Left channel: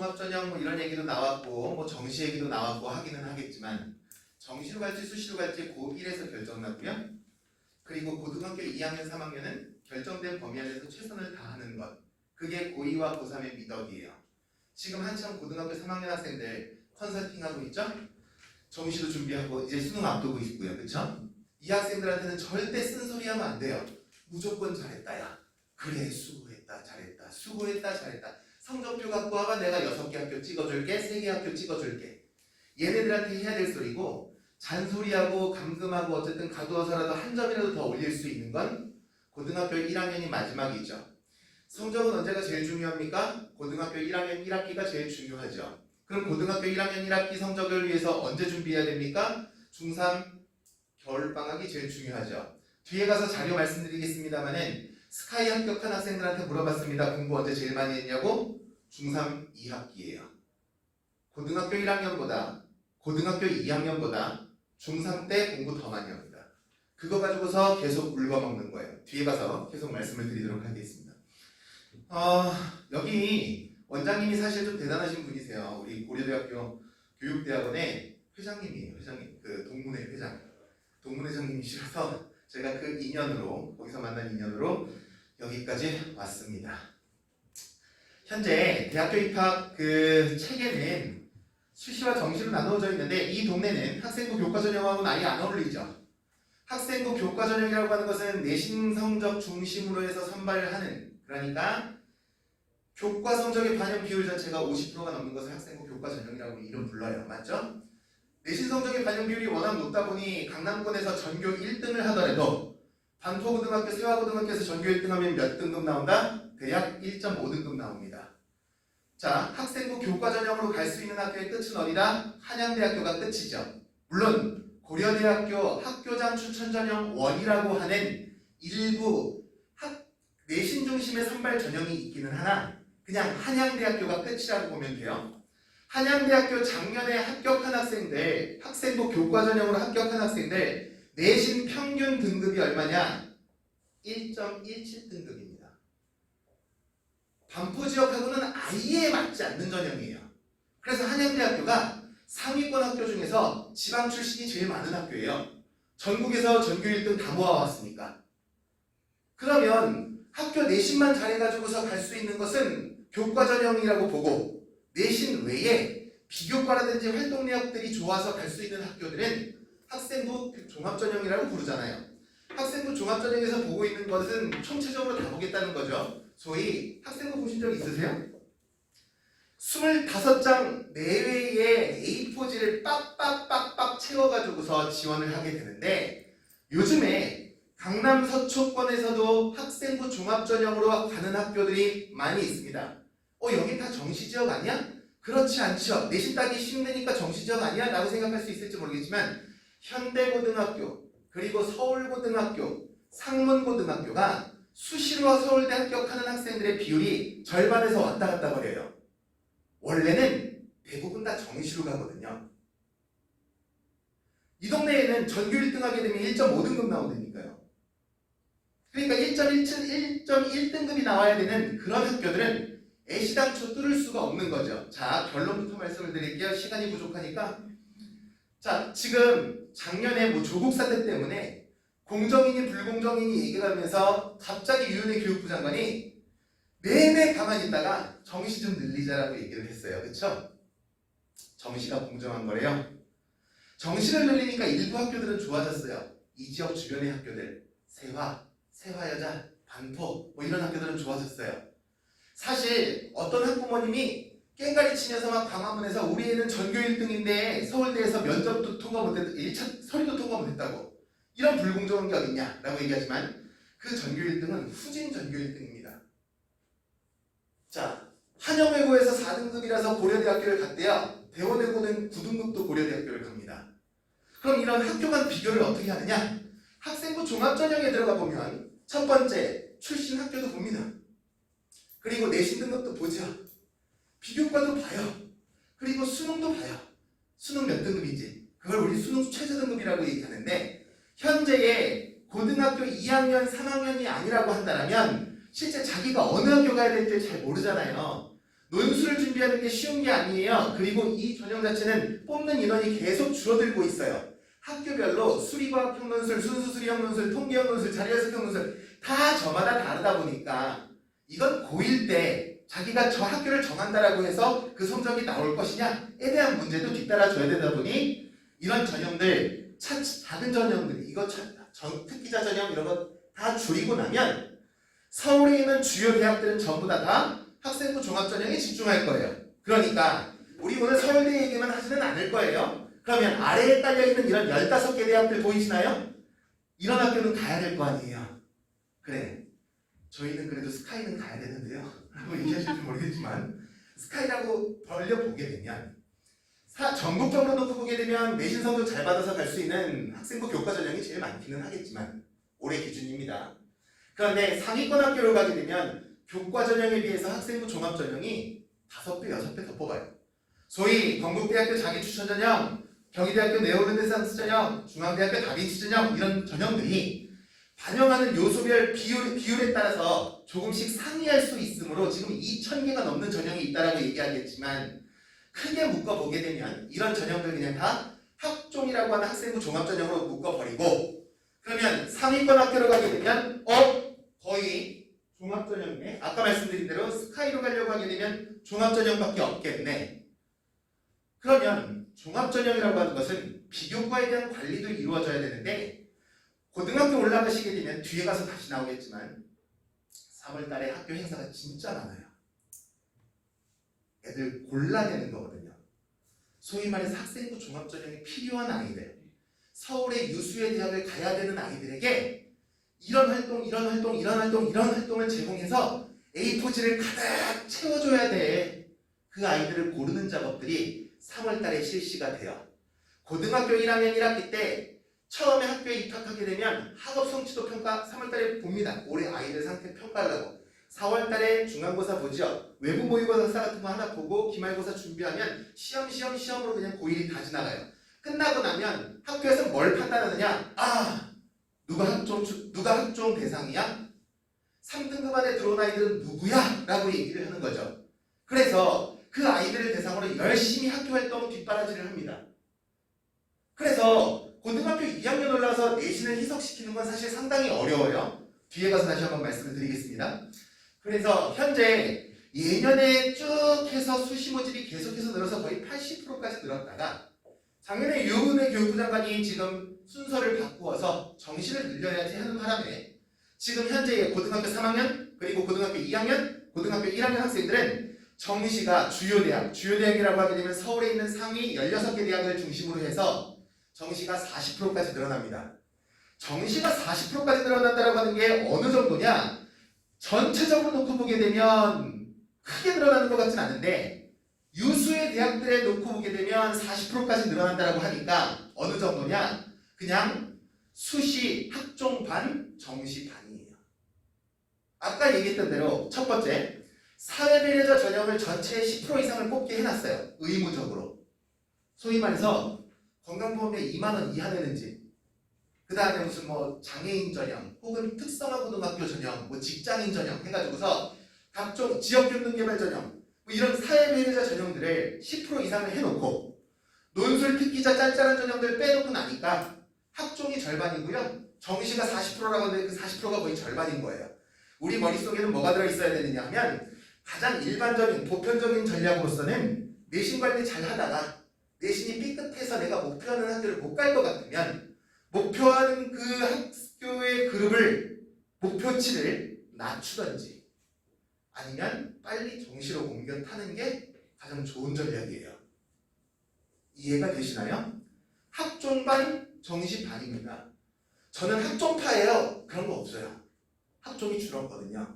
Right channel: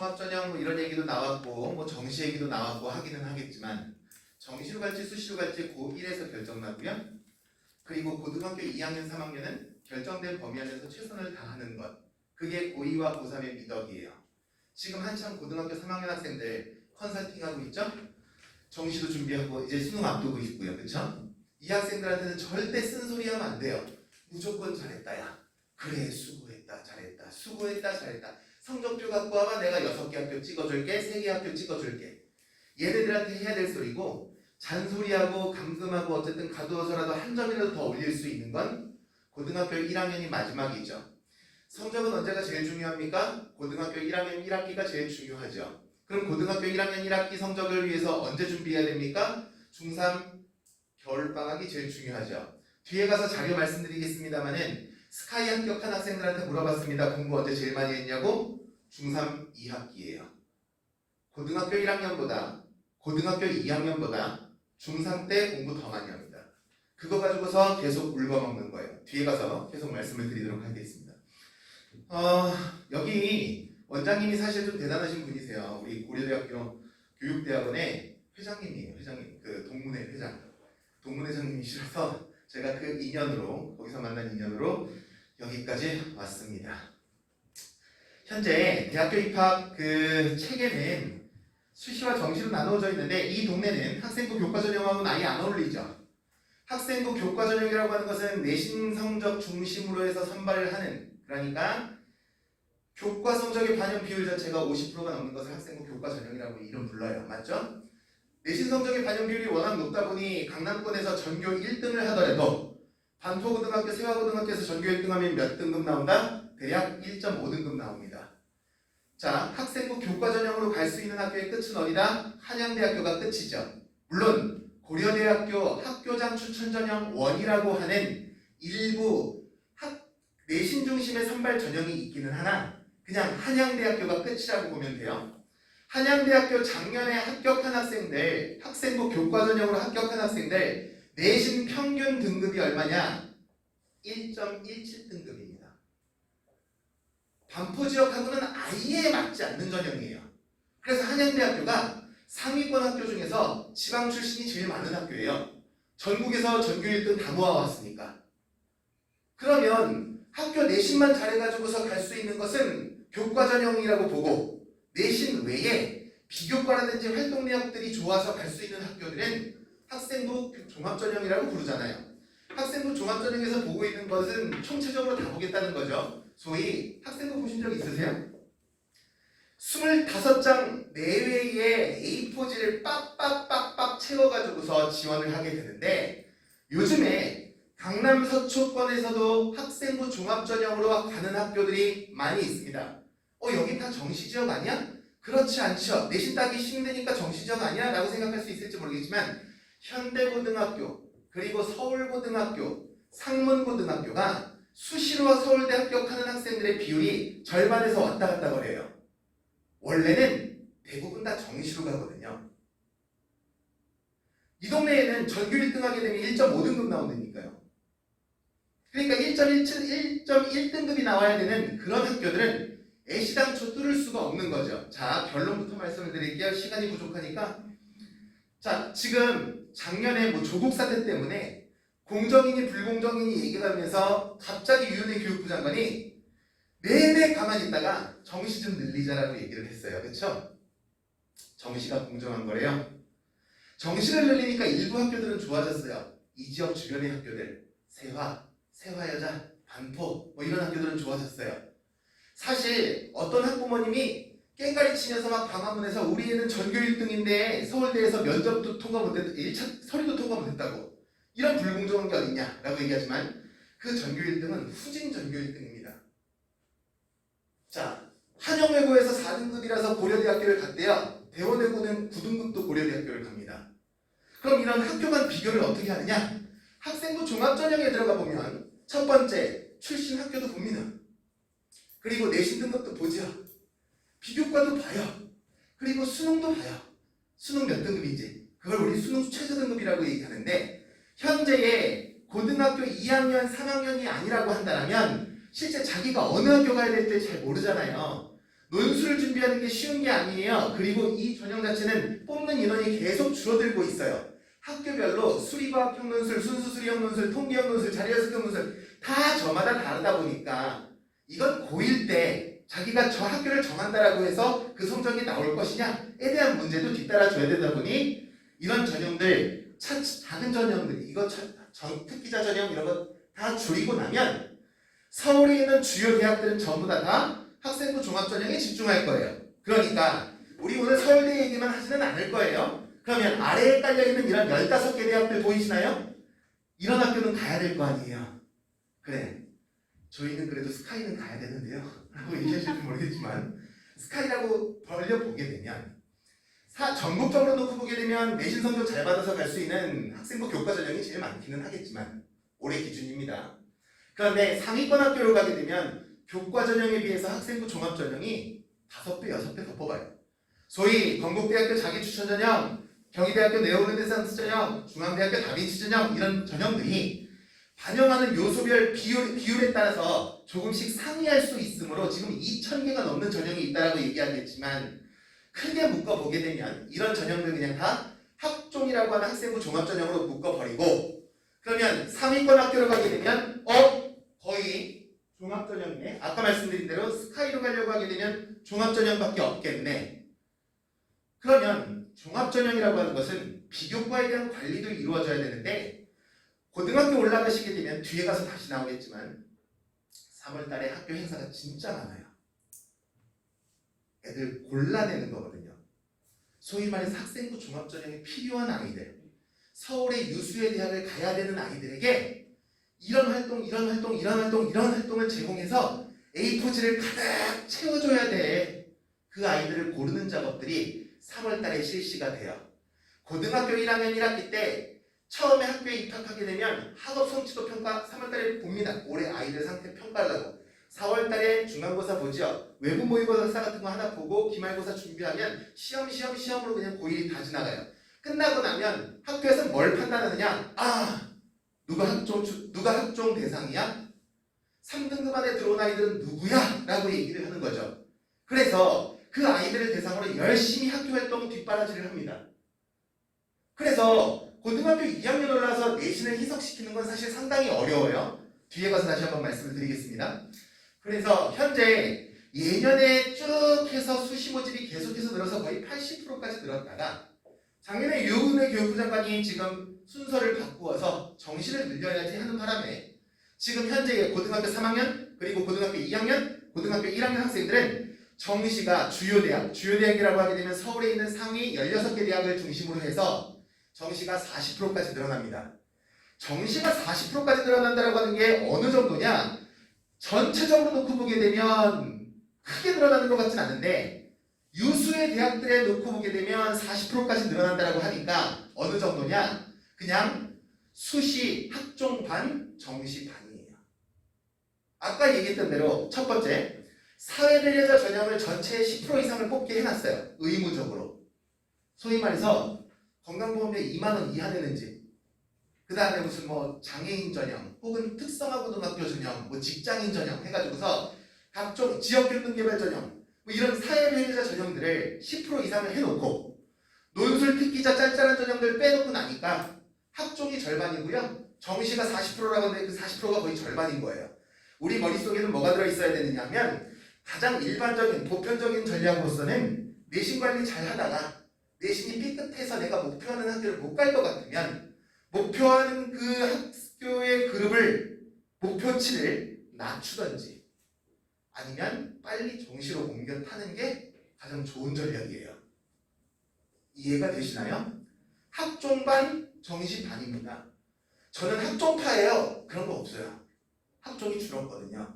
종합전형 뭐 이런 얘기도 나왔고 뭐 정시 얘기도 나왔고 하기는 하겠지만 정시로 갈지 수시로 갈지 고1에서 결정나고요. 그리고 고등학교 2학년, 3학년은 결정된 범위 안에서 최선을 다하는 것. 그게 고2와 고3의 미덕이에요. 지금 한참 고등학교 3학년 학생들 컨설팅하고 있죠? 정시도 준비하고 이제 수능 앞두고 있고요. 그쵸? 이 학생들한테는 절대 쓴소리하면 안 돼요. 무조건 잘했다야. 그래 수고했다 잘했다 수고했다 잘했다. 성적표 갖고 와봐 내가 6개 학교 찍어줄게 3개 학교 찍어줄게. 얘네들한테 해야 될 소리고 잔소리하고 감금하고 어쨌든 가두어서라도 한 점이라도 더 올릴 수 있는 건 고등학교 1학년이 마지막이죠. 성적은 언제가 제일 중요합니까? 고등학교 1학년 1학기가 제일 중요하죠. 그럼 고등학교 1학년 1학기 성적을 위해서 언제 준비해야 됩니까? 중3 겨울방학이 제일 중요하죠. 뒤에 가서 자료 말씀드리겠습니다만은 스카이 합격한 학생들한테 물어봤습니다. 공부 언제 제일 많이 했냐고? 중3 2학기예요. 고등학교 1학년보다 고등학교 2학년보다 중3 때 공부 더 많이 합니다. 그거 가지고서 계속 울거먹는 거예요. 뒤에 가서 계속 말씀을 드리도록 하겠습니다. 여기 원장님이 사실 좀 대단하신 분이세요. 우리 고려대학교 교육대학원의 회장님이에요. 회장님, 그 동문회 회장, 동문회장님이시라서 제가 그 인연으로 거기서 만난 인연으로 여기까지 왔습니다. 현재 대학교 입학 그 체계는 수시와 정시로 나누어져 있는데 이 동네는 학생부 교과전형하고는 아예 안 어울리죠. 학생부 교과전형이라고 하는 것은 내신 성적 중심으로 해서 선발을 하는, 그러니까 교과 성적의 반영 비율 자체가 50%가 넘는 것을 학생부 교과전형이라고 이름 불러요. 맞죠? 내신 성적의 반영 비율이 워낙 높다 보니 강남권에서 전교 1등을 하더라도 반포고등학교, 세화고등학교에서 전교 1등하면 몇 등급 나온다? 대략 1.5등급 나옵니다. 자, 학생부 교과전형으로 갈 수 있는 학교의 끝은 어디다? 한양대학교가 끝이죠. 물론 고려대학교 학교장 추천전형 1이라고 하는 일부 내신 중심의 선발 전형이 있기는 하나 그냥 한양대학교가 끝이라고 보면 돼요. 한양대학교 작년에 합격한 학생들, 학생부 교과전형으로 합격한 학생들 내신 평균 등급이 얼마냐? 1.17등급입니다. 반포지역하고는 아예 맞지 않는 전형이에요. 그래서 한양대학교가 상위권 학교 중에서 지방 출신이 제일 많은 학교예요. 전국에서 전교 1등 다 모아왔으니까. 그러면 학교 내신만 잘해가지고서 갈 수 있는 것은 교과전형이라고 보고 내신 외에 비교과라든지 활동내역들이 좋아서 갈 수 있는 학교들은 학생부 종합전형이라고 부르잖아요. 학생부 종합전형에서 보고 있는 것은 총체적으로 다 보겠다는 거죠. 소위 학생부 보신 적 있으세요? 25장 내외의 A4지를 빡빡빡빡 채워가지고서 지원을 하게 되는데 요즘에 강남 서초권에서도 학생부 종합전형으로 가는 학교들이 많이 있습니다. 여긴 다 정시지역 아니야? 그렇지 않죠. 내신 따기 힘드니까 정시지역 아니야? 라고 생각할 수 있을지 모르겠지만 현대고등학교, 그리고 서울고등학교, 상문고등학교가 수시로 서울대 합격하는 학생들의 비율이 절반에서 왔다 갔다 거려요. 원래는 대부분 다 정시로 가거든요. 이 동네에는 전교 1등 하게 되면 1.5등급 나온다니까요. 그러니까 1.1등급이 나와야 되는 그런 학교들은 애시당초 뚫을 수가 없는 거죠. 자, 결론부터 말씀을 드릴게요. 시간이 부족하니까. 자, 지금 작년에 뭐 조국 사태 때문에 공정이니 불공정이니 얘기를 하면서 갑자기 유은혜 교육부 장관이 내내 가만히 있다가 정시 좀 늘리자라고 얘기를 했어요. 그쵸? 정시가 공정한 거래요. 정시를 늘리니까 일부 학교들은 좋아졌어요. 이 지역 주변의 학교들, 세화여자, 반포 뭐 이런 학교들은 좋아졌어요. 사실 어떤 학부모님이 깽가리 치면서 막 방화문에서 우리 애는 전교 1등인데 서울대에서 면접도 통과 못했다, 1차 서류도 통과 못했다고 이런 불공정한 게 어딨냐 라고 얘기하지만 그 전교 1등은 후진 전교 1등입니다. 자, 한영외고에서 4등급이라서 고려대학교를 갔대요. 대원외고는 9등급도 고려대학교를 갑니다. 그럼 이런 학교 간 비교를 어떻게 하느냐? 학생부 종합전형에 들어가 보면 첫 번째 출신 학교도 봅니다. 그리고 내신 등급도 보죠. 비교과도 봐요. 그리고 수능도 봐요. 수능 몇 등급인지. 그걸 우리 수능 최저 등급이라고 얘기하는데 현재의 고등학교 2학년, 3학년이 아니라고 한다면 실제 자기가 어느 학교 가야 될지 잘 모르잖아요. 논술을 준비하는 게 쉬운 게 아니에요. 그리고 이 전형 자체는 뽑는 인원이 계속 줄어들고 있어요. 학교별로 수리과학 평론술, 순수 수리형 논술, 통계형 논술, 자료해석형 논술 다 저마다 다르다 보니까 이건 고1 때 자기가 저 학교를 정한다라고 해서 그 성적이 나올 것이냐에 대한 문제도 뒤따라줘야 되다 보니 이런 전형들, 작은 전형들, 이거 특기자 전형 이런 거 다 줄이고 나면 서울에 있는 주요 대학들은 전부 다 학생부 종합전형에 집중할 거예요. 그러니까 우리 오늘 서울대 얘기만 하지는 않을 거예요. 그러면 아래에 깔려있는 이런 15개 대학들 보이시나요? 이런 학교는 가야 될 거 아니에요. 그래, 저희는 그래도 스카이는 가야 되는데요 라고 얘기하실지 모르겠지만 스카이라고 벌려보게 되면 전국적으로 놓고 보게 되면 내신 성적 잘 받아서 갈 수 있는 학생부 교과 전형이 제일 많기는 하겠지만 올해 기준입니다. 그런데 상위권 학교로 가게 되면 교과 전형에 비해서 학생부 종합 전형이 5배, 6배 더 뽑아요. 소위 건국대학교 자기추천 전형, 경희대학교 네오르네상스 전형, 중앙대학교 다빈치 전형 이런 전형들이 반영하는 요소별 비율에 따라서 조금씩 상이할 수 있으므로 지금 2,000개가 넘는 전형이 있다라고 얘기하겠지만 크게 묶어보게 되면 이런 전형들 그냥 다 학종이라고 하는 학생부 종합전형으로 묶어버리고 그러면 상위권 학교로 가게 되면 거의 종합전형이네. 아까 말씀드린 대로 스카이로 가려고 하게 되면 종합전형밖에 없겠네. 그러면 종합전형이라고 하는 것은 비교과에 대한 관리도 이루어져야 되는데 고등학교 올라가시게 되면 뒤에 가서 다시 나오겠지만 3월달에 학교 행사가 진짜 많아요. 애들 골라내는 거거든요. 소위 말해서 학생부 종합전형이 필요한 아이들, 서울의 유수의 대학을 가야 되는 아이들에게 이런 활동을 제공해서 A4지를 가득 채워줘야 돼. 그 아이들을 고르는 작업들이 3월달에 실시가 돼요. 고등학교 1학년 1학기 때 처음에 학교에 입학하게 되면 학업 성취도 평가 3월달에 봅니다. 올해 아이들 상태 평가하려고. 4월달에 중간고사 보죠. 외부 모의고사 같은 거 하나 보고 기말고사 준비하면 시험으로 그냥 고1이 다 지나가요. 끝나고 나면 학교에서 뭘 판단하느냐? 누가 학종 대상이야? 3등급 안에 들어온 아이들은 누구야? 라고 얘기를 하는 거죠. 그래서 그 아이들을 대상으로 열심히 학교 활동 뒷바라지를 합니다. 그래서 고등학교 2학년 올라서 내신을 희석시키는 건 사실 상당히 어려워요. 뒤에 가서 다시 한번 말씀을 드리겠습니다. 그래서 현재 예년에 쭉 해서 수시 모집이 계속해서 늘어서 거의 80%까지 늘었다가 작년에 유은혜 교육부 장관이 지금 순서를 바꾸어서 정시를 늘려야지 하는 바람에 지금 현재 고등학교 3학년 그리고 고등학교 2학년, 고등학교 1학년 학생들은 정시가 주요대학이라고 하게 되면 서울에 있는 상위 16개 대학을 중심으로 해서 정시가 40%까지 늘어납니다. 정시가 40%까지 늘어난다고 하는 게 어느 정도냐? 전체적으로 놓고 보게 되면 크게 늘어나는 것 같진 않은데 유수의 대학들에 놓고 보게 되면 40%까지 늘어난다고 하니까 어느 정도냐? 그냥 수시 학종 반, 정시 반이에요. 아까 얘기했던 대로 첫 번째, 사회배려자 전형을 전체의 10% 이상을 뽑게 해놨어요. 의무적으로. 소위 말해서 건강보험료 2만원 이하 되는 집, 그 다음에 무슨 장애인 전형 혹은 특성화 고등학교 전형, 직장인 전형 해가지고서 각종 지역균등개발 전형 이런 사회배려자 전형들을 10% 이상을 해놓고 논술 특기자 짠짠한 전형들 빼놓고 나니까 학종이 절반이고요. 정시가 40%라고 하는데 그 40%가 거의 절반인 거예요. 우리 머릿속에는 뭐가 들어있어야 되느냐 하면 가장 일반적인 보편적인 전략으로서는 내신 관리 잘 하다가 내신이 삐끗해서 내가 목표하는 학교를 못 갈 것 같으면 목표하는 그 학교의 그룹을 목표치를 낮추던지 아니면 빨리 정시로 옮겨 타는 게 가장 좋은 전략이에요. 이해가 되시나요? 학종반, 정시반입니다. 저는 학종파예요. 그런 거 없어요. 학종이 줄었거든요.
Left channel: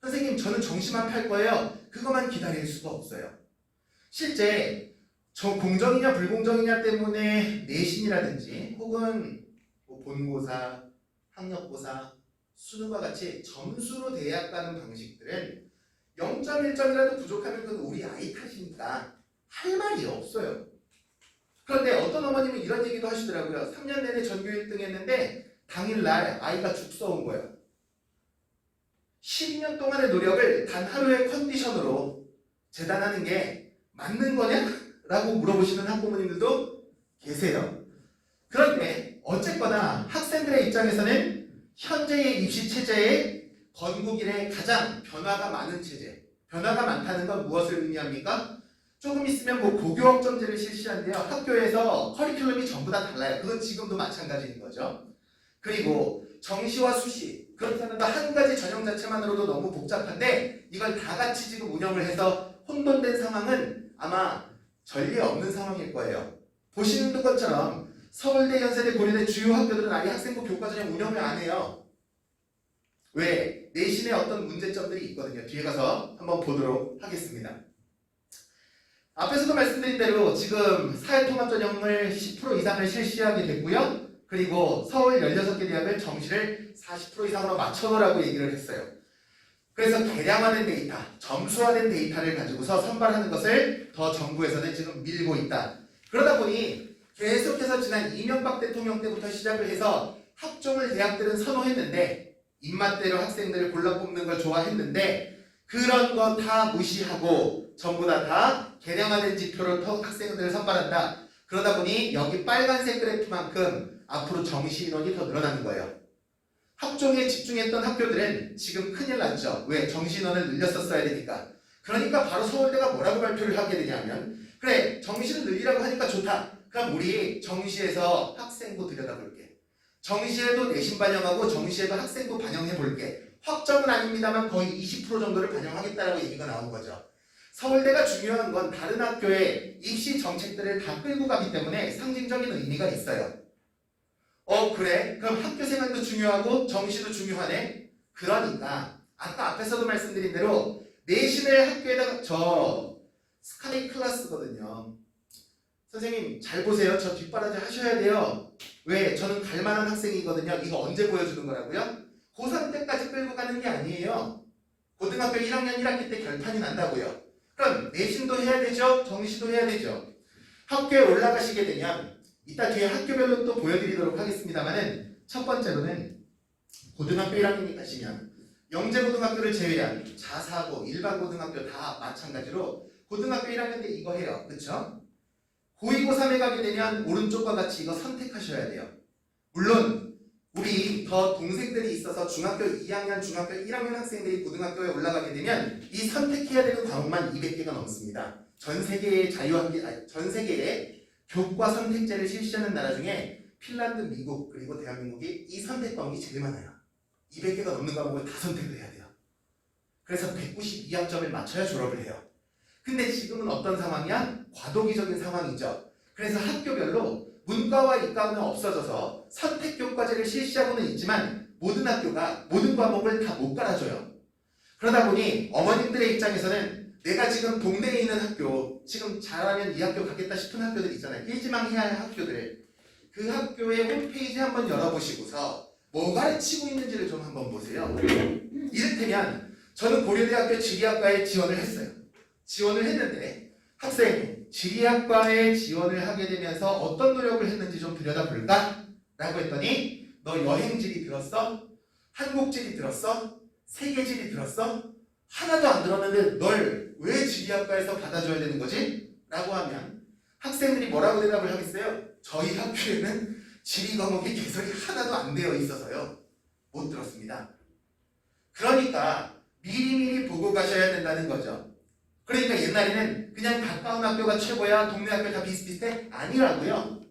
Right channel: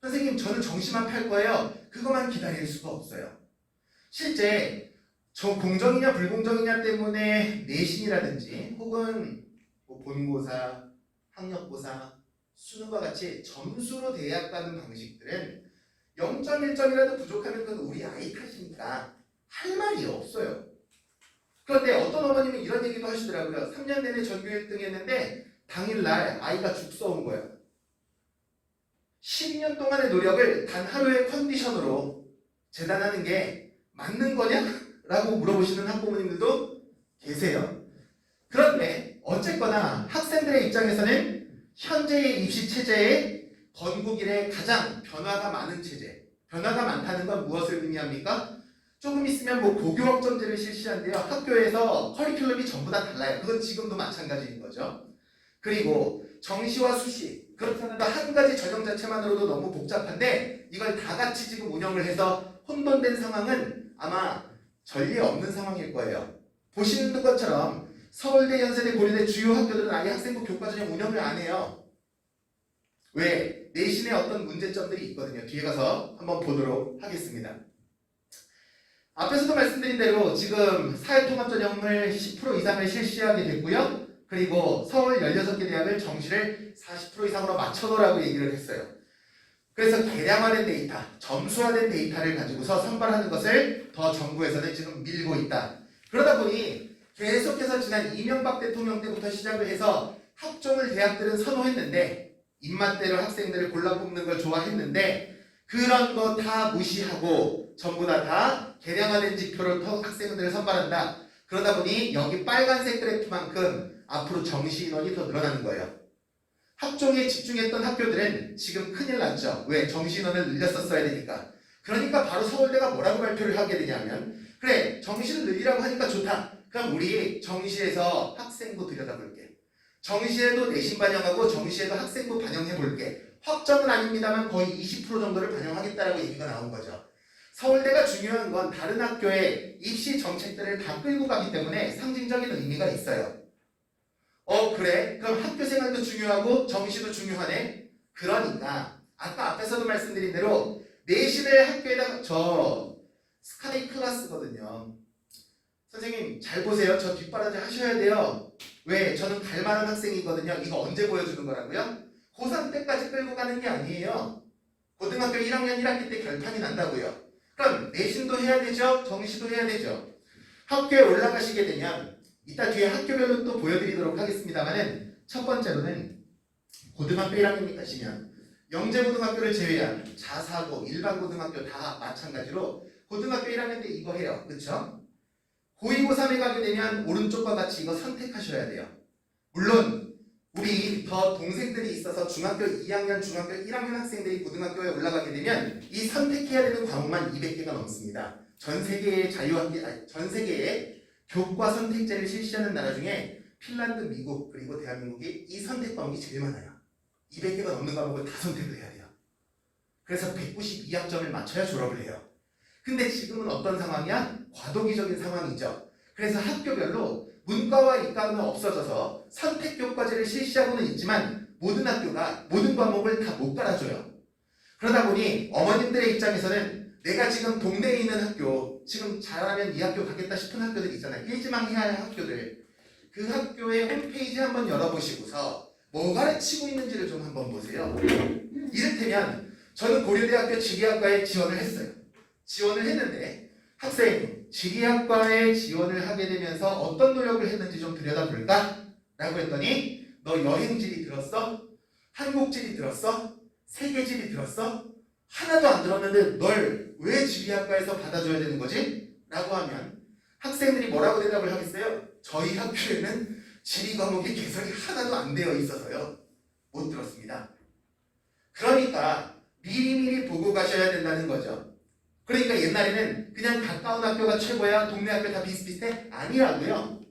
선생님 저는 정시만 팔 거예요. 그것만 기다릴 수가 없어요. 실제 공정이냐 불공정이냐 때문에 내신이라든지 혹은 본고사, 학력고사, 수능과 같이 점수로 대학 가는 방식들은 0.1점이라도 부족하면 그건 우리 아이 탓이니까 할 말이 없어요. 그런데 어떤 어머님은 이런 얘기도 하시더라고요. 3년 내내 전교 1등 했는데 당일날 아이가 죽 써온 거예요. 12년 동안의 노력을 단 하루의 컨디션으로 재단하는 게 맞는 거냐? 라고 물어보시는 학부모님들도 계세요. 그런데 어쨌거나 학생들의 입장에서는 현재의 입시 체제의 건국 이래 가장 변화가 많은 체제, 변화가 많다는 건 무엇을 의미합니까? 조금 있으면 뭐 고교학점제를 실시한대요. 학교에서 커리큘럼이 전부 다 달라요. 그건 지금도 마찬가지인 거죠. 그리고 정시와 수시, 그렇다는 한 가지 전형 자체만으로도 너무 복잡한데 이걸 다 같이 지금 운영을 해서 혼돈된 상황은 아마 전례 없는 상황일 거예요. 보시는 것처럼 서울대, 연세대, 고려대 주요 학교들은 아예 학생부 교과전형 운영을 안 해요. 왜? 내신에 어떤 문제점들이 있거든요. 뒤에 가서 한번 보도록 하겠습니다. 앞에서도 말씀드린 대로 지금 사회통합전형을 10% 이상을 실시하게 됐고요. 그리고 서울 16개 대학을 정시를 40% 이상으로 맞춰놓으라고 얘기를 했어요. 그래서 개량화된 데이터, 점수화된 데이터를 가지고서 선발하는 것을 더 정부에서는 지금 밀고 있다. 그러다 보니 계속해서 지난 이명박 대통령 때부터 시작을 해서 학종을 대학들은 선호했는데 입맛대로 학생들을 골라 뽑는 걸 좋아했는데 그런 거 다 무시하고 전부 다 개량화된 지표로 학생들을 선발한다. 그러다 보니 여기 빨간색 그래프만큼 앞으로 정시 인원이 더 늘어나는 거예요. 학종에 집중했던 학교들은 지금 큰일 났죠. 왜? 정시 인원을 늘렸었어야 되니까. 그러니까 바로 서울대가 뭐라고 발표를 하게 되냐면 그래, 정시를 늘리라고 하니까 좋다. 그럼 우리 정시에서 학생부 들여다볼게. 정시에도 내신 반영하고 정시에도 학생부 반영해볼게. 확정은 아닙니다만 거의 20% 정도를 반영하겠다라고 얘기가 나온 거죠. 서울대가 중요한 건 다른 학교의 입시 정책들을 다 끌고 가기 때문에 상징적인 의미가 있어요. 그래? 그럼 학교 생활도 중요하고 정시도 중요하네? 그러니까 아까 앞에서도 말씀드린 대로 내신을 학교에다 스카이 클래스거든요. 선생님 잘 보세요. 저 뒷바라지 하셔야 돼요. 왜? 저는 갈만한 학생이거든요. 이거 언제 보여주는 거라고요? 고3 때까지 끌고 가는 게 아니에요. 고등학교 1학년 1학기 때 결판이 난다고요. 그럼 내신도 해야 되죠. 정시도 해야 되죠. 학교에 올라가시게 되면 이따 뒤에 학교별로 또 보여드리도록 하겠습니다만은 첫 번째로는 고등학교 1학년 가시면 영재고등학교를 제외한 자사고, 일반 고등학교 다 마찬가지로 고등학교 1학년 때 이거 해요. 그렇죠? 고2, 고3에 가게 되면 오른쪽과 같이 이거 선택하셔야 돼요. 물론 우리 더 동생들이 있어서 중학교 2학년, 중학교 1학년 학생들이 고등학교에 올라가게 되면 이 선택해야 되는 과목만 200개가 넘습니다. 전 세계의 전 세계의 교과 선택제를 실시하는 나라 중에 핀란드, 미국, 그리고 대한민국이 이 선택 과목이 제일 많아요. 200개가 넘는 과목을 다 선택을 해야 돼요. 그래서 192학점을 맞춰야 졸업을 해요. 근데 지금은 어떤 상황이야? 과도기적인 상황이죠. 그래서 학교별로 문과와 이과는 없어져서 선택교과제를 실시하고는 있지만 모든 학교가 모든 과목을 다 못 깔아줘요. 그러다 보니 어머님들의 입장에서는 내가 지금 동네에 있는 학교, 지금 잘하면 이 학교 가겠다 싶은 학교들 있잖아요. 일지망해야 할 학교들. 그 학교의 홈페이지 한번 열어보시고서 뭐 가르치고 있는지를 좀 한번 보세요. 이를테면 저는 고려대학교 지리학과에 지원을 했어요. 지원을 했는데 학생 지리학과에 지원을 하게 되면서 어떤 노력을 했는지 좀 들여다볼까? 라고 했더니 너 여행지리 들었어? 한국지리 들었어? 세계지리 들었어? 하나도 안 들었는데 널 왜 지리학과에서 받아줘야 되는 거지? 라고 하면 학생들이 뭐라고 대답을 하겠어요? 저희 학교에는 지리 과목이 개설이 하나도 안 되어 있어서요. 못 들었습니다. 그러니까 미리미리 보고 가셔야 된다는 거죠. 그러니까 옛날에는 그냥 가까운 학교가 최고야, 동네 학교 다 비슷비슷해? 아니라고요.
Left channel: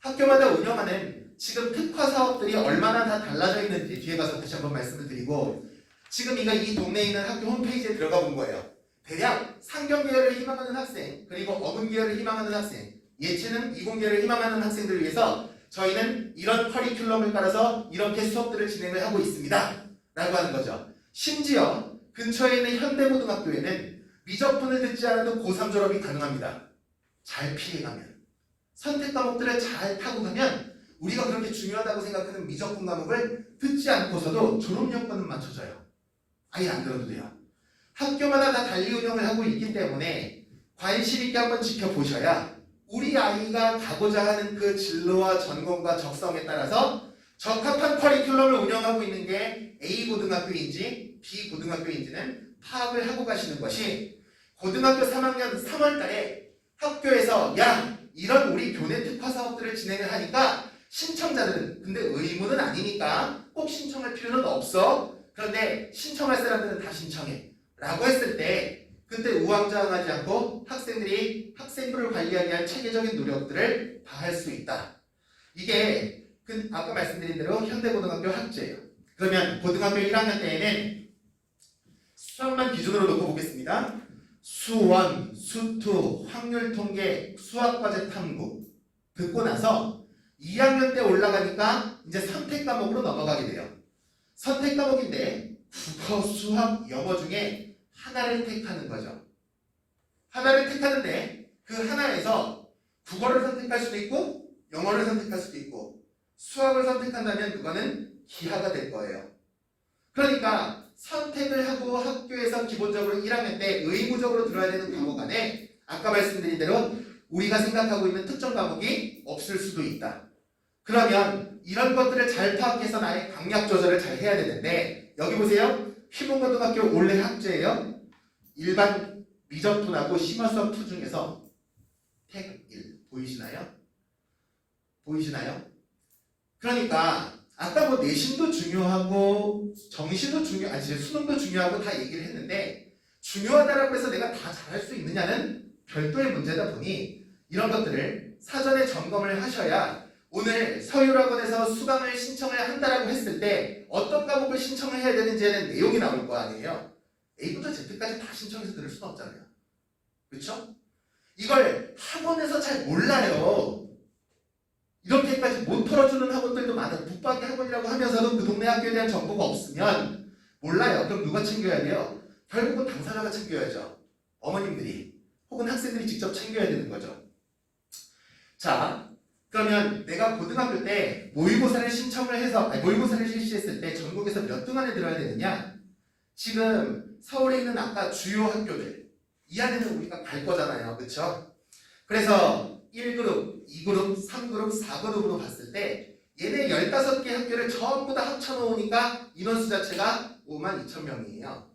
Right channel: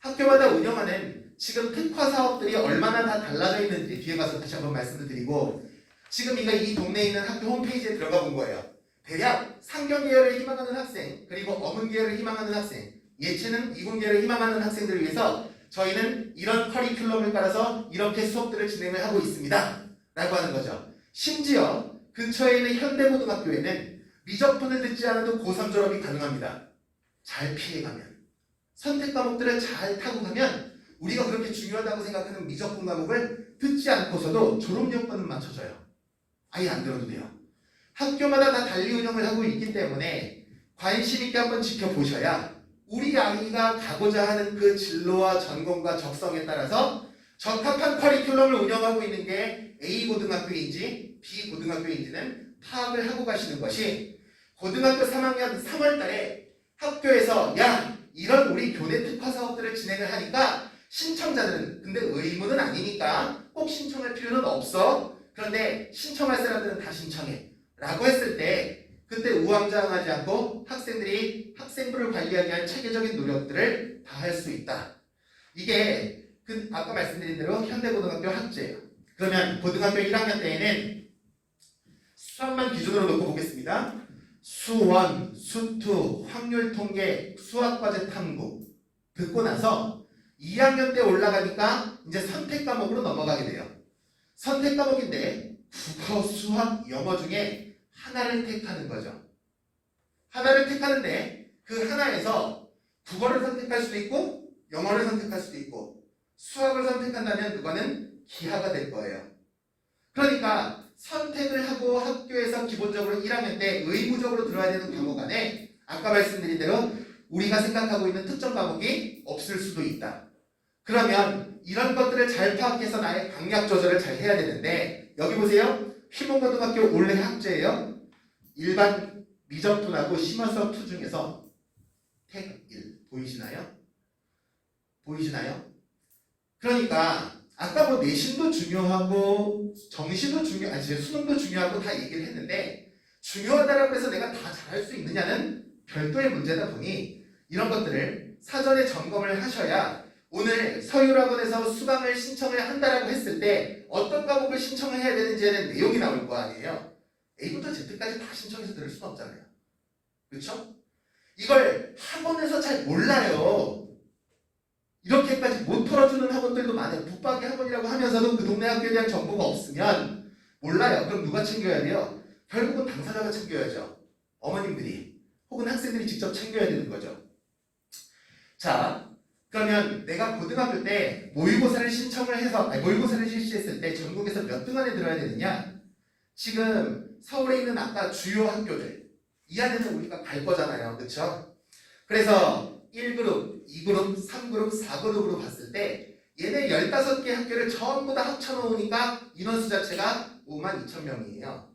학교마다 운영하는 지금 특화 사업들이 얼마나 다 달라져 있는지 뒤에 가서 다시 한번 말씀을 드리고, 지금 이 동네에 있는 학교 홈페이지에 들어가 본 거예요. 대략 상경 계열을 희망하는 학생, 그리고 어문 계열을 희망하는 학생, 예체능, 이공 계열을 희망하는 학생들을 위해서 저희는 이런 커리큘럼을 따라서 이렇게 수업들을 진행을 하고 있습니다. 라고 하는 거죠. 심지어 근처에 있는 현대고등학교에는 미적분을 듣지 않아도 고3 졸업이 가능합니다. 잘 피해가면. 선택 과목들을 잘 타고 가면 우리가 그렇게 중요하다고 생각하는 미적분 과목을 듣지 않고서도 졸업 여건은 맞춰져요. 아예 안 들어도 돼요. 학교마다 다 달리 운영을 하고 있기 때문에 관심 있게 한번 지켜보셔야 우리 아이가 가고자 하는 그 진로와 전공과 적성에 따라서 적합한 커리큘럼을 운영하고 있는 게 A 고등학교인지 B 고등학교인지는 파악을 하고 가시는 것이 고등학교 3학년 3월 달에 학교에서 야 이런 우리 교내 특화 사업들을 진행을 하니까 신청자들은 근데 의무는 아니니까 꼭 신청할 필요는 없어. 그런데 신청할 사람들은 다 신청해 라고 했을 때 그때 우왕좌왕하지 않고 학생들이 학생부를 관리하기 위한 체계적인 노력들을 다 할 수 있다. 이게 아까 말씀드린 대로 현대고등학교 학제예요. 그러면 고등학교 1학년 때에는 수학만 기준으로 놓고 보겠습니다. 수원, 수투, 확률 통계, 수학과제 탐구 듣고 나서 2학년 때 올라가니까 이제 선택 과목으로 넘어가게 돼요. 선택 과목인데 국어, 수학, 영어 중에 하나를 택하는 거죠. 하나를 택하는데 그 하나에서 국어를 선택할 수도 있고 영어를 선택할 수도 있고 수학을 선택한다면 그거는 기하가 될 거예요. 그러니까 선택을 하고 학교에서 기본적으로 1학년 때 의무적으로 들어야 되는 과목 안에 아까 말씀드린 대로 우리가 생각하고 있는 특정 과목이 없을 수도 있다. 그러면 이런 것들을 잘 파악해서 나의 강약 조절을 잘 해야 되는데 여기 보세요. 휘문고등학교 올해 학제예요. 일반 미적분하고 심화수업 2 중에서 택 1 보이시나요? 보이시나요? 그러니까 아까 뭐 내신도 중요하고 정시도 수능도 중요하고 다 얘기를 했는데 중요하다라고 해서 내가 다 잘할 수 있느냐는 별도의 문제다 보니 이런 것들을 사전에 점검을 하셔야 오늘 서울학원에서 수강을 신청을 한다라고 했을 때 어떤 과목을 신청을 해야 되는지에는 내용이 나올 거 아니에요. A부터 Z까지 다 신청해서 들을 수는 없잖아요. 그렇죠? 이걸 학원에서 잘 몰라요. 이렇게까지 못 털어주는 학원들도 많아요. 붙박이 학원이라고 하면서도 그 동네 학교에 대한 정보가 없으면 몰라요. 그럼 누가 챙겨야 돼요? 결국은 당사자가 챙겨야죠. 어머님들이 혹은 학생들이 직접 챙겨야 되는 거죠. 자, 그러면 내가 고등학교 때 모의고사를 신청을 해서 모의고사를 실시했을 때 전국에서 몇 등 안에 들어야 되느냐? 지금 서울에 있는 아까 주요 학교들 이 안에는 우리가 갈 거잖아요. 그렇죠? 그래서 1그룹, 2그룹, 3그룹, 4그룹으로 봤을 때 얘네 15개 학교를 전부 다 합쳐놓으니까 인원수 자체가 52,000명이에요.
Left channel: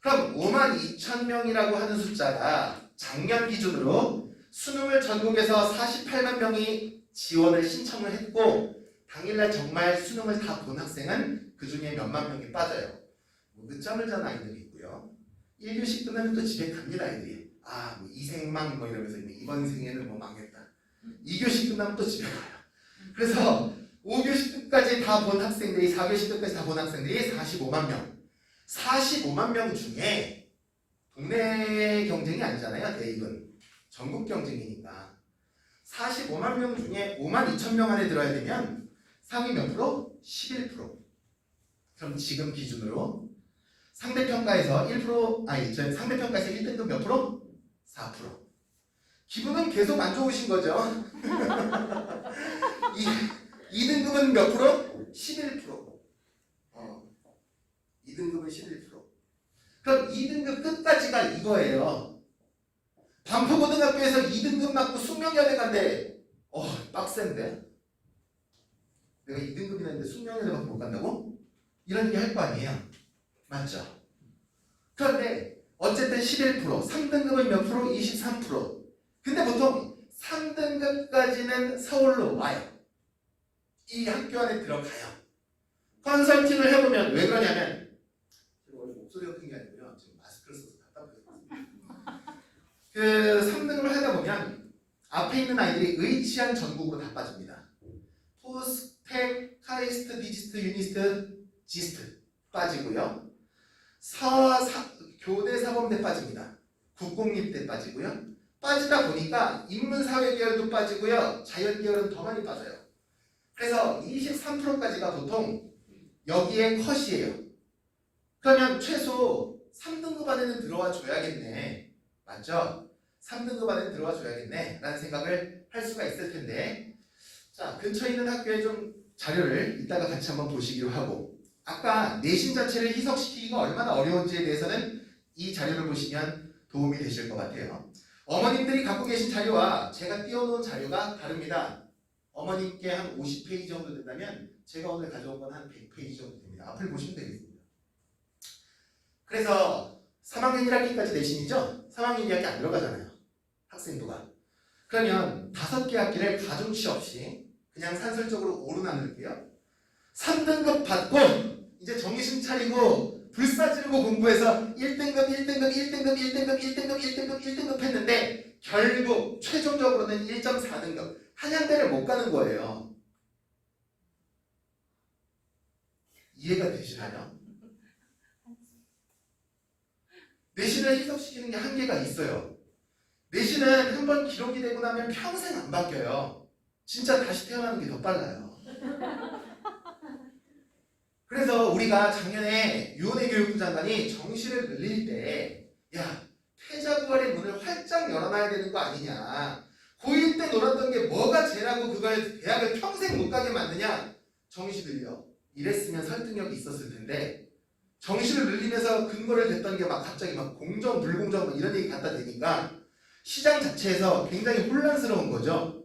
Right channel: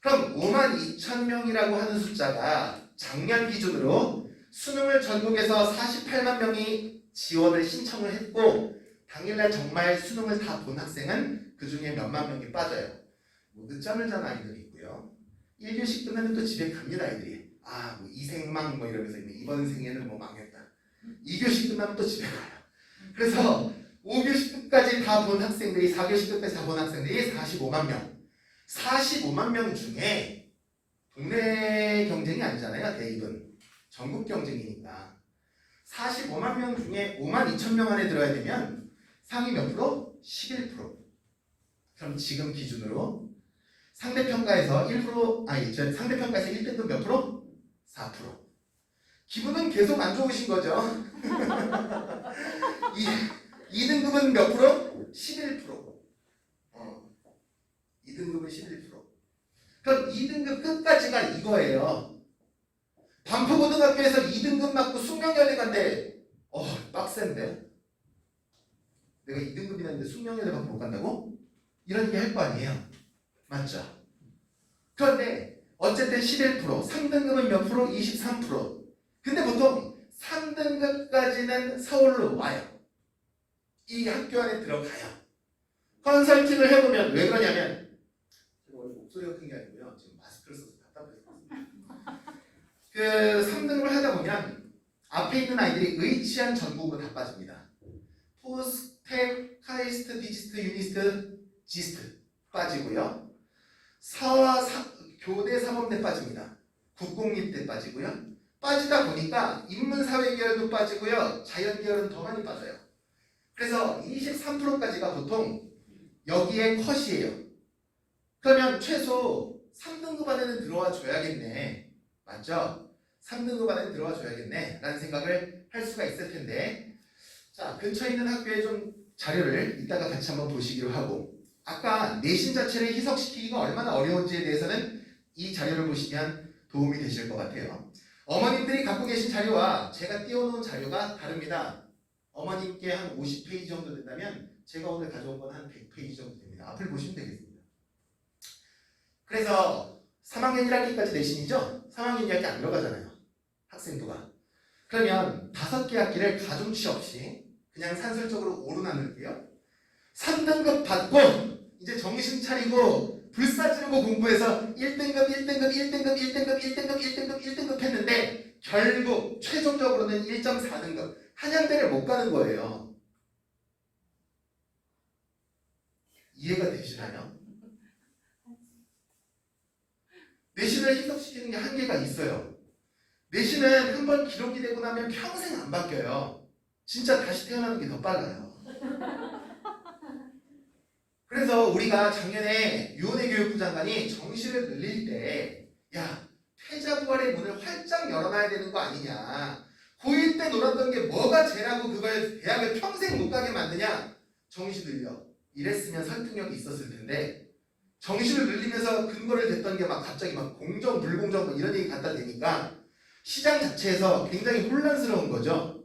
그럼 52,000명이라고 하는 숫자가 작년 기준으로 수능을 전국에서 48만 명이 지원을 신청을 했고 당일날 정말 수능을 다 본 학생은 그 중에 몇만 명이 빠져요. 뭐 늦잠을 잔 아이들이 있고요. 1교시 끝나면 또 집에 갑니다 아이들이. 뭐 이생망 뭐 이러면서 이번 생에는 뭐 망했다. 2교시 끝나면 또 집에 가요. 그래서 5교시 끝까지 다 본 학생들이 4교시 끝까지 다 본 학생들이 45만 명. 45만 명 중에 국내 경쟁이 아니잖아요. 대입은 전국 경쟁이니까 45만 명 중에 52,000명 안에 들어야 되면 상위 몇 프로? 11%. 그럼 지금 기준으로 상대평가에서 1%, 상대평가에서 1등급 몇 프로? 4%. 기분은 계속 안 좋으신 거죠. 2등급은 몇 프로? 11%. 2등급은 11%. 그럼 2등급 끝까지가 이거예요. 반포고등학교에서 2등급 맞고 숙명여대 간대. 빡센데? 내가 2등급이라는데 숙명여대밖에 못 간다고? 이런 얘기 할 거 아니에요. 맞죠? 그런데 어쨌든 11%, 3등급은 몇 프로? 23%. 근데 보통 3등급까지는 서울로 와요. 이 학교 안에 들어가요. 컨설팅을 해보면 왜 그러냐면 제가 원래 목소리가 큰 게 아니고요. 지금 마스크를 써서 답답해서 그 3등급을 하다 보면 앞에 있는 아이들이 의치한 전국으로 다 빠집니다. 포스, 텍, 카이스트, 디지스트, 유니스트, 지스트 빠지고요. 교대사범대 빠집니다. 국공립대 빠지고요. 빠지다 보니까 인문사회계열도 빠지고요. 자연계열은 더 많이 빠져요. 그래서 23%까지가 보통 여기에 컷이에요. 그러면 최소 3등급 안에는 들어와 줘야겠네. 맞죠? 3등급 안에는 들어와 줘야겠네 라는 생각을 할 수가 있을 텐데 자, 근처에 있는 학교에 좀 자료를 이따가 같이 한번 보시기로 하고 아까 내신 자체를 희석시키기가 얼마나 어려운지에 대해서는 이 자료를 보시면 도움이 되실 것 같아요. 어머님들이 갖고 계신 자료와 제가 띄워놓은 자료가 다릅니다. 어머님께 한 50페이지 정도 된다면 제가 오늘 가져온 건 한 100페이지 정도 됩니다. 앞을 보시면 되겠습니다. 그래서 3학년 1학기까지 내신이죠? 3학년 2학기 안 들어가잖아요. 학생도가. 그러면 5개 학기를 가중치 없이 그냥 산술적으로 5로 나눌게요. 3등급 받고 이제 정신 차리고 불사 지르고 공부해서 1등급, 1등급, 1등급, 1등급, 1등급, 1등급, 1등급 했는데 결국 최종적으로는 1.4등급 한양대를 못 가는 거예요. 이해가 되시나요? 내신을 희석시키는 게 한계가 있어요. 내신은 한번 기록이 되고 나면 평생 안 바뀌어요. 진짜 다시 태어나는 게 더 빨라요. 그래서 우리가 작년에 유은혜 교육부 장관이 정시를 늘릴 때 야, 패자부활의 문을 활짝 열어놔야 되는 거 아니냐. 고1 때 놀았던 게 뭐가 죄라고 그걸 대학을 평생 못 가게 만드냐. 정시 늘려. 이랬으면 설득력이 있었을 텐데 정시를 늘리면서 근거를 댔던 게 막 갑자기 막 공정, 불공정 뭐 이런 얘기 갖다 대니까 시장 자체에서 굉장히 혼란스러운 거죠.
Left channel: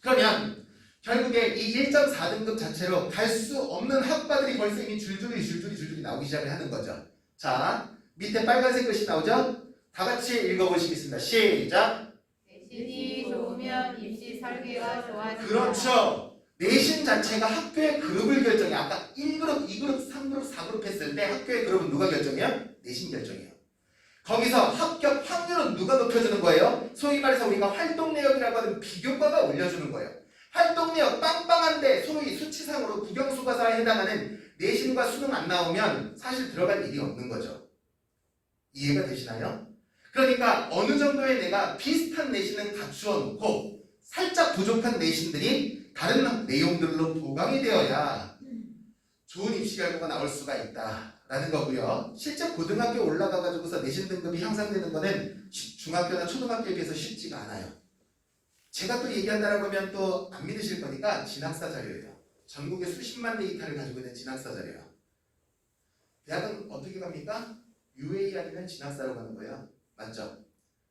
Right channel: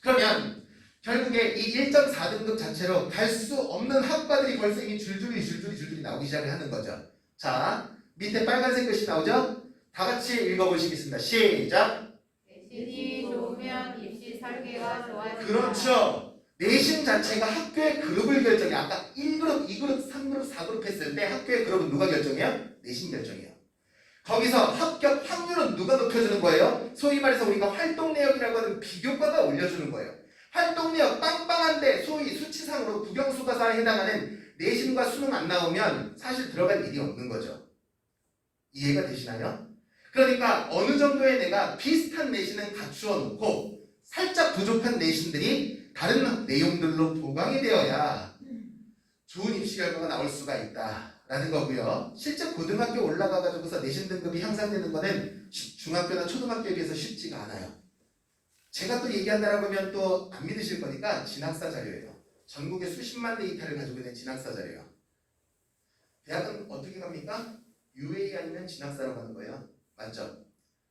그러면 결국에 이 1.4등급 자체로 갈 수 없는 학과들이 벌써 이미 줄줄이 나오기 시작을 하는 거죠. 자, 밑에 빨간색 글씨 나오죠? 다 같이 읽어보시겠습니다. 시작! 내신이 좋으면 입시 설계가 좋아진다. 그렇죠. 내신 자체가 학교의 그룹을 결정해. 아까 1그룹, 2그룹, 3그룹, 4그룹 했을 때 학교의 그룹은 누가 결정해요? 내신 결정해요. 거기서 합격 확률은 누가 높여주는 거예요? 소위 말해서 우리가 활동 내역이라고 하는 비교과가 올려주는 거예요. 활동 내역 빵빵한데 소위 수치상으로 국영수과사에 해당하는 내신과 수능 안 나오면 사실 들어갈 일이 없는 거죠. 이해가 되시나요? 그러니까 어느 정도의 내가 비슷한 내신은 갖추어 놓고 살짝 부족한 내신들이 다른 내용들로 보강이 되어야 좋은 입시 결과가 나올 수가 있다라는 거고요. 실제 고등학교 올라가가지고서 내신 등급이 향상되는 거는 중학교나 초등학교에 비해서 쉽지가 않아요. 제가 또 얘기한다라고 하면 또 안 믿으실 거니까 진학사 자료예요. 전국에 수십만 데이터를 가지고 있는 진학사 자료예요. 대학은 어떻게 갑니까? UA 아니면 진학사로 가는 거예요. 맞죠?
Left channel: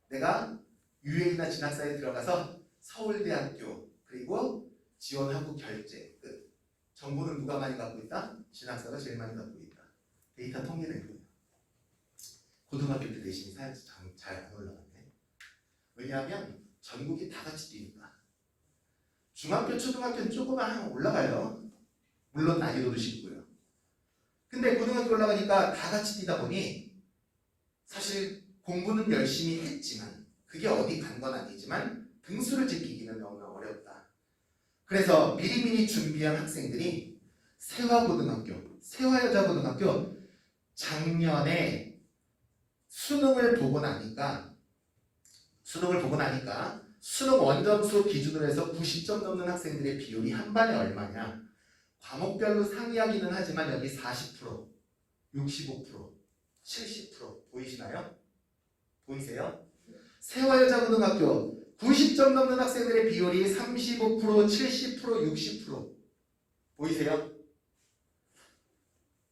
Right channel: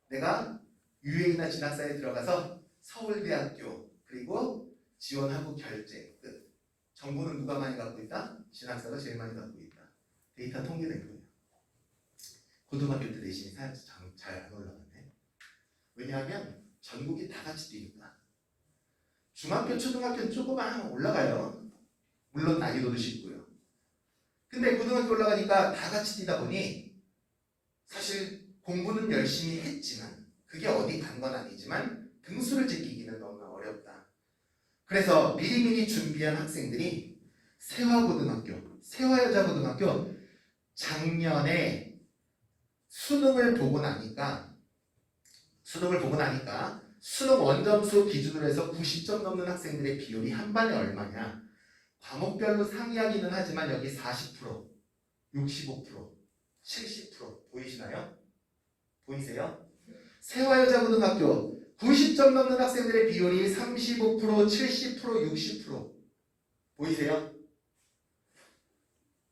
내가 UA나 진학사에 들어가서 서울대학교 그리고 지원하고 결제 끝. 정보는 누가 많이 갖고 있다? 진학사가 제일 많이 갖고 있다. 데이터 통계된 거예요. 고등학교 때 내신이 잘 안 올라갔네. 왜냐하면 전국이 다 같이 뛰니까. 중학교, 초등학교는 조금만 올라가요. 물론 난이도도 쉽고요. 근데 고등학교 올라가니까 다 같이 뛰다 보니 사실 공부는 열심히 했지만 그게 어디 간 건 아니지만 등수를 지키기는 너무나 어렵다. 그래서 미리미리 준비한 학생들이 세화고등학교, 세화여자고등학교 작년에 수능을 보고 나니까 수능 원점수 기준으로 해서 90점 넘는 학생들의 비율이 한 반에 얼마냐. 과목별로 상이하기는 하지만 여기 40%, 65%, 70% 보이시나요? 보이세요? 세화여자고등학교 90점 넘는 학생들의 비율이 35%, 70%, 60% 보이세요?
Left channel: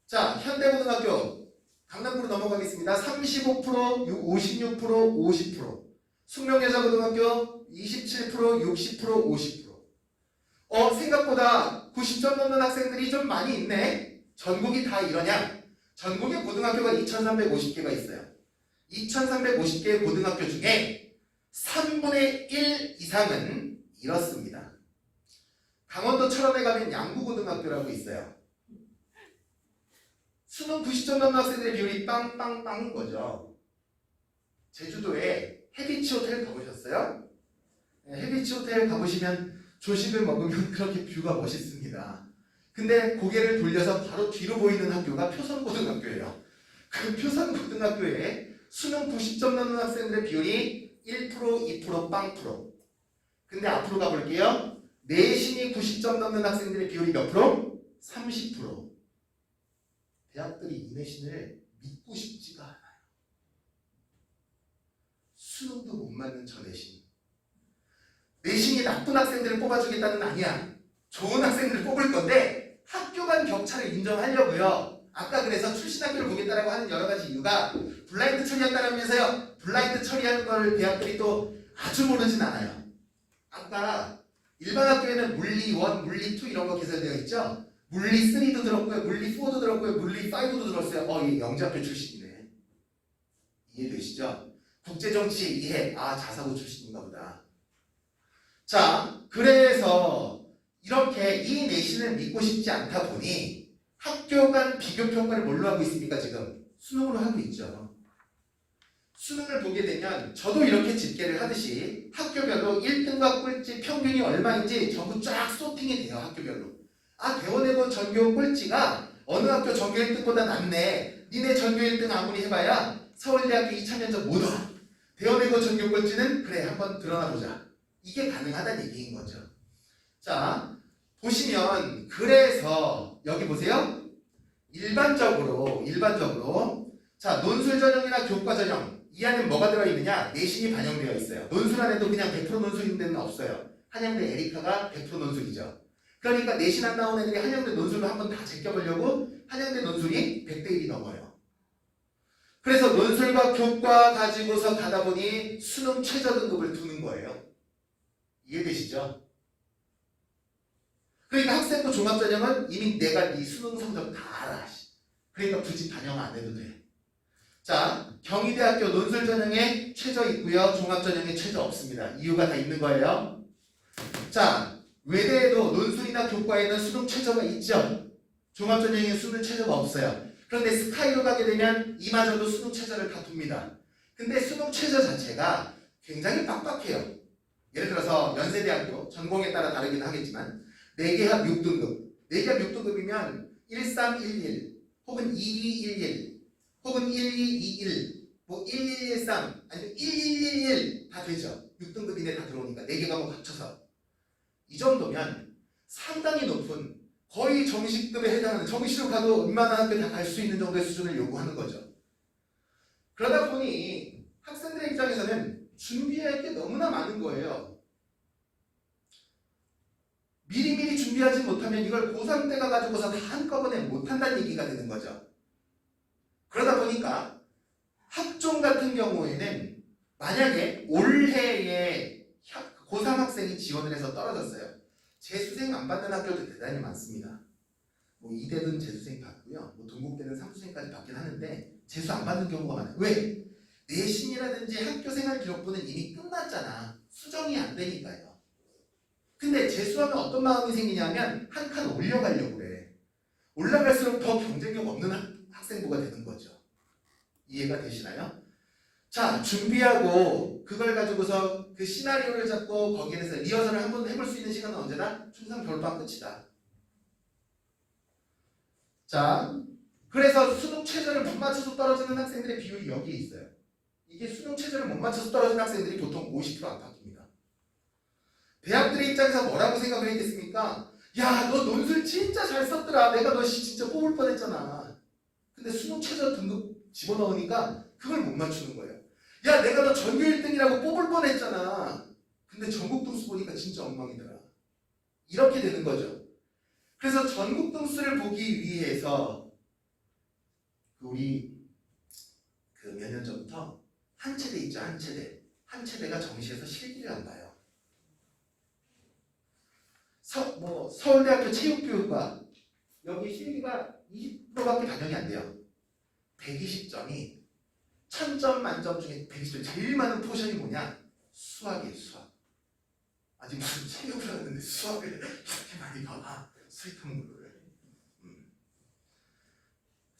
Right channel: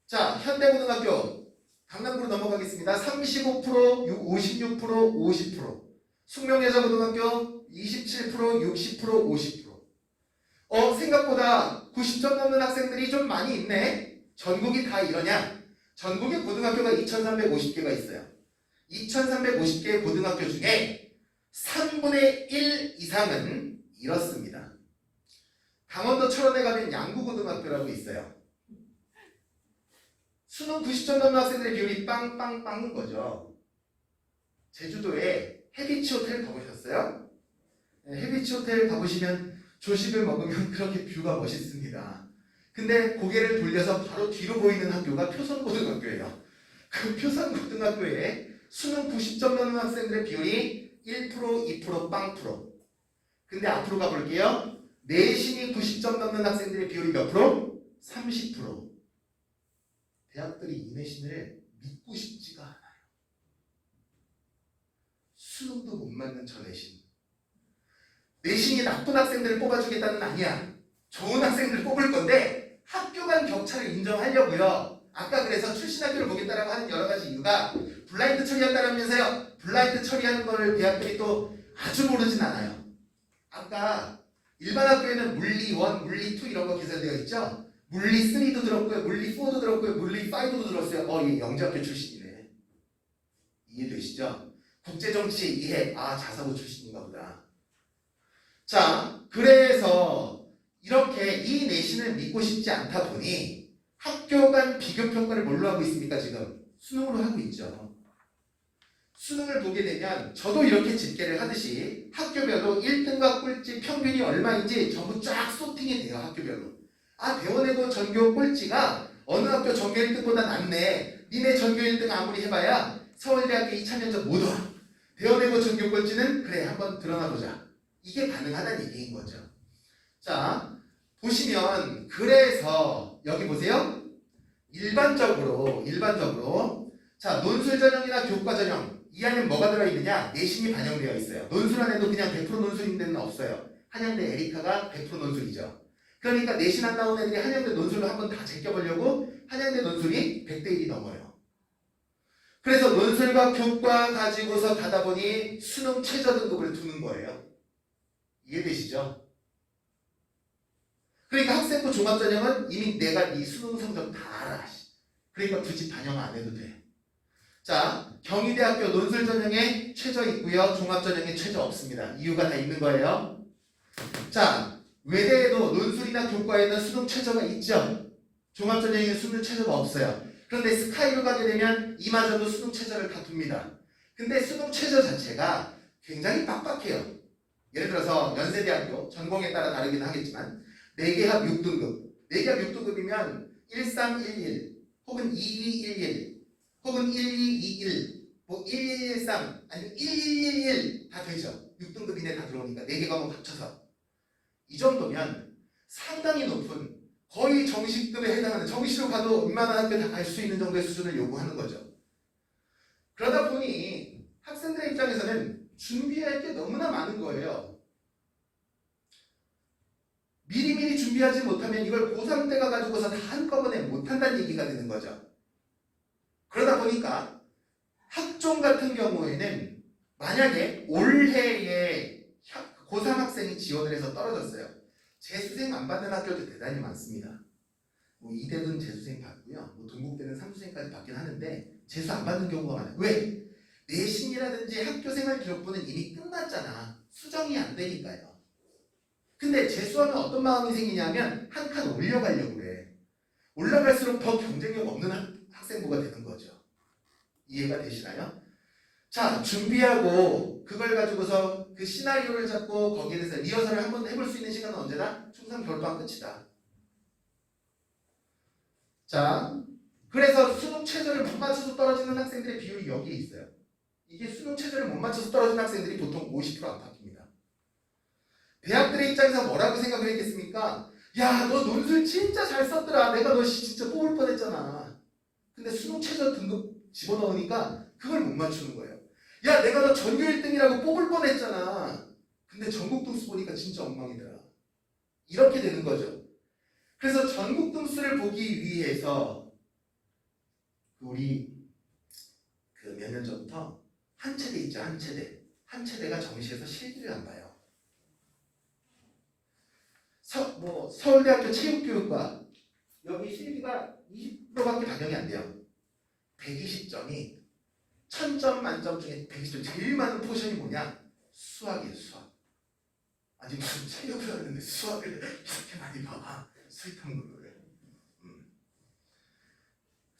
자, 현대고등학교 강남구로 넘어가겠습니다. 35%, 56%, 50%. 숙명여자고등학교 27%, 60%, 50%. 생각보다 90점 넘는 학생들이 좀 많이 있네. 전국이 다 이러냐? 전국에 고등학교가 2,350개가 있어요. 2,350개의 고등학교 중에 3분의 1 이상은 이렇습니다. 강원도 철원에 가면 양구고등학교라고 있어요. 수능 90점 넘는 학생들의 비율이 빵빵빵인 거죠. 제주도에 해비치 호텔 가보셨어요? 네, 해비치 호텔 가보시면 조식을 먹으면 그렇게 뷰가 멋있습니다. 근데 고개를 돌려서 바로 뒤로 보이는 학교가 표선고등학교예요. 그 표선고등학교에 수능 90점 넘는 학생들의 비율이 1%, 2%, 빵%. 근데 앞으로 가볼게요. 내신이 90점 넘는 학생들의 비율이 몇 프로? 30%. 대학들이 이 내신을 믿고 싶지가 않아요. 수능도 못 맞는 저 내신. 내신이 나쁜 학생들을 뽑아주겠다는 아니야. 좋은 학생들을 뽑을 건데 학교 간 격차를 인정하려고요. 아까 그래서 출신 학교를 보겠다라고 하는 여러 가지 이유가 블라인드 처리한다라면서요. 블라인드 처리하는 걸 대학들이 또 아주 모르진 않아요. 아까 일반 학교에는 물리 1, 물리 2 이런 거 기술되어 있죠. 물리 3도 들었고요. 물리 4도 들었고요. 물리 5도 들었어요. 얘 영재학교 출신이네. 이해되시죠? 국제정치 이해, 자사고 출신인가 보다. 자, 그래서 이렇게 이 내신을 믿고 싶지 않다 보니 학교 간 비교평가를 뭘로 하고 있습니까? 지금 수능으로 하고 있죠. 수능을 보게 되면 저도 이렇게 집계를 하듯이 학교별로 1등과 꼴찌 평균이 얼마인지 전부 쫙 소팅이 돼요. 학교별로. 대원외고 전교 꼴찌가 어느 학교 전교 1등보다 낫네. 니네 전교 1등 아무리 해봐야 서울대학교 2차 면접 못 와. 대원외고 전교 꼴찌는 그래 한번 드러나보자. 이게 가능하다는 얘기인 거죠. 자, 보시면 그래서 여기 보세요. 일반적으로 자, 논술 전형이나 교과 전형 이 안에 뭐가 들어있느냐? 내신이 반영되어 있어요. 논술 안에도 그냥 100% 논술인 데는 없어요. 한양대 에리카가 100% 논술이죠. 그러니까 내신 안 나온 애들이 한양대 논술로 한번 다 제껴보려고 한양대 논술이 100대 1이 넘어요. 그래서 논술과 교과 가지고서 가다 보니 수능 최저 등급을 두는 거예요. 이해되시죠? 그러니까 학생부 종합전형은 이미 내가 이 수능 성적 다 알아. 그러니까 굳이 반영 안 해도 돼. 자, 경희대학교 논술 전형에 최저 있고요. 종합 전형에 최저 없습니다. 이유가 다 있는 거예요. 자, 외대에도 논술이나 교과에는 수능 최저가 있죠. 종합 전형에 수능 최저가 없어요. 그런데 스카이로 가게 되면 이마저도 수능 최저를 다 둡니다. 근데 수능 최저 자체가 굉장히 빡빡해요. 예를 들어서 연세대학교 전공에 따라 다르긴 하겠지만 4개합 6등급 4개합 6등급이면 1311 혹은 2211 혹은 1221 뭐 1113 아니면 1111 다 되죠. 6등급 이내 다 들어오니까 4개 과목 합쳐서 이 정도면 상당히 높은 거의 정시급에 해당하는 정시로 가도 웬만한 학교 다 갈 수 있는 정도의 수준을 요구하는 거죠. 그러다 보니 학생들의 입장에서는 준비할 게 너무나 많은 거예요. 미리미리 준비하지 못하면 이걸 고3 때 가가지고서 다 한꺼번에 못한다는 얘기가 되는 거죠. 그러다 보니까 학종 같은 경우에는 만약에 올해에 고3 학생이 지원을 해서 떨어졌어요. 재수생 안 받는 학교도 대단히 많습니다. 뭐 이대는 재수생 받고요. 뭐 동국대는 3수생까지 받긴 하는데 재수 안 받는 경우가 많아요. 왜? 내신이라든지 학교생활 기록부는 이미 끝났잖아. 수정이 안 되니까요. 근데 재수하면 어떤 마음이 생기냐면 한 칸 올려가려고 그래. 올라갈수록 더 경쟁력 없는 학생부가 되는 거죠. 이해가 되시나요? 자, 준비하고 그걸 가지고서 그 시나리오를 잡고 거기에 대해서 리허설을 한번 해볼 수 있는 시간은 언제나 중3 겨울방학 끝이다. 자, 그래서 수능 최저를 못 맞춰서 떨어지는 학생들의 비율이 여기에 있어요. 이게 수능 최저를 못 맞춰서 떨어지는 학생들이 보통 50% 안팎입니다. 대학들의 입장에서 뭐라고 생각을 했겠습니까? 야, 너 논술 진짜 잘 썼더라. 내가 너 진짜 뽑을 뻔했잖아. 근데 수능 최저 등급 집어넣으니까 그걸 못 맞추는 거예요. 야, 내가 너 전교 1등이라고 뽑을 뻔했잖아. 근데 전국 등수 보니까 진짜 엉망이더라. 이렇게 되는 거죠. 그래서 전국 등수를 보기 위해서 우리 몇 년 전부터 한 체대 있죠. 한 체대. 한 체대가 정시에서 실기를 안 봐요. 서울대학교 체육교육과 여기 실기가 20%밖에 반영이 안 돼요. 120점이 1000점 만점 중에 120점 제일 많은 포션이 뭐냐? 수학이에요. 수학. 아니 무슨 체육을 하는데 수학을 이렇게 많이 봐. 수익 탐구를.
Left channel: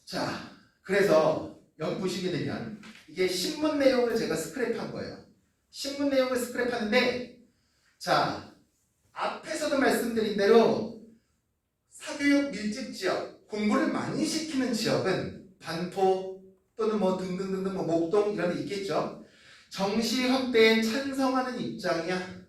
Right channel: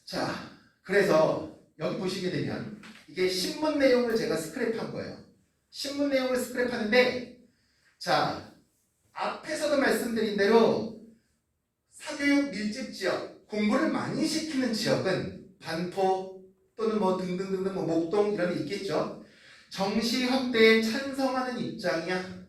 자, 그래서 여기 보시게 되면 이게 신문 내용을 제가 스크랩한 거예요. 신문 내용을 스크랩하는데 자, 앞에서도 말씀드린 대로 사교육 밀집 지역, 공부를 많이 시키는 지역은 반포 또는 뭐 등등등등 뭐 목동 이런 데 있겠죠. 정시 확대에 찬성하는 입장이야.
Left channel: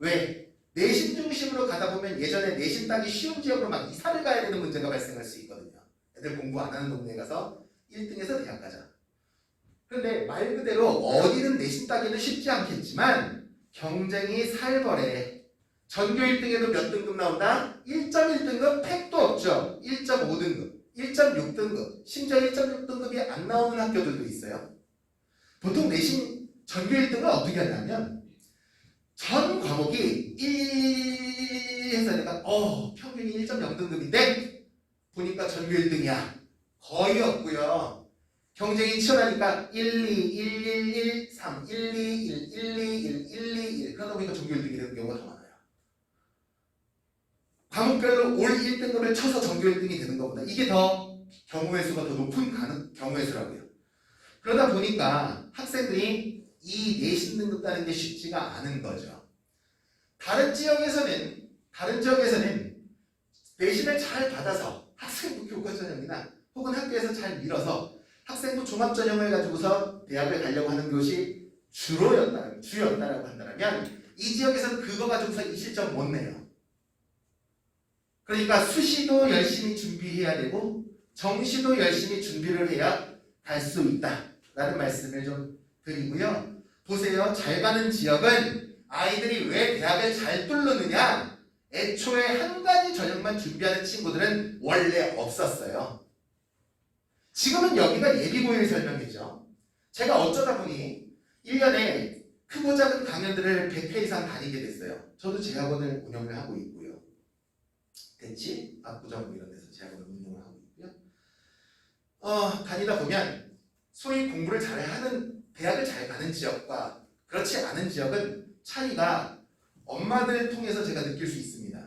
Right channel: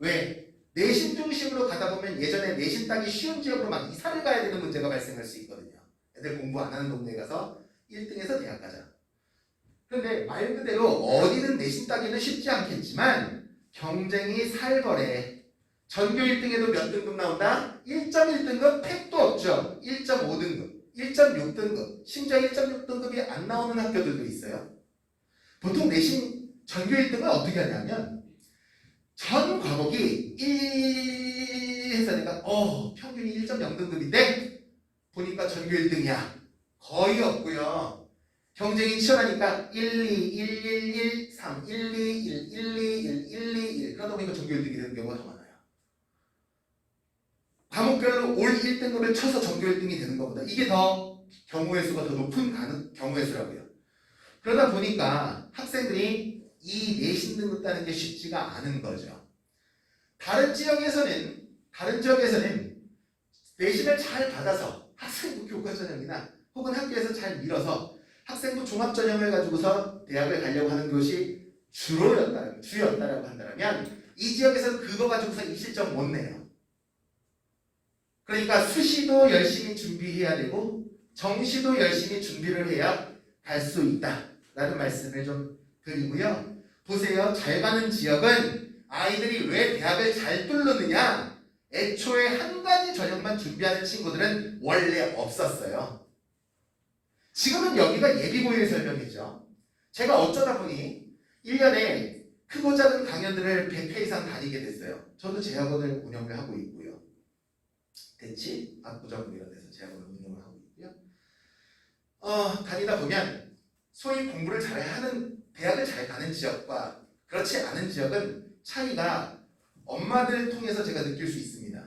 왜? 내신 중심으로 가다 보면 예전에 내신 따기 쉬운 지역으로 막 이사를 가야 되는 문제가 발생할 수 있거든요. 애들 공부 안 하는 동네에 가서 1등에서 대학 가자. 그런데 말 그대로 어디는 내신 따기는 쉽지 않겠지만 경쟁이 살벌해. 전교 1등에도 몇 등급 나온다? 1.1등급 택도 없죠. 1.5등급, 1.6등급, 심지어 1.6등급이 안 나오는 학교들도 있어요. 보통 내신 전교 1등은 어떻게 하냐면 전 과목이 1 해서 내가 평균이 1.0등급인데 보니까 전교 1등이야. 거의 없고요. 경쟁이 치열하니까 1, 2, 1, 1, 1, 3, 1, 2, 1, 1, 2, 1, 1, 2, 1 그러다 보니까 전교 1등이 되는 경우가 더 많아요. 과목별로 올 1등급을 쳐서 전교 1등이 되는 것보다 이게 더 경우의 수가 더 높은 경우의 수라고요. 그러다 보니까 학생들이 이 내신 등급 따는 게 쉽지가 않은 거죠. 다른 지역에서는 내신을 잘 받아서 학생부 교과전형이나 혹은 학교에서 잘 밀어서 학생부 종합전형을 가지고서 대학을 가려고 하는 것이 주였다라고 한다면 이 지역에서는 그거 가지고서 이 실적 못 내요. 그러니까 수시도 열심히 준비해야 되고 정시도 열심히 준비를 해야 갈 수 있다라는 말씀을 좀 드리고요. 보세요. 잘 가는 지역은 아이들이 왜 대학을 잘 뚫느냐? 애초에 한 가지 전형만 준비하는 친구들은 원래 없었어요. 지금은 여기가 예비고일 설명이죠. 제가 어쩌다 보니 1년에 크고 작은 강연들을 100회 이상 다니게 됐어요. 저도 재학원을 운영을 하고 있고요. 대치, 압구정 이런 데서 재학원을 운영을 하고 있고요. 다니다 보면 소위 공부를 잘하는 대학을 잘 가는 지역과 그렇지 않은 지역은 차이가 엄마들 통해서 제가 느낄 수 있습니다.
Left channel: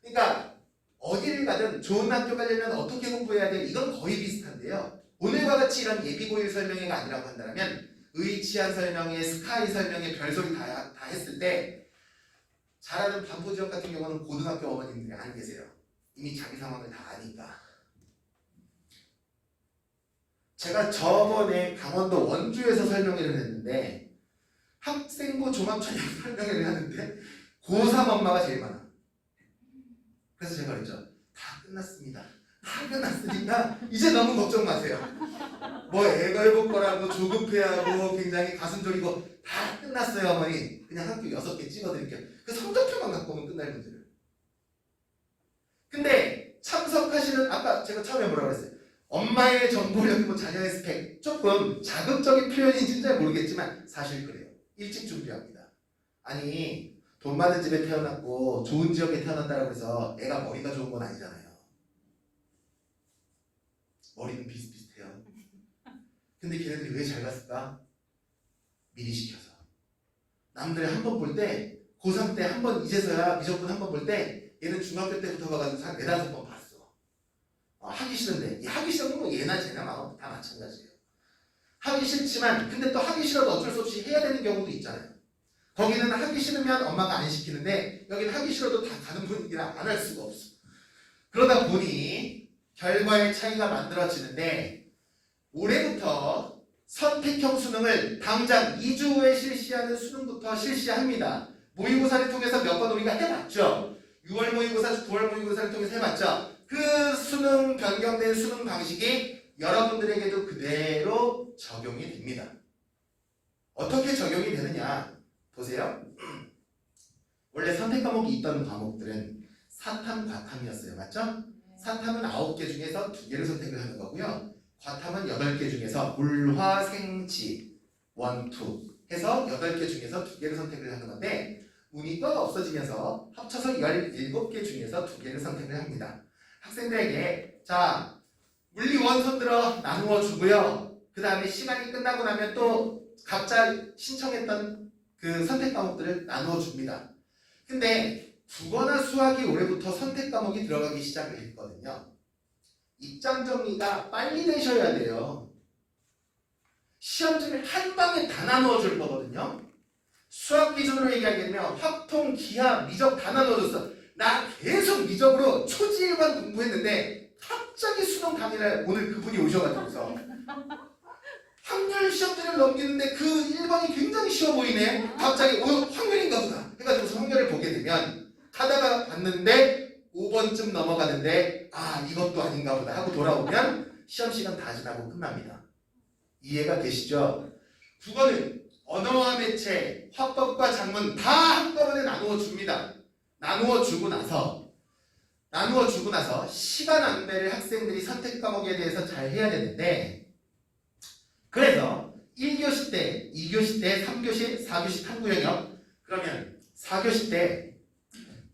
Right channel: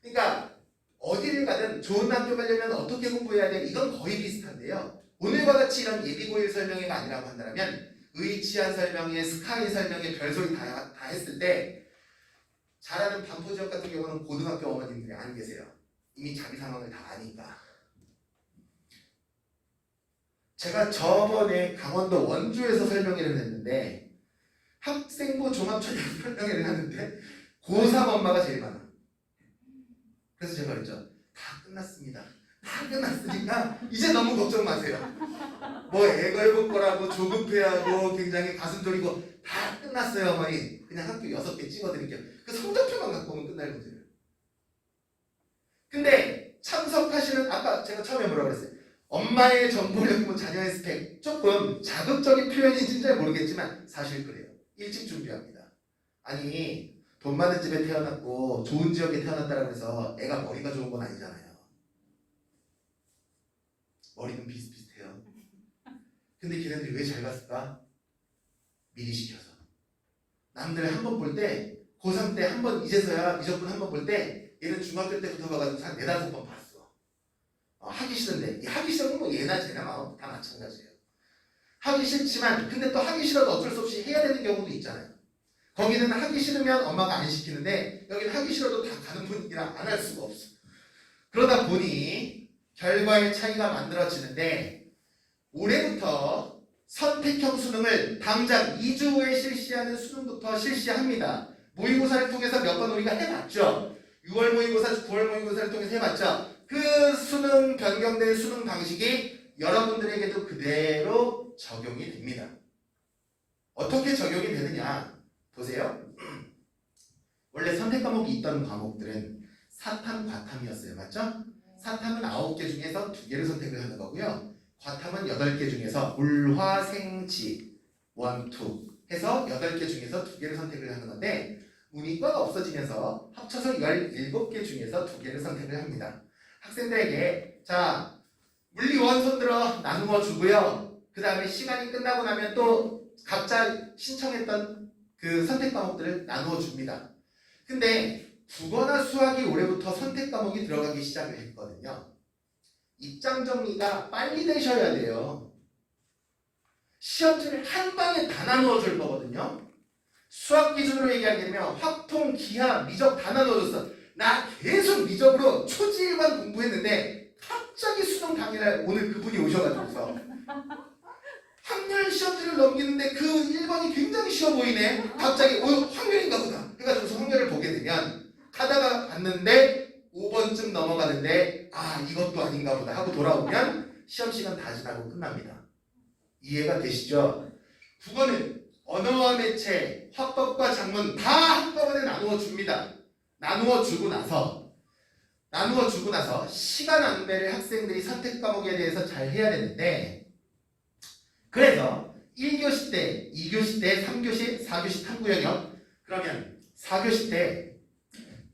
그러니까 어디를 가든 좋은 학교 가려면 어떻게 공부해야 돼? 이건 거의 비슷한데요. 오늘과 같이 이런 예비고일 설명회가 아니라고 한다면 의치한 설명회, 스카이 설명회, 별소리 다 했을 때 잘하는 반포 지역 같은 경우는 고등학교 어머님들이 안 계세요. 이미 자기 상황을 다 아니까. 제가 저번에 강원도 원주에서 설명회를 했는데 학생부 종합전형 설명회를 하는데 고3 엄마가 제일 많아. 그래서 제가 그랬죠. 다 끝났습니다. 다 끝났으니까 이제 너무 걱정 마세요. 뭐 애걸 볼 거라고 조급해하고 굉장히 가슴 졸이고 다 끝났어요 어머니. 그냥 학교 6개 찍어드릴게요. 그 성적표만 갖고 오면 끝날 문제를. 근데 참석하시는 아까 제가 처음에 뭐라고 그랬어요. 엄마의 정보력, 뭐 자녀의 스펙 조금 자극적인 표현인지는 잘 모르겠지만 사실 그래요. 일찍 준비합니다. 아니 돈 많은 집에 태어났고 좋은 지역에 태어났다고 해서 애가 머리가 좋은 건 아니잖아요. 머리는 비슷비슷해요. 근데 걔네들이 왜 잘 갔을까? 미리 시켜서. 남들 한 번 볼 때 고3 때 한 번 이제서야 미적분 한 번 볼 때 얘는 중학교 때부터 가가지고 한 4-5번 봤어. 하기 싫은데 하기 싫은 건 얘나 쟤나 마음 다 마찬가지예요. 하기 싫지만 근데 또 하기 싫어도 어쩔 수 없이 해야 되는 경우도 있잖아요. 거기는 하기 싫으면 엄마가 안 시키는데 여기는 하기 싫어도 다 가는 분위기라 안 할 수가 없어. 그러다 보니 결과의 차이가 만들어지는데 올해부터 선택형 수능을 당장 2주 후에 실시하는 수능부터 실시합니다. 모의고사를 통해서 몇 번 우리가 해봤죠. 6월 모의고사, 9월 모의고사를 통해서 해봤죠. 그 수능 변경된 수능 방식이 여러분들에게도 그대로 적용이 됩니다. 어떻게 적용이 되느냐? 보세요. 원래 선택 과목이 있던 과목들은 사탐, 과탐이었어요. 맞죠? 사탐은 9개 중에서 2개를 선택을 하는 거고요. 과탐은 8개 중에서 물, 화, 생, 지, 원, 투 해서 8개 중에서 2개를 선택을 하는 건데 문이과가 없어지면서 합쳐서 17개 중에서 2개를 선택을 합니다. 학생들에게 자 물리 원 손들어 나누어 주고요. 그 다음에 시간이 끝나고 나면 또 각자 신청했던 그 선택 과목들을 나누어 줍니다. 근데 국어나 수학이 올해부터 선택 과목이 들어가기 시작을 했거든요. 입장 정리가 빨리 되셔야 돼요. 시험지를 한 방에 다 나누어 줄 거거든요. 수학 기준으로 얘기하게 되면 확통, 기하, 미적 다 나눠줬어. 나 계속 미적으로 초지일관 공부했는데 갑자기 수능 당일날 오늘 그분이 오셔가지고서 확률 시험지를 넘기는데 그 1번이 굉장히 쉬워 보이네. 갑자기 확률인가 보다 해가지고서 확률을 보게 되면 하다가 봤는데 5번쯤 넘어가는데 이것도 아닌가 보다 하고 돌아오면 시험 시간 다 지나고 끝납니다. 이해가 되시죠? 국어는 언어와 매체, 화법과 작문 다 한꺼번에 나누어 줍니다. 나누어 주고 나서 시간 안배를 학생들이 선택 과목에 대해서 잘 해야 되는데 그래서 1교시 때, 2교시 때, 3교시, 4교시 탐구 영역 그러면 4교시 때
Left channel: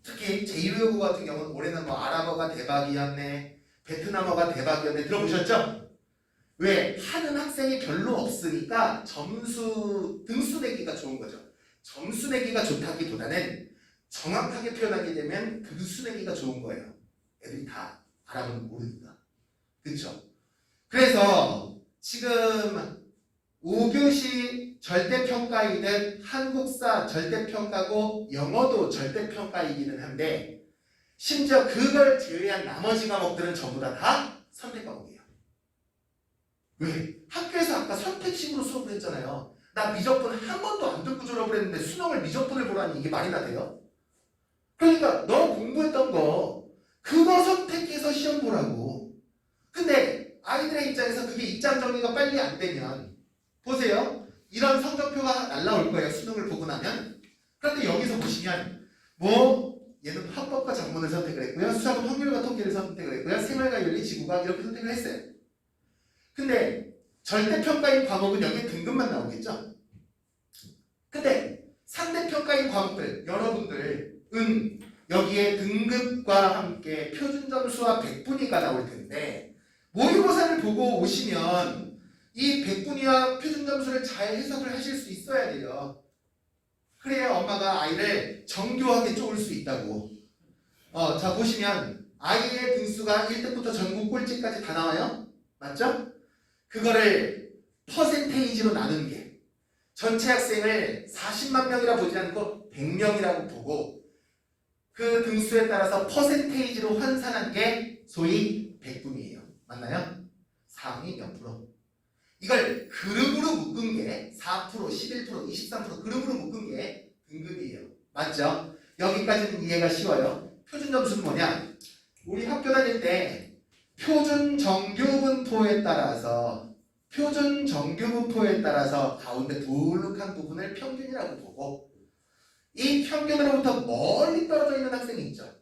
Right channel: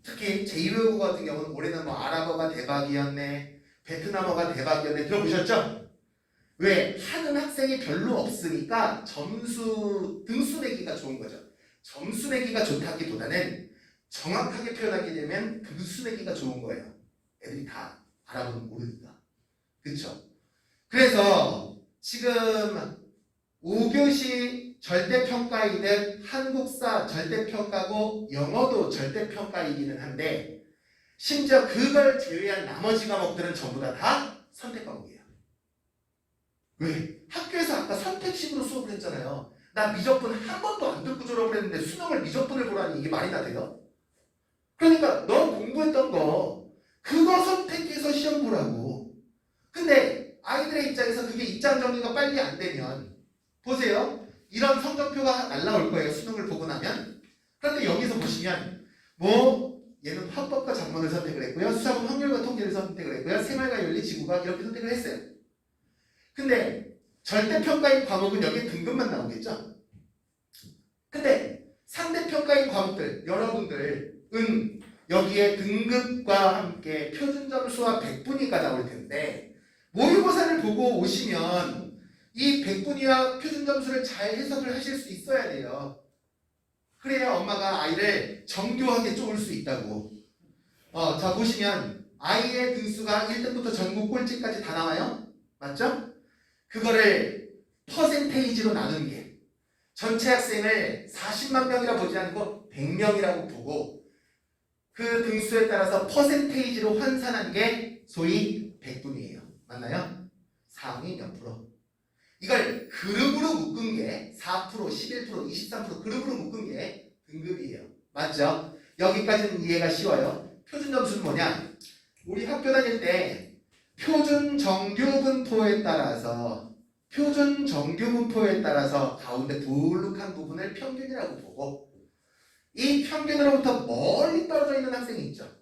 특히 제2외국어 같은 경우는 올해는 뭐 아랍어가 대박이었네, 베트남어가 대박이었네 들어보셨죠? 왜? 하는 학생이 별로 없으니까 점수 등수 내기가 좋은 거죠. 점수 내기가 좋다기보다는 정확하게 표현하게 되면 등수 내기가 좋은 거예요. 애들이 다 알아보면 모르니까. 그렇죠? 그래서 지금 5교시 절대평가이는 한국사 절대평가고 영어도 절대평가이기는 한데 심지어 그걸 제외한 나머지 과목들은 전부 다 선택 과목이에요. 왜? 학교에서 아까 선택식으로 수업을 했잖아요. 나 미적분 한 번도 안 듣고 졸업을 했는데 수능을 미적분을 보라니 이게 말이나 돼요? 그러니까 너 공부했던 거 그거 선택해서 시험 보라고. 근데 아이들의 입장에서 그게 입장 정리가 빨리 안 되면 보세요. 이런 성적표가 날라올 거예요. 수능을 보고 나면. 그런데 여기서 보시면 뭐 얘는 화법과 작문을 선택을 했고요. 수학은 확률과 통계를 선택을 했고요. 생활과 윤리, 지구과학 이렇게 선택을 했어요. 근데 절대평가인 과목은 여기에 등급만 나오겠죠? 근데 상대평가인 과목들, 여러분들은 여기에 등급과 함께 표준점수와 백분위가 나올 텐데 모의고사를 보고 오시면 이 백분위와 표준점수를 잘 해석을 하실 수 있어야 돼요. 그래야 엄마가 아이를 정교하게 쪼을 수 있다고. 자 보시면 아이의 등수가 1등부터 전국 꼴찌까지 다 나와요. 맞죠? 그거를 퍼센테이지로 나눈 게 전체 학생을 40만 명이라 보지 않고 100명이라고 보고 그 등수에 따라서 퍼센테이지로 환산한 게 소위 백분위예요. 맞나요? 상위 몇 프로. 이걸 그룹으로 묶은 게 4%, 11%, 23% 그룹으로 묶은 게 등급이에요. 맞죠? 여기까지는 이해가 쉬워요. 표준 점수는 뭐냐? 우리 학교 다닐 때 표준 정규 분포에 따라서 가운데 둘룩한 부분을 평균이라고 보고 이 평균으로부터 멀리 떨어져 있는 학생이 있죠.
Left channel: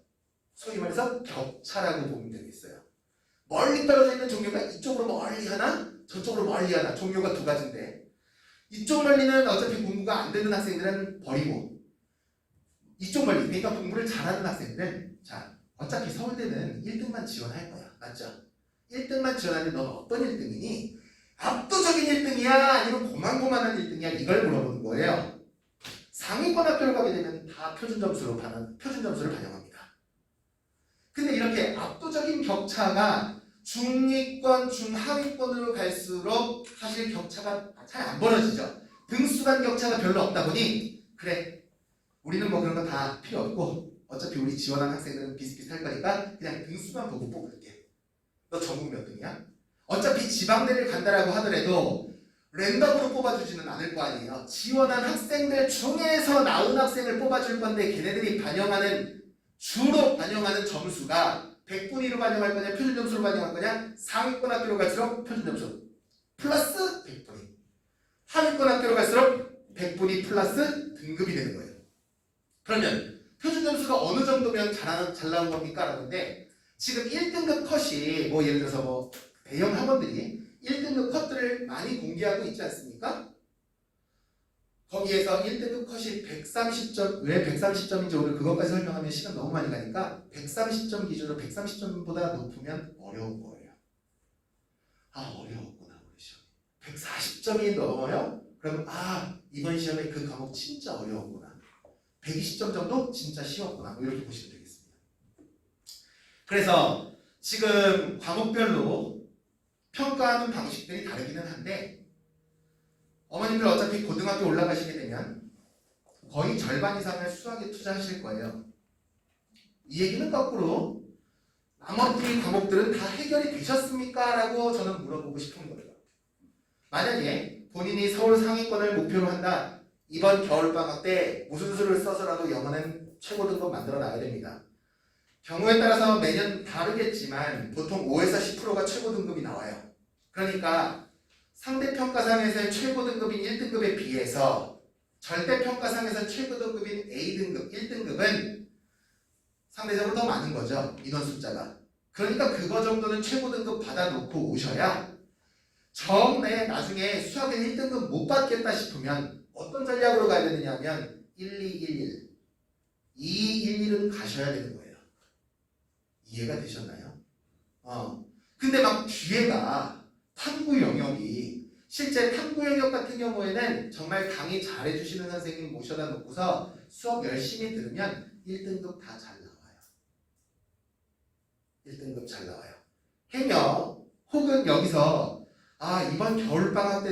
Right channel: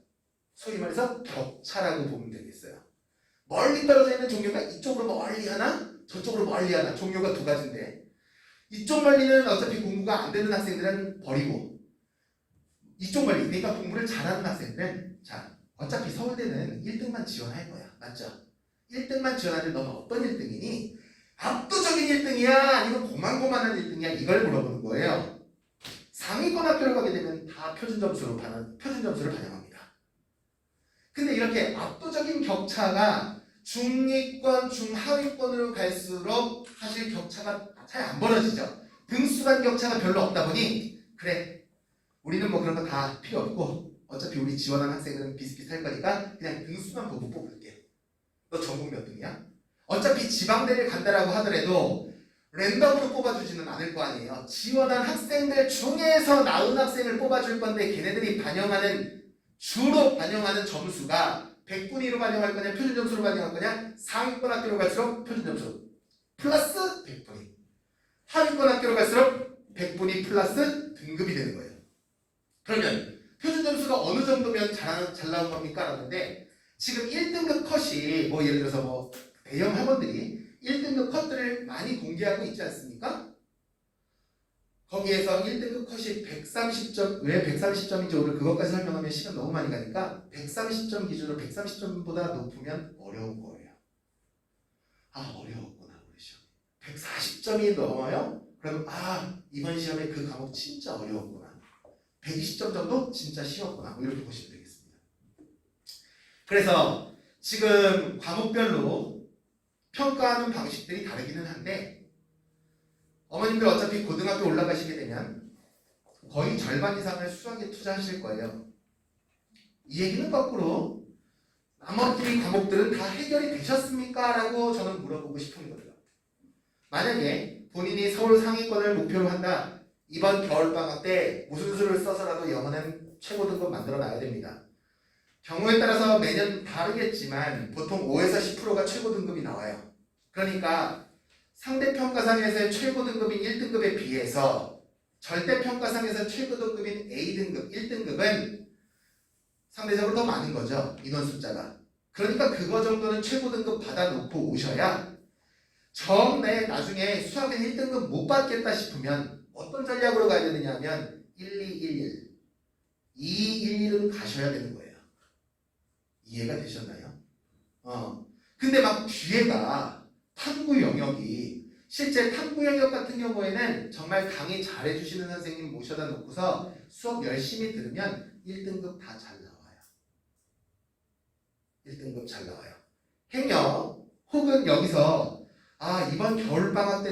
소위 말해서 격차라고 보면 되겠어요. 멀리 떨어져 있는 종류가 이쪽으로 멀리 하나 저쪽으로 멀리 하나 종류가 두 가지인데 이쪽 멀리는 어차피 공부가 안 되는 학생들은 버리고 이쪽 멀리 그러니까 공부를 잘하는 학생들은 자 어차피 서울대는 1등만 지원할 거야. 맞죠? 1등만 지원하는데 너는 어떤 1등이니? 압도적인 1등이야? 아니면 고만고만한 1등이야? 이걸 물어보는 거예요. 상위권 학교를 가게 되면 다 표준 점수를 반영합니다. 근데 이렇게 압도적인 격차가 중위권, 중하위권으로 갈수록 사실 격차가 잘 안 벌어지죠. 등수 간 격차가 별로 없다 보니 그래 우리는 뭐 그런 거 다 필요 없고 어차피 우리 지원한 학생들은 비슷비슷할 거니까 그냥 등수만 보고 뽑을게. 너 전국 몇 등이야? 어차피 지방대를 간다라고 하더라도 랜덤으로 뽑아주지는 않을 거 아니에요. 지원한 학생들 중에서 나은 학생을 뽑아줄 건데 걔네들이 주로 반영하는 점수가 백분위로 반영할 거냐 표준점수로 반영할 거냐 상위권 학교로 갈수록 표준점수 플러스 백분위 하위권 학교로 갈수록 백분위 플러스 등급이 되는 거예요. 그러면 표준점수가 어느 정도면 잘 나온 겁니까? 라는데 지금 1등급 컷이 뭐 예를 들어서 뭐 대형 학원들이 1등급 컷들을 많이 공개하고 있지 않습니까? 거기에서 1등급 컷이 130점, 왜 130점인지 오늘 그것까지 설명하면 시간 너무 많이 가니까 130점 기준으로 130점보다 높으면 어려운 거예요. 어려웠구나 우리 시험. 140점이 넘어요? 그러면 이번 시험에 그 과목 진짜 어려웠구나. 120점 정도 진짜 쉬웠구나. 뭐 이렇게 보시면 되겠습니다. 그래서 지금 과목별로 평가하는 방식들이 다르기는 한데 어머님들 어차피 고등학교 올라가시게 되면 거의 절반 이상을 수학에 투자하실 거예요. 이 얘기는 거꾸로 나머지 과목들은 다 해결이 되셨습니까? 라고 저는 물어보고 싶은 거죠. 만약에 본인이 서울 상위권을 목표로 한다. 이번 겨울방학 때 무슨 수를 써서라도 영어는 최고 등급 만들어 놔야 됩니다. 경우에 따라서 매년 다르겠지만 보통 5에서 10%가 최고 등급이 나와요. 그러니까 상대평가상에서의 최고 등급인 1등급에 비해서 절대평가상에서 최고 등급인 A등급, 1등급은 상대적으로 더 많은 거죠. 인원 숫자가. 그러니까 그거 정도는 최고 등급 받아놓고 오셔야 처음에 나중에 수학에 1등급 못 받겠다 싶으면 어떤 전략으로 가야 되느냐 하면 1211, 211은 가셔야 되는 거예요. 이해가 되셨나요? 근데 막 뒤에가 탐구 영역이 실제 탐구 영역 같은 경우에는 정말 강의 잘해주시는 선생님 모셔다 놓고서 수업 열심히 들으면 1등급 다 잘 나와요. 1등급 잘 나와요. 행여 혹은 여기서 이번 겨울방학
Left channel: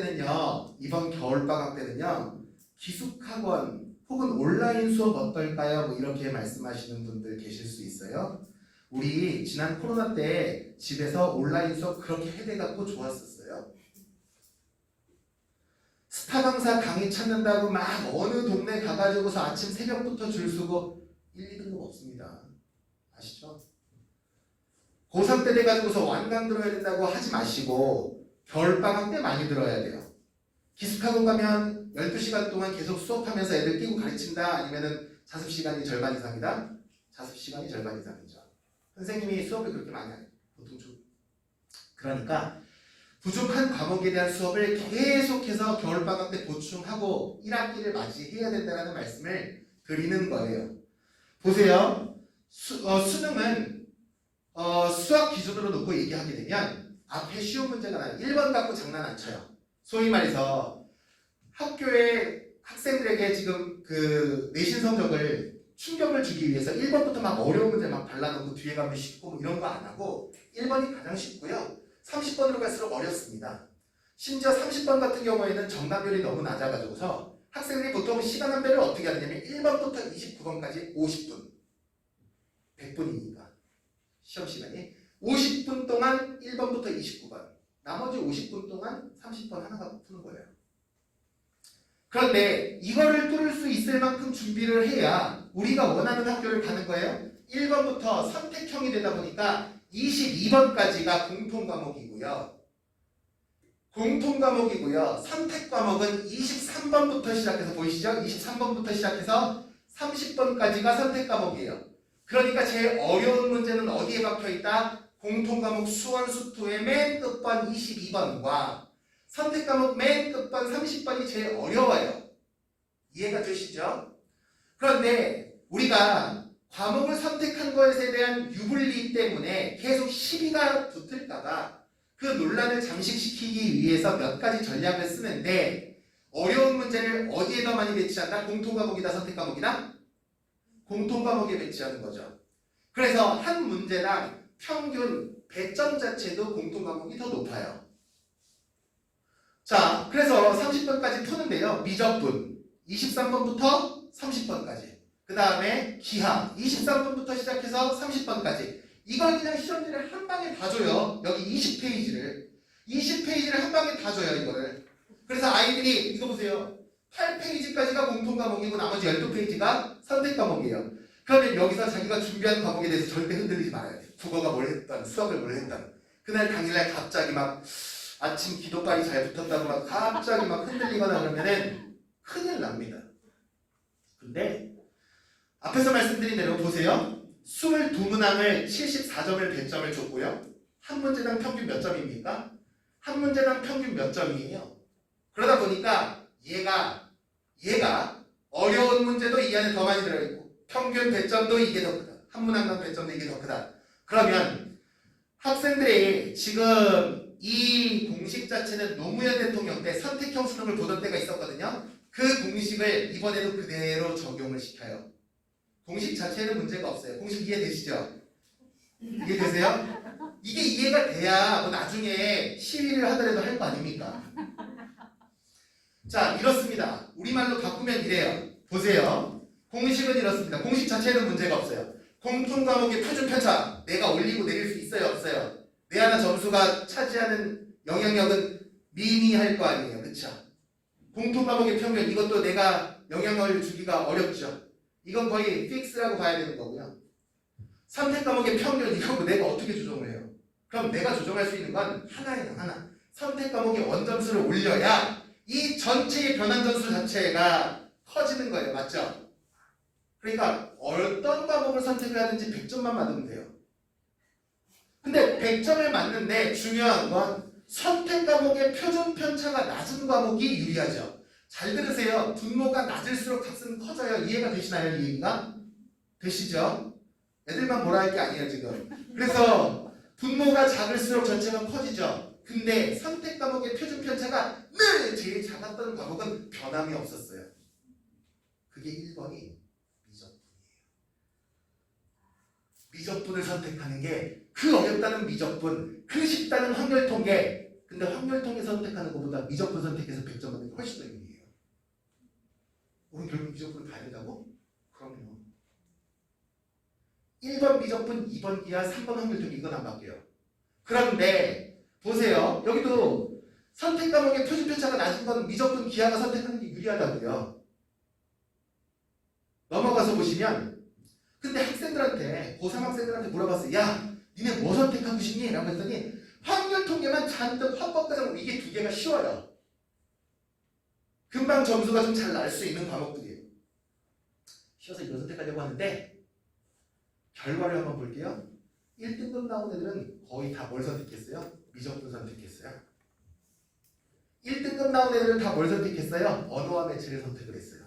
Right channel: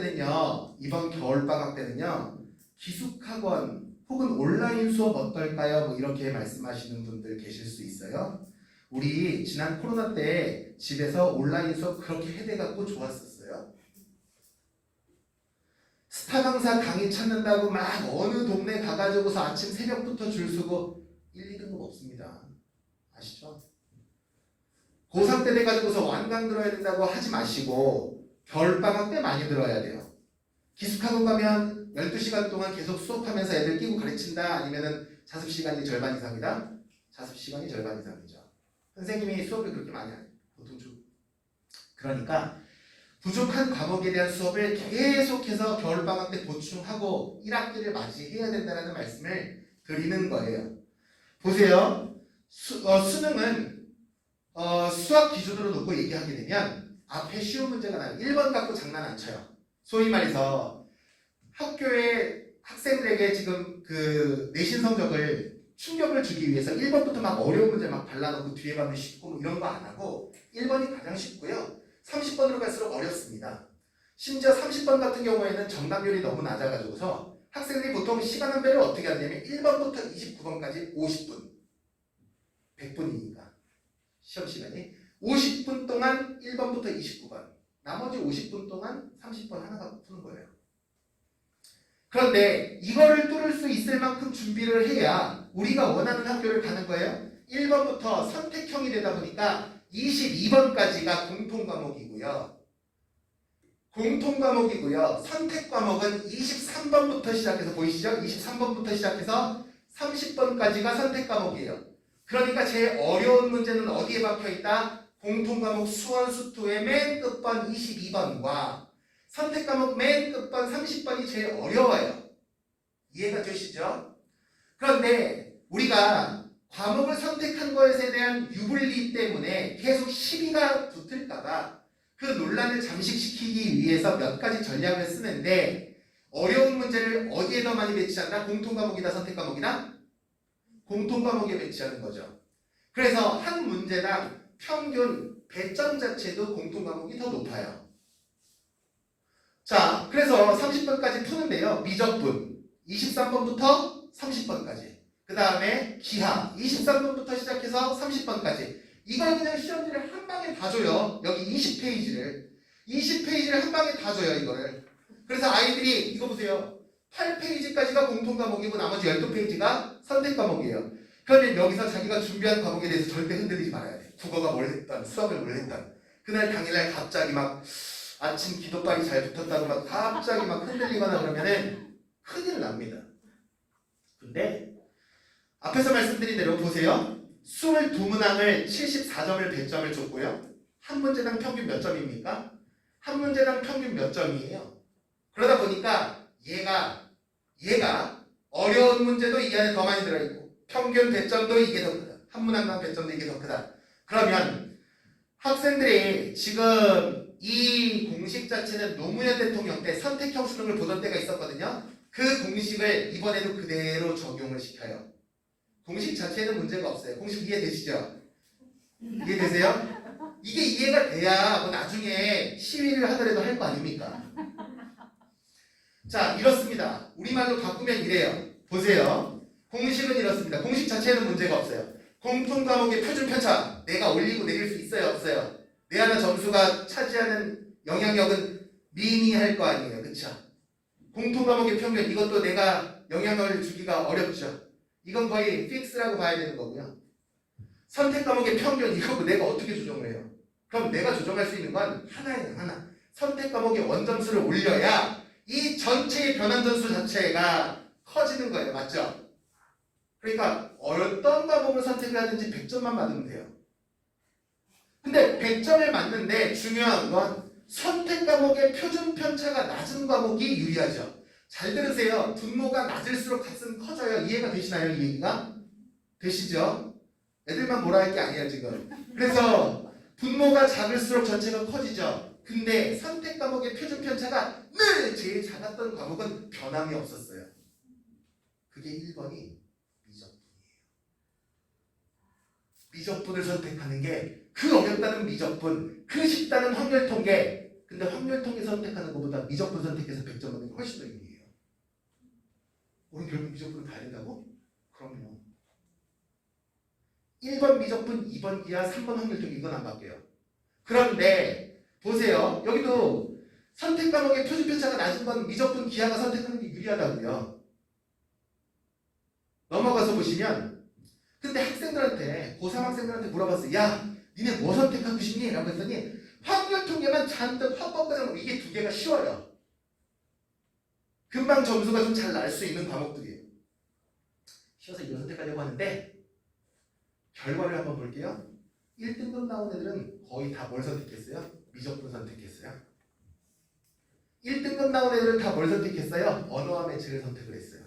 때는요 기숙학원 혹은 온라인 수업 어떨까요? 뭐 이렇게 말씀하시는 분들 계실 수 있어요. 우리 지난 코로나 때 집에서 온라인 수업 그렇게 해대갖고 좋았었어요. 스타 강사 강의 찾는다고 막 어느 동네 가가지고서 아침 새벽부터 줄 서고 1, 2등급 없습니다. 아시죠? 고3 때 돼가지고서 완강 들어야 된다고 하지 마시고 겨울방학 때 많이 들어야 돼요. 기숙학원 가면 12시간 동안 계속 수업하면서 애들 끼고 가르친다? 아니면은 자습시간이 절반 이상이다? 자습시간이 절반 이상이죠. 선생님이 수업을 그렇게 많이 해요. 보통 그러니까 부족한 과목에 대한 수업을 계속해서 겨울방학 때 보충하고 1학기를 맞이해야 된다는 말씀을 드리는 거예요. 보세요. 수능은 수학 기준으로 놓고 얘기하게 되면 앞에 쉬운 문제가 나요. 1번 갖고 장난 안 쳐요. 소위 말해서 학교에 학생들에게 지금 그 내신 성적을 충격을 주기 위해서 1번부터 막 어려운 문제 막 발라놓고 뒤에 가면 쉽고 뭐 이런 거 안 하고 1번이 가장 쉽고요. 30번으로 갈수록 어렵습니다. 심지어 30번 같은 경우에는 정답률이 너무 낮아가지고서 학생들이 보통 시간 안배를 어떻게 하냐면 1번부터 29번까지 50분 100분이니까 시험 시간이 50분 동안 1번부터 29번 나머지 50분 동안 30번 하나가 푸는 거예요. 그런데 이거를 뚫을 수 있을 만큼 준비를 해야 우리가 원하는 학교를 가는 거예요. 1번부터 선택형이 되다 보니까 22번까지가 공통과목이고요. 선택과목은 23번부터 시작해서 보이시죠? 23번부터 시작해서 30번까지가 선택과목이에요. 그러니까 제일 어려운 문제는 어디에 박혀있다? 공통과목 수원 수투의 맨 끝번 22번과 선택과목 맨 끝번 30번이 제일 어려워요. 이해가 되시죠? 그런데 우리가 과목을 선택한 것에 대한 유불리 때문에 계속 시비가 붙을까봐 그 논란을 잠식시키기 위해서 몇 가지 전략을 쓰는데 어려운 문제를 어디에 더 많이 배치한다? 공통과목이다, 선택과목이다? 공통과목에 배치하는 거죠. 그래서 한 문제당 평균 배점 자체도 공통과목이 더 높아요. 자, 그래서 30번까지 푸는데요. 미적분 23번부터 30번까지. 그 다음에 기하 23번부터 시작해서 30번까지. 이걸 그냥 시험지를 한 방에 다 줘요. 여기 20페이지를 한 방에 다 줘요. 이거를. 그래서 아이들이 이거 보세요. 8페이지까지가 공통과목이고 나머지 12페이지가 선택과목이에요. 그러면 여기서 자기가 준비한 과목에 대해서 절대 흔들리지 말아야 돼요. 국어가 뭘 했던, 수학을 뭘 했던. 그날 당일날 갑자기 막 아침 기도발이 잘 붙었다고 막 갑자기 막 흔들리거나 그러면은 큰일 납니다. 근데 앞에서 말씀드린 대로 보세요. 22문항을 74점을 배점을 줬고요. 한 문제당 평균 몇 점입니까? 한 문제당 평균 몇 점이에요? 그러다 보니까 얘가 어려운 문제도 이 안에 더 많이 들어있고 평균 배점도 이게 더 크다. 한 문항당 배점도 이게 더 크다. 그러면 학생들이 지금 이 공식 자체는 노무현 대통령 때 선택형 수능을 보던 때가 있었거든요. 그 공식을 이번에도 그대로 적용을 시켜요. 공식 자체에는 문제가 없어요. 공식 이해되시죠? 이해되세요? 이게 이해가 돼야 뭐 나중에 시위를 하더라도 할 거 아닙니까? 자, 이렇습니다. 우리말로 바꾸면 이래요. 보세요. 공식은 이렇습니다. 공식 자체에는 문제가 없어요. 공통과목의 표준 편차 내가 올리고 내릴 수 있어요, 없어요? 내 하나 점수가 차지하는 영향력은 미미할 거 아니에요, 그렇죠? 공통과목의 평균 이것도 내가 영향을 주기가 어렵죠. 이건 거의 픽스라고 봐야 되는 거고요. 선택과목의 평균 이거 내가 어떻게 조정을 해요? 그럼 내가 조정할 수 있는 건 하나예요, 하나. 선택과목의 원점수를 올려야 이 전체의 변환점수 자체가 커지는 거예요, 맞죠? 그러니까 어떤 과목을 선택해야든지 100점만 맞으면 돼요. 근데 100점을 맞는데 중요한 건 선택 과목의 표준 편차가 낮은 과목이 유리하죠. 잘 들으세요. 분모가 낮을수록 값은 커져요. 이해가 되시나요? 이 얘기가? 되시죠? 애들만 뭐라 할 게 아니에요 지금. 그래서 분모가 작을수록 전체가 커지죠. 근데 선택 과목의 표준 편차가 늘 제일 작았던 과목은 변함이 없었어요. 그게 1번이 미적분이에요. 미적분을 선택하는 게 그 어렵다는 미적분, 그 쉽다는 확률 통계. 근데 확률 통계 선택하는 것보다 미적분 선택해서 100점 받는 게 훨씬 더 유리해요. 우리 결국 미적분을 가야 된다고? 그럼요. 1번 미적분, 2번 기하, 3번 확률 통계 이건 안 바뀌어요. 그런데 보세요. 여기도 선택 과목의 표준 편차가 낮은 건 미적분 기하가 선택하는 게 유리하다고요. 넘어가서 보시면 근데 학생들한테 고3 학생들한테 물어봤어요. 야 니네 뭐 선택하고 싶니? 라고 했더니 확률 통계는 잔뜩 합법과정 이게 두 개가 쉬워요. 금방 점수가 좀 잘 날 수 있는 과목들이에요. 쉬워서 이거 선택하려고 하는데 결과를 한번 볼게요. 1등급 나온 애들은 거의 다 뭘 선택했어요? 미적분 선택했어요. 1등급 나온 애들은 다 뭘 선택했어요? 언어와 매체를 선택을 했어요.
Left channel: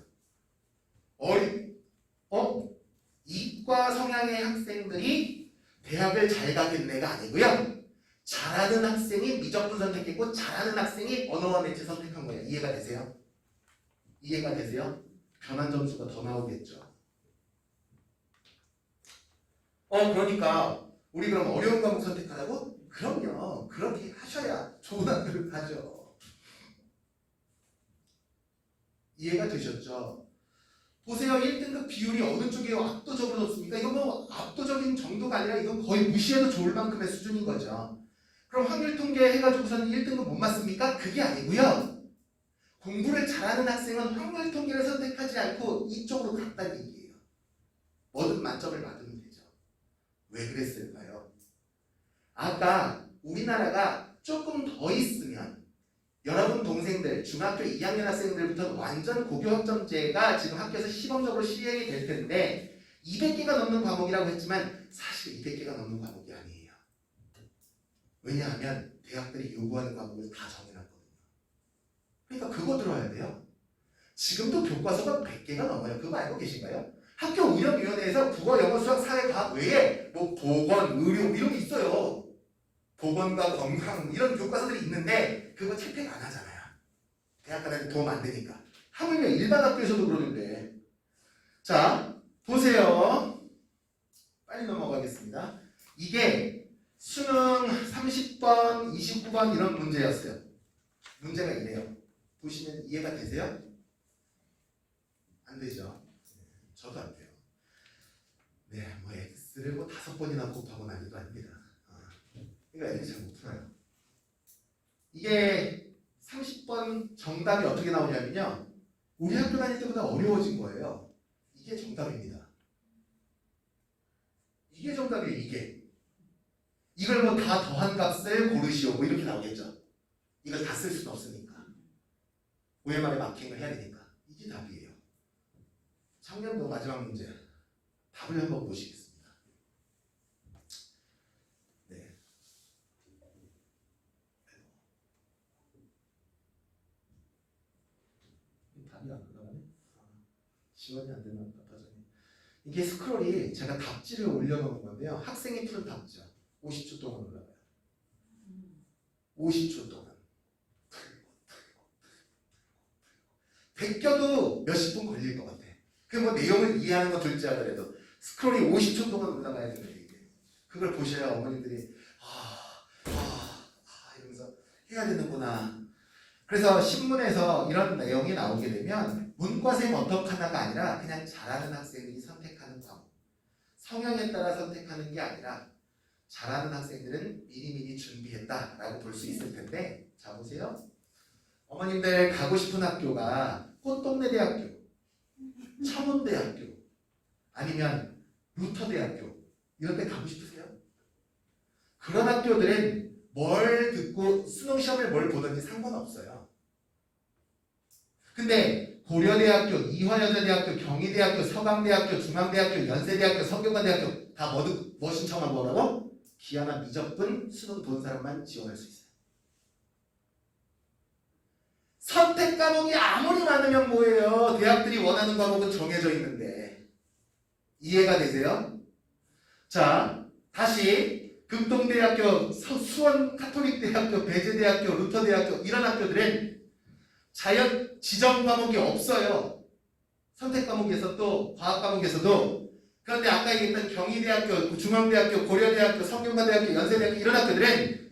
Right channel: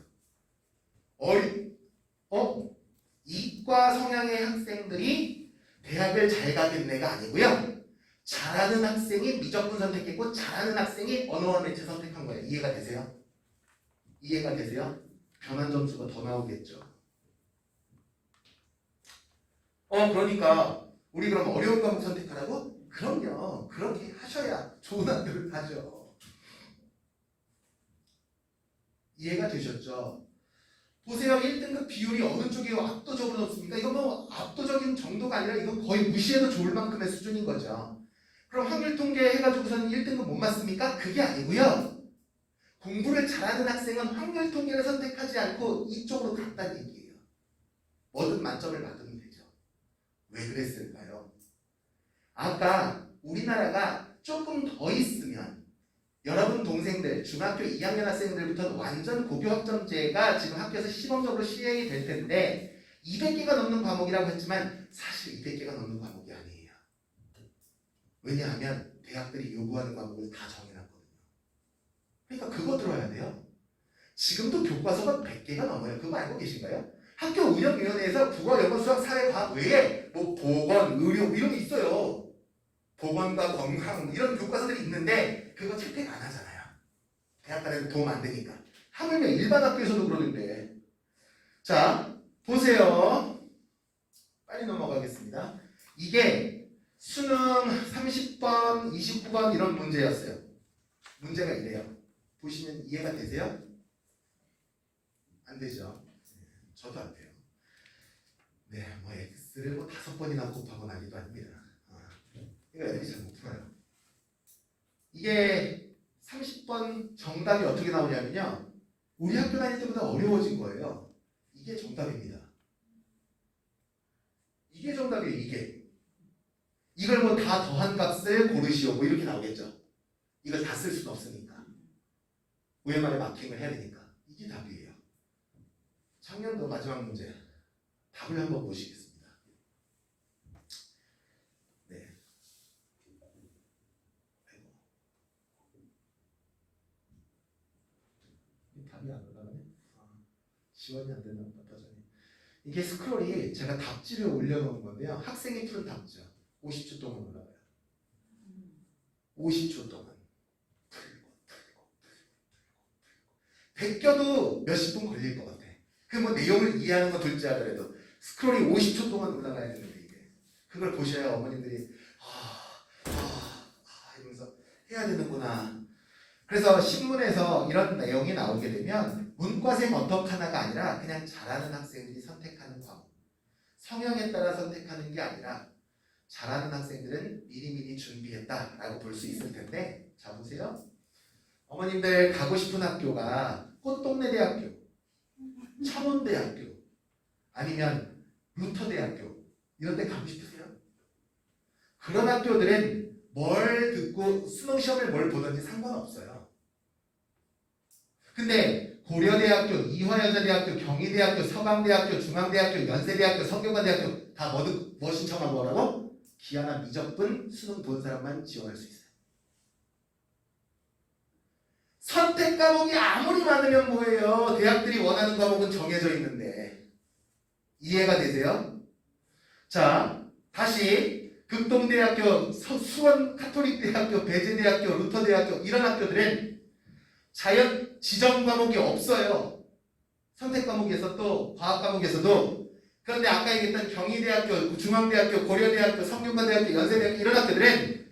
이과 성향의 학생들이 대학을 잘 가겠네가 아니고요. 잘하는 학생이 미적분 선택했고 잘하는 학생이 언어와 매체 선택한 거예요. 이해가 되세요? 이해가 되세요? 변환 점수가 더 나오겠죠. 그러니까 우리 그럼 어려운 과목 선택하라고? 그럼요. 그렇게 하셔야 좋은 학교를 가죠. 이해가 되셨죠? 보세요. 1등급 비율이 어느 쪽에 압도적으로 높습니까? 이건 뭐 압도적인 정도가 아니라 이건 거의 무시해도 좋을 만큼의 수준인 거죠. 그럼 확률 통계 해가지고서는 1등급 못 맞습니까? 그게 아니고요. 공부를 잘하는 학생은 확률 통계를 선택하지 않고 이쪽으로 갔다는 얘기예요. 뭐든 만점을 받으면 되죠. 왜 그랬을까요? 아까 우리나라가 조금 더 있으면 여러분 동생들 중학교 2학년 학생들부터 완전 고교학점제가 지금 학교에서 시범적으로 시행이 될 텐데 200개가 넘는 과목이라고 했지만 사실 200개가 넘는 과목이 아니에요. 왜냐하면 대학들이 요구하는 과목을 다 정해놨거든요. 그러니까 그거 들어야 돼요. 지금도 교과서가 100개가 넘어요. 그거 알고 계신가요? 학교 운영위원회에서 국어, 영어, 수학, 사회, 과학 외에 뭐 보건, 의료 이런 게 있어요. 보건과 건강 이런 교과서들이 있는데 그거 채택 안 하잖아요. 대학가한테 도움 안 되니까. 하물며 일반 학교에서도 그러는데. 자, 보세요. 빨리 넘어가겠습니다. 이게 수능 30번, 29번 이런 문제였어요. 문제가 이래요. 보시면 이해가 되세요? 안 되죠? 저도 안 돼요. 네, 뭐 X를 뭐 5번이나 곱하고 나기도 합니다. 그러니까 애들이 잘 못 풀어요. 이게 30번 정답이 어떻게 나오냐면요. 우리 학교 다닐 때보다 어려워진 거예요. 이게 정답입니다. 이게 정답이에요. 이게. 이걸 뭐 다 더한 값을 고르시오. 뭐 이렇게 나오겠죠. 이걸 다 쓸 수는 없으니까. OMR에 마킹을 해야 되니까. 이게 답이에요. 작년도 마지막 문제. 답을 한번 보시겠습니다. 답이 안 올라가네. 지원이 안 되나 보다. 버전이. 이게 스크롤이 제가 답지를 올려놓은 건데요. 학생이 푸는 답지요. 50초 동안 올라가요. 50초 동안. 베껴도 몇십 분 걸릴 것 같아. 그 뭐 내용을 이해하는 거 둘째 하더라도 스크롤이 50초 동안 올라가야 되는데 이게. 그걸 보셔야 어머님들이 이러면서 해야 되는구나. 그래서 신문에서 이런 내용이 나오게 되면 문과생 어떡하나가 아니라 그냥 잘하는 학생들이 선택하는 과목. 성향에 따라 선택하는 게 아니라 잘하는 학생들은 미리미리 준비했다라고 볼 수 있을 텐데 자 보세요. 어머님들 가고 싶은 학교가 꽃동네대학교, 청운대학교 아니면 루터대학교 이런 데 가고 싶으세요? 그런 학교들은 뭘 듣고 수능 시험을 뭘 보든지 상관없어요. 근데 고려대학교, 이화여자대학교, 경희대학교, 서강대학교, 중앙대학교, 연세대학교, 성균관대학교 다 뭐 신청하고 뭐라고? 기하나 미적분 수능 본 사람만 지원할 수 있어요. 선택 과목이 아무리 많으면 뭐예요? 대학들이 원하는 과목은 정해져 있는데 이해가 되세요? 자, 다시 극동대학교, 수원 카톨릭대학교, 배제대학교, 루터대학교 이런 학교들은 자연 지정 과목이 없어요. 선택 과목에서도 과학 과목에서도. 그런데 아까 얘기했던 경희대학교, 중앙대학교, 고려대학교, 성균관대학교, 연세대학교 이런 학교들은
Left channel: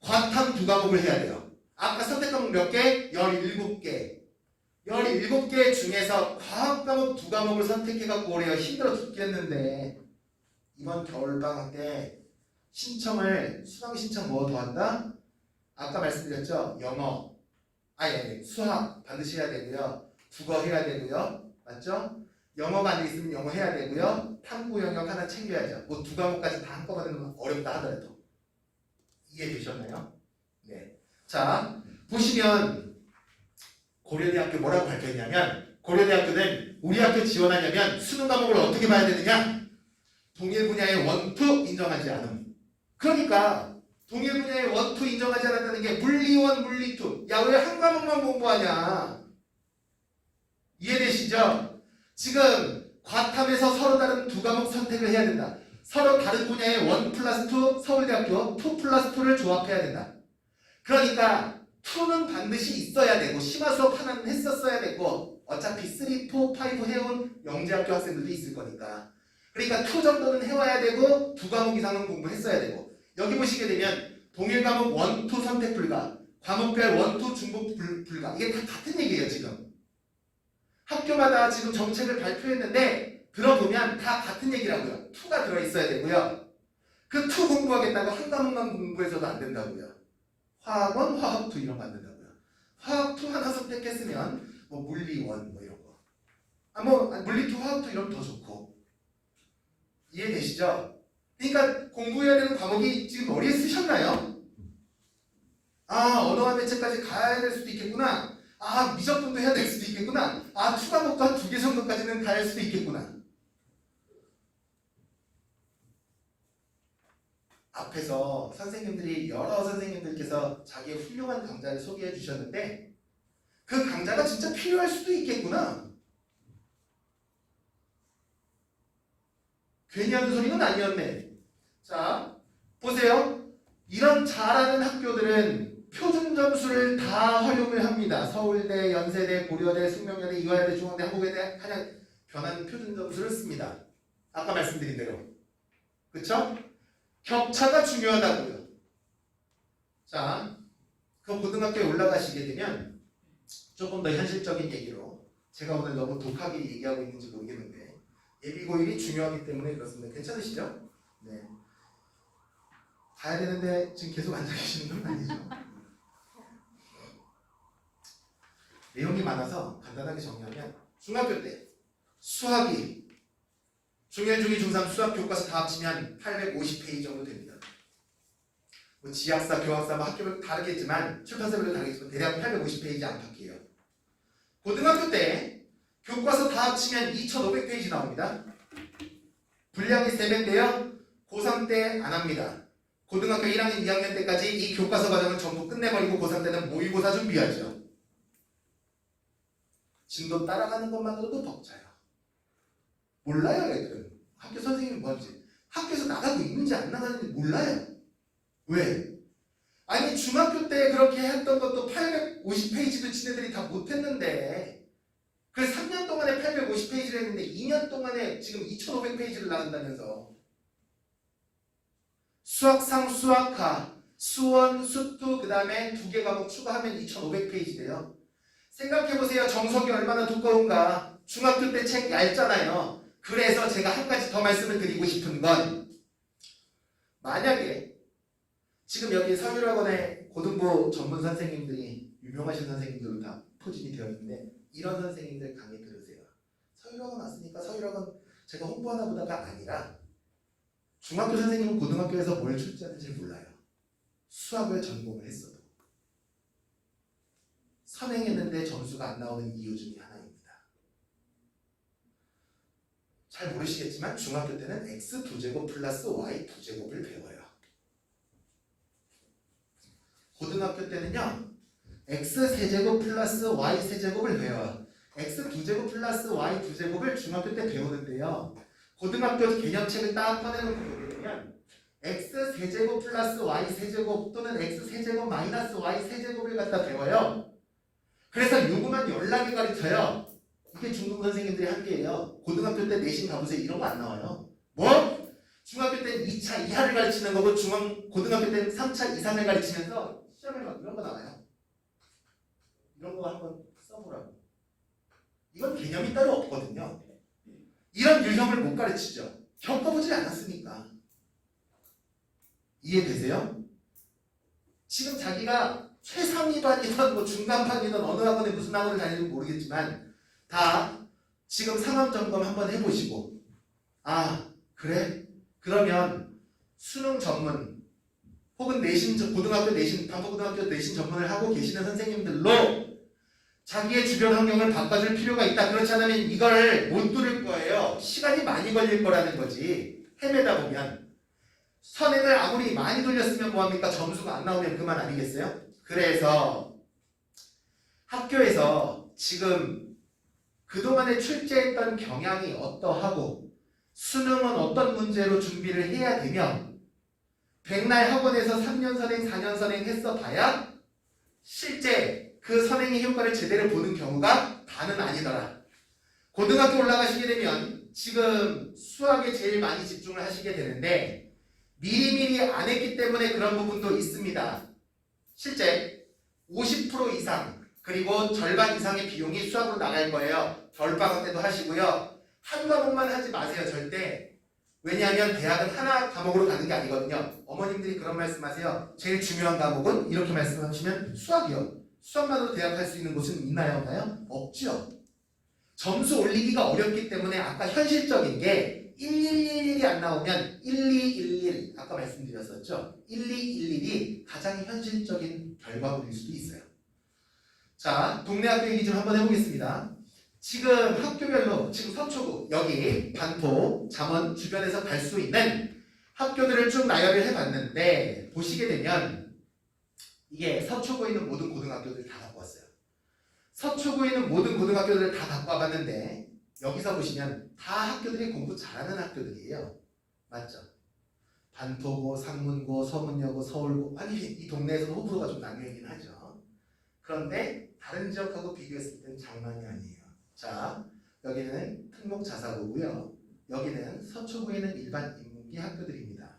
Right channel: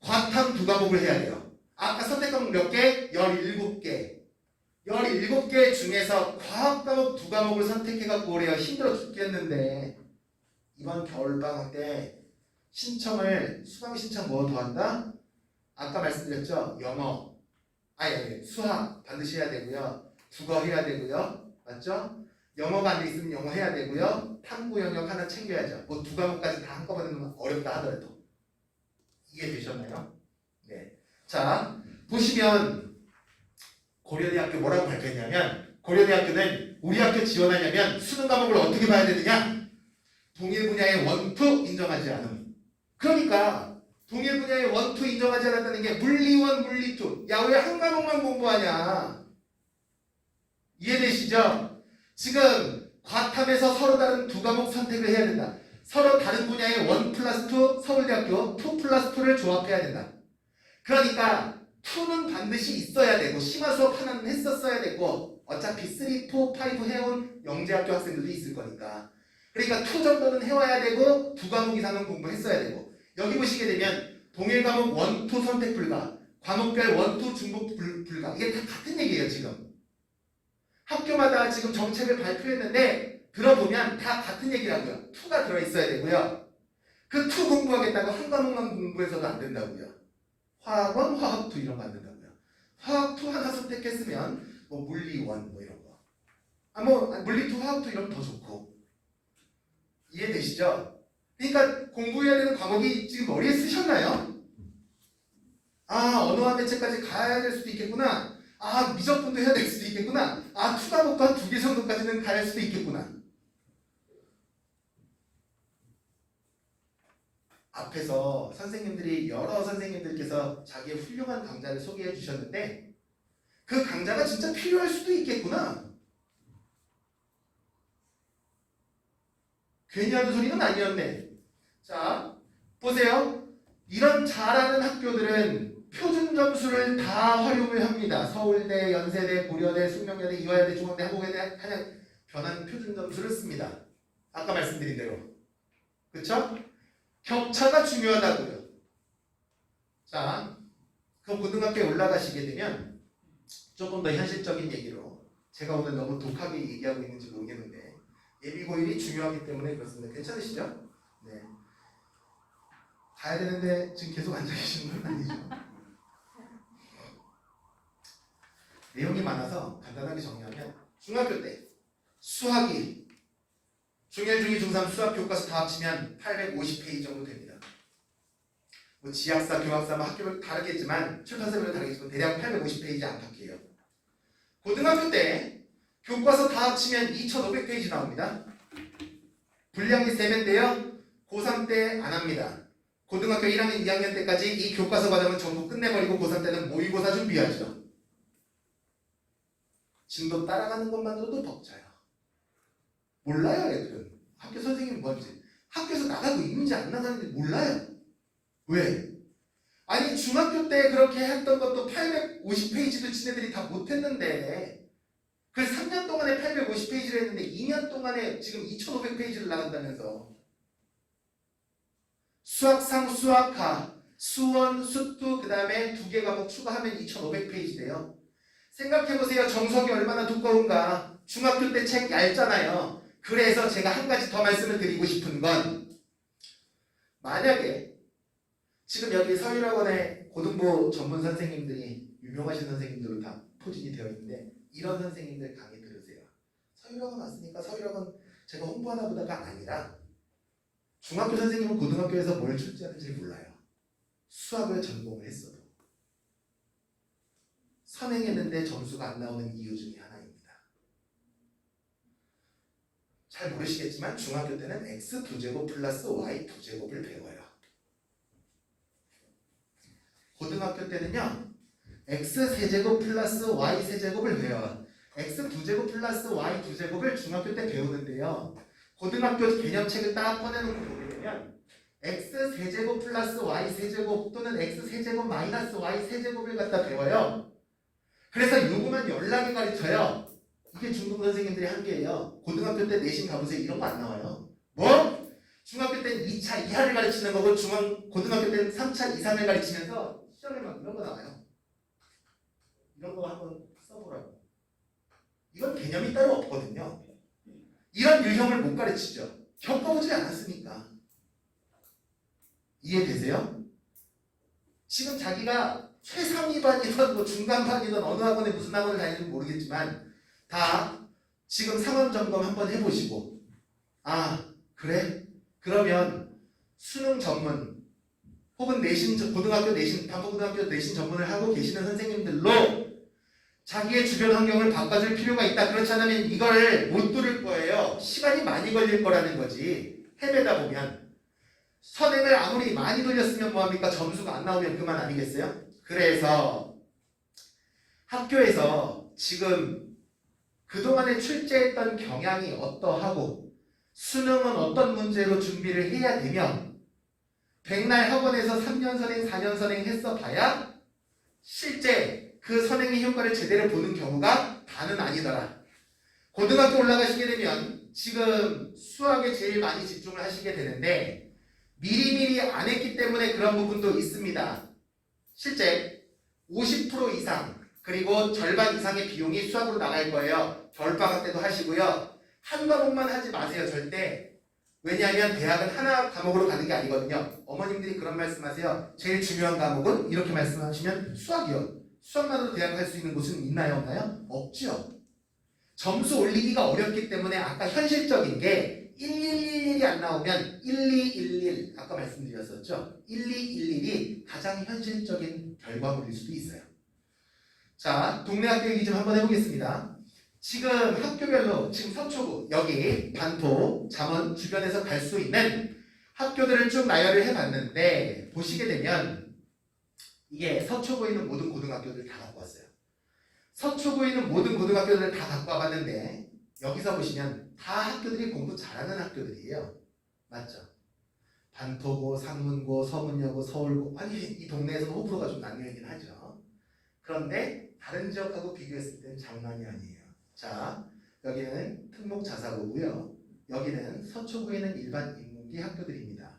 과탐 2과목을 해야 돼요. 아까 선택 과목 몇 개? 17개. 17개 중에서 과학 과목 2과목을 선택해갖고 오래요. 힘들어 죽겠는데 이번 겨울방학 때 신청을 수강 신청 뭐 더 한다? 아까 말씀드렸죠? 영어, 수학 반드시 해야 되고요. 국어 해야 되고요. 맞죠? 영어가 안 돼 있으면 영어 해야 되고요. 탐구 영역 하나 챙겨야죠. 뭐 2과목까지 다 한꺼번에 넣으면 어렵다 하더라도. 이해되셨나요? 네. 자, 보시면 고려대학교 뭐라고 밝혔냐면 고려대학교는 우리 학교 지원하려면 수능 과목을 어떻게 봐야 되느냐? 동일 분야의 원투 인정하지 않음. 그러니까 동일 분야의 원투 인정하지 않았다는 게 물리1, 물리2. 야, 왜 한 과목만 공부하냐? 이해되시죠? 지금 과탐에서 서로 다른 2과목 선택을 해야 된다. 서로 다른 분야의 1+2 서울대학교 2+2를 조합해야 된다. 그러니까 2는 반드시 있어야 되고 심화 수업 하나는 했었어야 되고 어차피 3, 4, 5 해온 영재학교 학생들도 있을 거니까 그러니까 2 정도는 해와야 되고 2과목 이상은 공부했어야 되고 여기 보시게 되면 동일 과목 1, 2 선택 불가 과목별 1, 2 중복 불가 이게 다 같은 얘기예요. 지금 학교마다 지금 정책을 발표했는데 들어보면 다 같은 얘기라고요. 2가 들어있어야 되고요. 그 2 공부하겠다고 한 과목만 공부해서도 안 된다고요. 화학원, 화학 2 이런 거 안 된다고요. 화학 2 하나 선택했으면 뭐 물리 1 뭐 이런 거. 물리 2, 화학 2 이러면 더 좋고. 이해되시죠? 그러니까 공부해야 되는 과목이 지금 머리에 쓰셨나요? 언어와 대체까지 가야 될 수도 있겠구나. 미적분도 해야 될 수도 있겠구나. 2 과목도 한 2개 정도까지는 가야 할 수도 있겠구나. 앞에서 여러 선생님들께서 자기의 훌륭한 강좌를 소개해 주셨는데 그 강좌가 진짜 필요할 수도 있겠구나. 괜히 하는 소리는 아니었네. 자, 보세요. 이런 잘하는 학교들은 표준 점수를 다 활용을 합니다. 서울대, 연세대, 고려대, 숙명여대, 이화여대, 중앙대, 한국외대, 한양 변환 표준 점수를 씁니다. 아까 말씀드린 대로. 그쵸? 격차가 중요하다고요. 자, 그럼 고등학교에 올라가시게 되면 조금 더 현실적인 얘기로 제가 오늘 너무 독하게 얘기하고 있는지 모르겠는데 예비고일이 중요하기 때문에 그렇습니다. 괜찮으시죠? 네. 가야 되는데 지금 계속 앉아 계시는 건 아니죠. 내용이 많아서 간단하게 정리하면 중학교 때 수학이 중1, 중2, 중3 수학 교과서 다 합치면 850페이지 정도 됩니다. 뭐 지학사, 교학사, 학교별 다르겠지만 출판사별로 다르겠지만 대략 850페이지 안팎이에요. 고등학교 때 교과서 다 합치면 2500페이지 나옵니다. 분량이 3배인데요. 고3 때 안 합니다. 고등학교 1학년, 2학년 때까지 이 교과서 과정은 전부 끝내버리고 고3 때는 모의고사 준비하죠. 진도 따라가는 것만으로도 벅차요. 몰라요, 애들은. 학교 선생님이 뭔지. 학교에서 나가고 있는지 안 나가는지 몰라요. 왜? 아니, 중학교 때 그렇게 했던 것도 850페이지도 지네들이 다 못했는데, 그래서 3년 동안에 850페이지를 했는데, 2년 동안에 지금 2500페이지를 나간다면서. 수학상, 수학하, 수원, 수투, 그 다음에 2개 과목 추가하면 2500페이지 돼요. 생각해보세요. 정석이 얼마나 두꺼운가. 중학교 때 책 얇잖아요. 그래서 제가 한 가지 더 말씀을 드리고 싶은 건 만약에 지금 여기 서울학원의 고등부 전문 선생님들이 유명하신 선생님들로 다 포진이 되어 있는데 이런 선생님들 강의 들으세요. 서울학원 왔으니까 서울학원 제가 홍보하나 보다가 아니라 중학교 선생님은 고등학교에서 뭘 출제하는지 몰라요. 수학을 전공을 했어도 선행했는데 점수가 안 나오는 이유 중에 하나입니다. 잘 모르시겠지만 중학교 때는 x2제곱 플러스 y2제곱을 배워요. 고등학교 때는요 x3제곱 플러스 y3제곱을 배워요. x2제곱 플러스 y2제곱을 중학교 때 배우는데요 고등학교 개념책을 딱 꺼내놓고 보게 되면 x 세제곱 플러스 y 세제곱 또는 x 세제곱 마이너스 y 세제곱을 갖다 배워요. 그래서 요거만 연락이 가르쳐요. 이게 중국 선생님들이 한 게예요. 고등학교 때 내신 가보세요. 이런 거 안 나와요. 뭐? 중학교 때 2차 이하를 가르치는 거고 고등학교 때는 3차 이상을 가르치면서 시험에 막 이런 거 나와요. 이런 거 한번 써보라고. 이건 개념이 따로 없거든요. 이런 유형을 못 가르치죠. 겪어보지 않았으니까. 이해되세요? 지금 자기가 최상위반이든 뭐 중간반이든 어느 학원에 무슨 학원을 다니는지 모르겠지만 다 지금 상황 점검 한번 해보시고 아 그래? 그러면 수능 전문 혹은 내신 고등학교 내신 반포고등학교 내신 전문을 하고 계시는 선생님들로 자기의 주변 환경을 바꿔줄 필요가 있다. 그렇지 않으면 이걸 못 뚫을 거예요. 시간이 많이 걸릴 거라는 거지. 헤매다 보면 선행을 아무리 많이 돌렸으면 뭐합니까? 점수가 안 나오면 그만 아니겠어요? 그래서 학교에서 지금 그동안에 출제했던 경향이 어떠하고 수능은 어떤 문제로 준비를 해야 되면 백날 학원에서 3년 선행, 4년 선행 했어 봐야 실제 그 선행의 효과를 제대로 보는 경우가 다는 아니더라. 고등학교 올라가시게 되면 지금 수학에 제일 많이 집중을 하시게 되는데 미리미리 안 했기 때문에 그런 부분도 있습니다. 실제 50% 이상 그리고 절반 이상의 비용이 수학으로 나갈 거예요. 겨울방학 때도 하시고요. 한 과목만 하지 마세요. 절대. 왜냐하면 대학은 하나 과목으로 가는 게 아니거든요. 어머님들이 그런 말씀하세요. 제일 중요한 과목은 이렇게 말씀하시면 수학이요. 수학만으로 대학 갈 수 있는 곳은 있나요? 없나요? 없죠. 점수 올리기가 어렵기 때문에 아까 현실적인 게 1111이 안 나오면 1211 아까 말씀드렸었죠. 1211이 가장 현실적인 결과물일 수도 있어요. 자, 동네 학교 얘기 좀 한번 해보겠습니다. 지금 학교별로 지금 서초구 여기 반포 잠원 주변에서 갈 수 있는 학교들을 쭉 나열을 해봤는데 보시게 되면 이게 서초구에 있는 모든 고등학교들 다 갖고 왔어요. 서초구에 있는 모든 고등학교들을 다 갖고 와봤는데 여기서 보시면 다 학교들이 공부 잘하는 학교들이에요. 맞죠? 반포고, 상문고, 서문여고, 서울고 아니 이 동네에서는 호불호가 좀 나뉘긴 하죠. 그런데 다른 지역하고 비교했을 때는 장난이 아니에요. 자, 여기는 특목자사고고요. 여기는 서초구에 있는 일반 인문기 학교들입니다.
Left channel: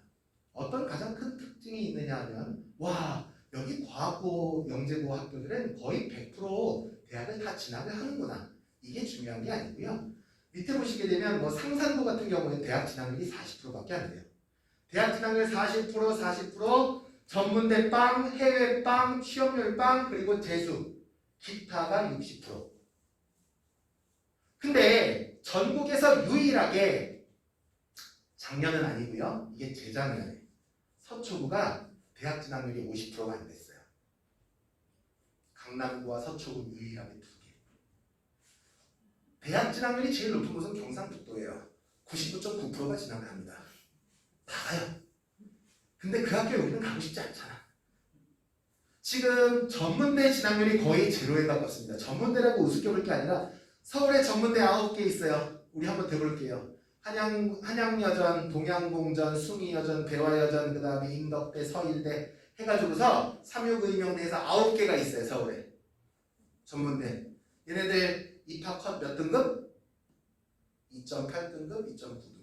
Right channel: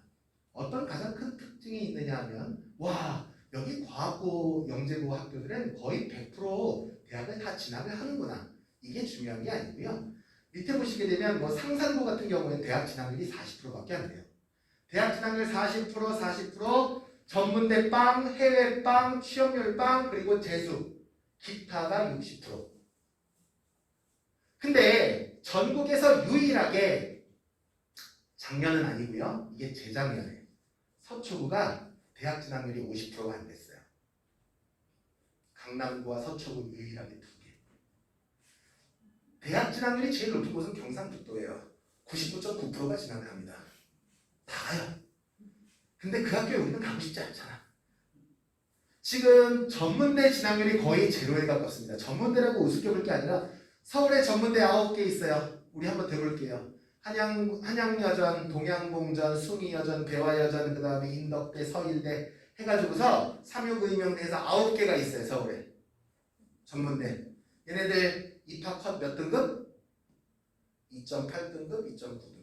어떤 가장 큰 특징이 있느냐 하면 와 여기 과학고, 영재고 학교들은 거의 100% 대학을 다 진학을 하는구나. 이게 중요한 게 아니고요. 밑에 보시게 되면 뭐 상산고 같은 경우에는 대학 진학률이 40%밖에 안 돼요. 대학 진학률 40%, 전문대 빵, 해외 빵, 취업률 빵, 그리고 재수, 기타가 60%. 근데 전국에서 유일하게 작년은 아니고요. 이게 재작년에 서초구가 대학 진학률이 50%가 안 됐어요. 강남구와 서초구 유일하게 두 개. 대학 진학률이 제일 높은 곳은 경상북도예요. 99.9%가 진학을 합니다. 다 가요. 근데 그 학교에 우리는 가고 싶지 않잖아. 지금 전문대 진학률이 거의 제로에 가깝습니다. 전문대라고 우습게 볼 게 아니라 서울에 전문대 9개 있어요. 우리 한번 대볼게요. 한양여전, 동양공전, 숭의여전, 배화여전, 그 다음에 인덕대, 서일대 해가지고서 369임용대에서 9개가 있어요. 서울에. 전문대. 얘네들 입학 컷 몇 등급? 2.8등급, 2.9등급.